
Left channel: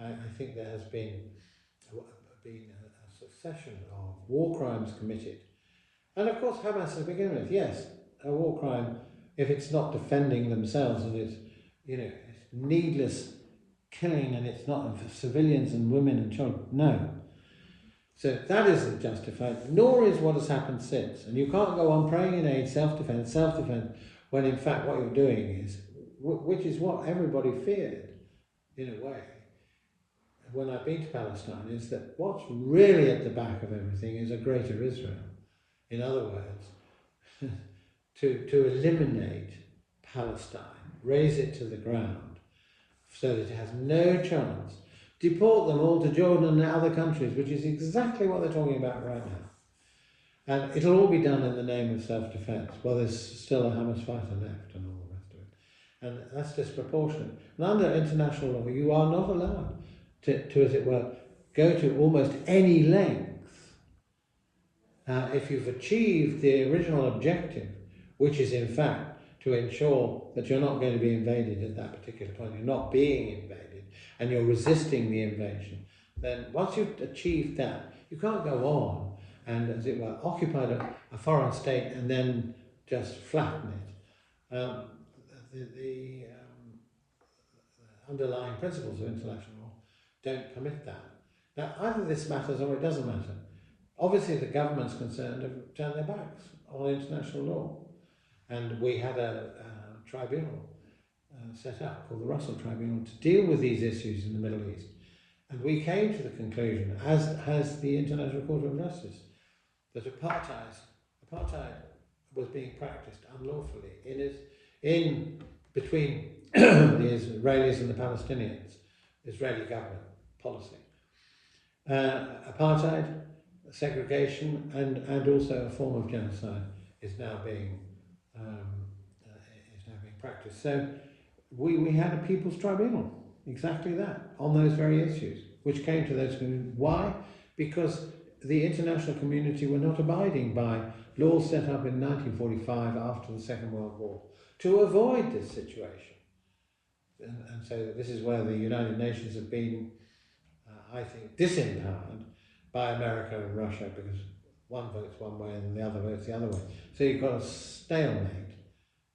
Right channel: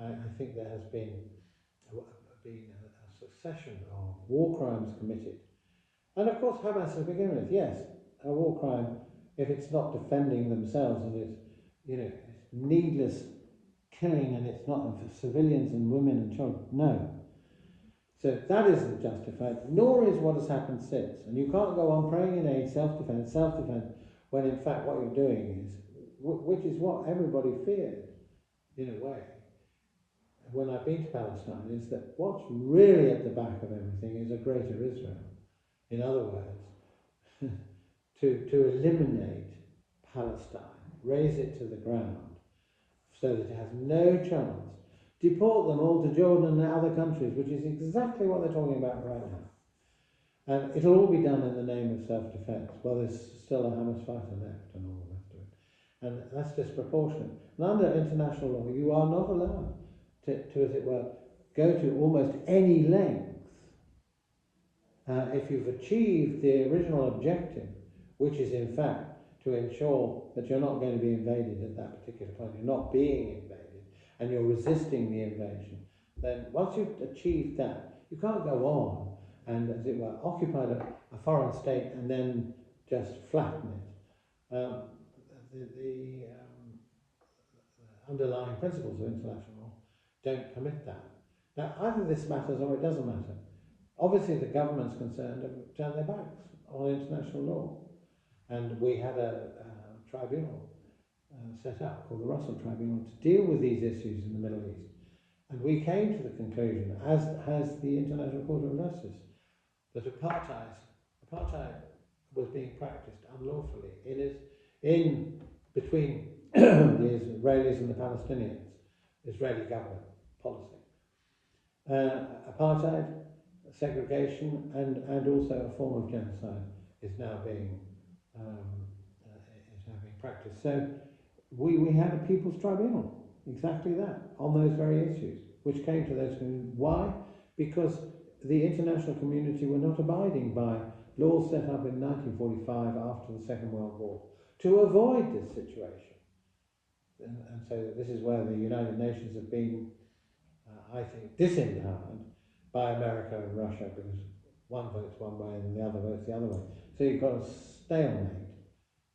I think there has been a succession of war crimes committed. And of course Hamas to begin with, yes, a war crime if it's not defending themselves and it's, it's needless killing and it's not of civilians and women and children. No. So that isn't justified, nor is what has happened since. And you can't go on praying in aid, self-defense, when in fact what you're doing is, which is what everybody feared, in a way, when I've been to Palestine, is that what's really at the back of everything is a greater Israel. In other words, to eliminate Palestine, raze it to the ground, so that it has no chance. Deport them all to Jordan and other countries, which is exactly what they're talking about right now. And it'll all be done in the name of self-defense. Well, there's still a Hamas fighter left and all the rest of it. And that's disproportionate. And under international law, you are not allowed to, as it were, go to almost any length if you've achieved the original objective, which is in fact to ensure that you're not going to be invaded at that particular point, you're not being invaded, and you're resisting the invasion, then once you've achieved that, you can't go on and, as it were, occupy a foreign state and then just flatten it. The underlying principles of international law don't permit that. Now, either this matters or it doesn't matter. Obviously, the governments concerned have turned their backs on international law. And we had a tribunal set up called the Russell Tribunal to deal with these issues in the Middle East. And we came to the conclusion, as has the International Court of Justice, that apartheid was being practiced unlawfully in between the Israelis and the Palestinians, Israeli government policy. Apartheid, segregation, and also a form of genocide is now being practiced. So we had a People's Tribunal, exactly that, on those very issues, which came to those conclusions. Why? Because the international community were not abiding by laws set up in 1945 after the Second World War to avoid this situation. And so this is where the United Nations have been, I think, disempowered by America and Russia, because one votes one way and the other votes the other way. So you've got a stalemate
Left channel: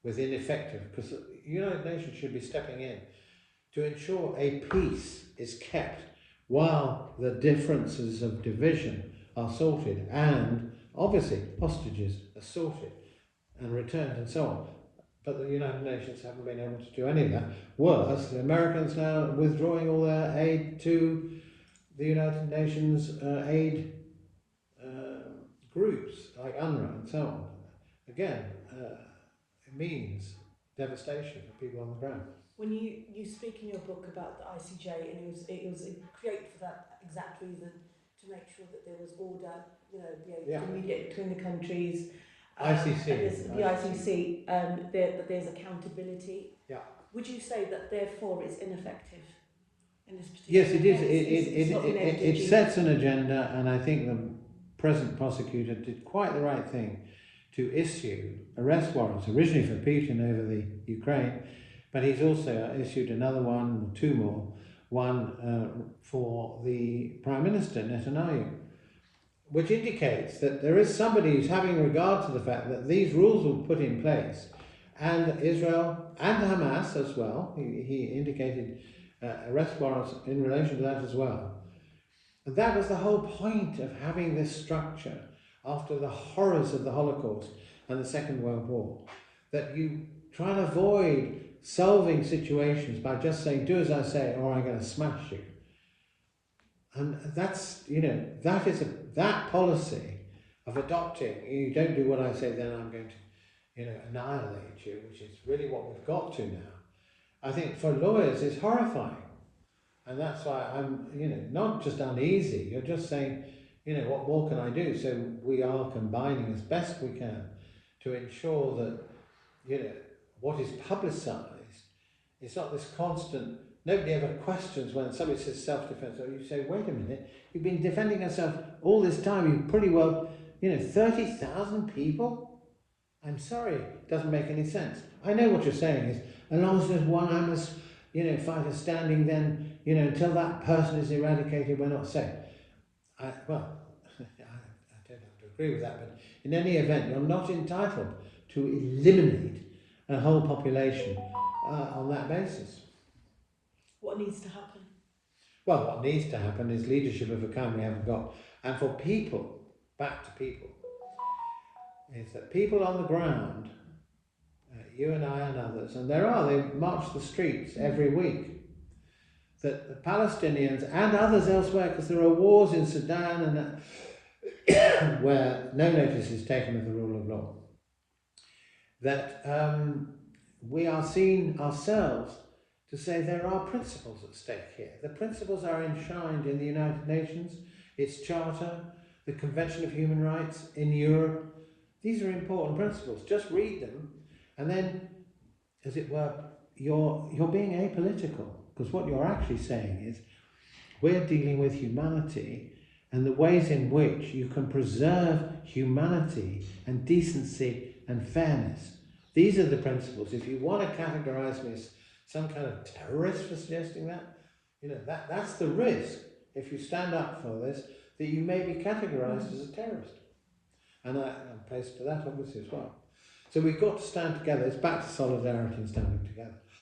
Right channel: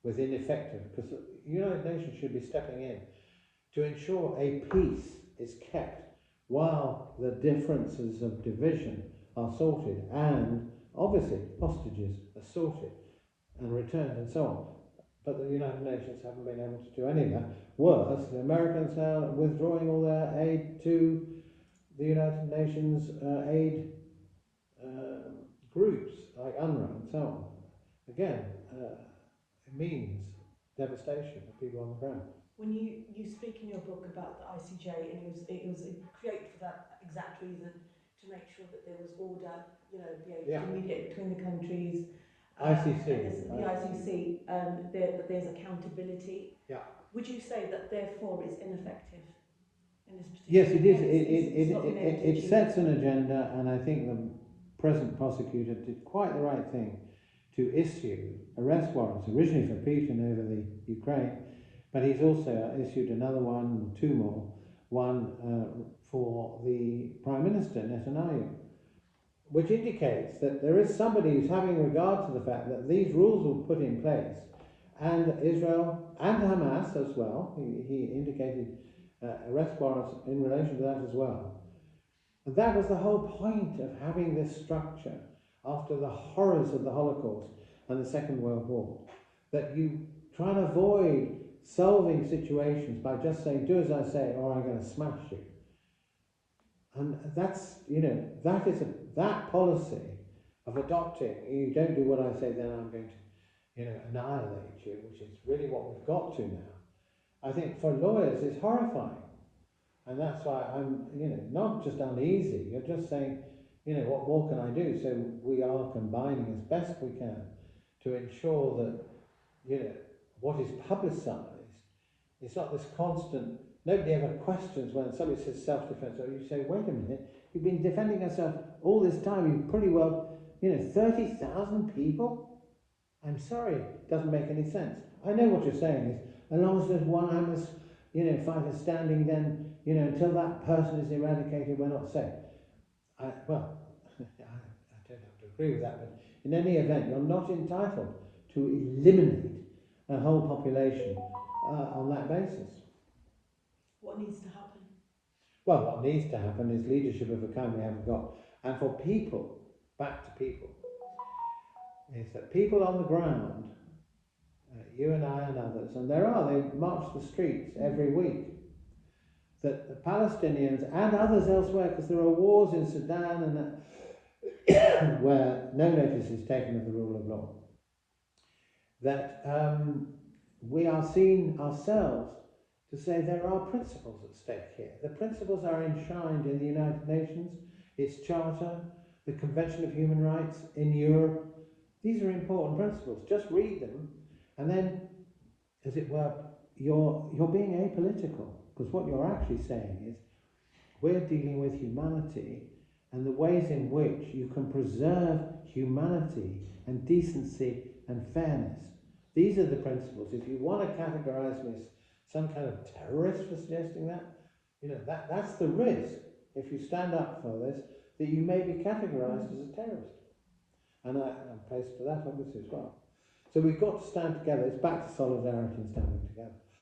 with ineffective, because the United Nations should be stepping in to ensure a peace is kept while the differences of division are sorted, and obviously hostages are sorted and returned and so on. But the United Nations haven't been able to do any of that. Worse, the Americans now are withdrawing all their aid to the United Nations aid groups like UNRWA and so on. Again, it means devastation for people on the ground. When you speak in your book about the ICJ, and it was created for that exact reason, to make sure that there was order, communicate between the countries. ICC. The ICC, that there's accountability. Yeah. Would you say that therefore it's ineffective in this particular Yes, it is. case? It sets an agenda, and I think the present prosecutor did quite the right thing to issue arrest warrants, originally for Putin over the Ukraine, but he's also issued another one, or two more, one for the Prime Minister, Netanyahu, which indicates that there is somebody who's having regard to the fact that these rules were put in place, and Israel and Hamas as well. He indicated arrest warrants in relation to that as well. And that was the whole point of having this structure after the horrors of the Holocaust and the Second World War, that you try and avoid solving situations by just saying, do as I say or I'm going to smash you. And that's, that policy of adopting, you don't do what I say, then I'm going to, annihilate you, which is really what we've got to now. I think for lawyers it's horrifying. And that's why I'm, not just uneasy, you're just saying, what more can I do? So we are combining as best we can to ensure that, what is publicised is not this constant, nobody ever questions when somebody says self-defense, or you say, wait a minute, you've been defending yourself all this time, you've pretty well, 30,000 people? I'm sorry, it doesn't make any sense. I know what you're saying is, as long as there's one Hamas, fighter standing, then, until that person is eradicated, we're not safe. I don't have to agree with that, but in any event, you're not entitled to eliminate a whole population on that basis. What needs to happen? Well, what needs to happen is leadership of a kind we haven't got. and for people, back to people, is that people on the ground, you and I and others, and they march the streets every week, that the Palestinians and others elsewhere, because there are wars in Sudan and where no notice is taken of the rule of law, that we are seen ourselves to say there are principles at stake here. The principles are enshrined in the United Nations, its Charter, the Convention of Human Rights in Europe. These are important principles. Just read them, and then, as it were, you're being apolitical, because what you're actually saying is we're dealing with humanity and the ways in which you can preserve humanity and decency and fairness. These are the principles. If you want to categorize me as some kind of terrorist for suggesting that, that's the risk, if you stand up for this, that you may be categorized as a terrorist. And I'm placed for that, obviously, as well. So we've got to stand together. It's back to solidarity and standing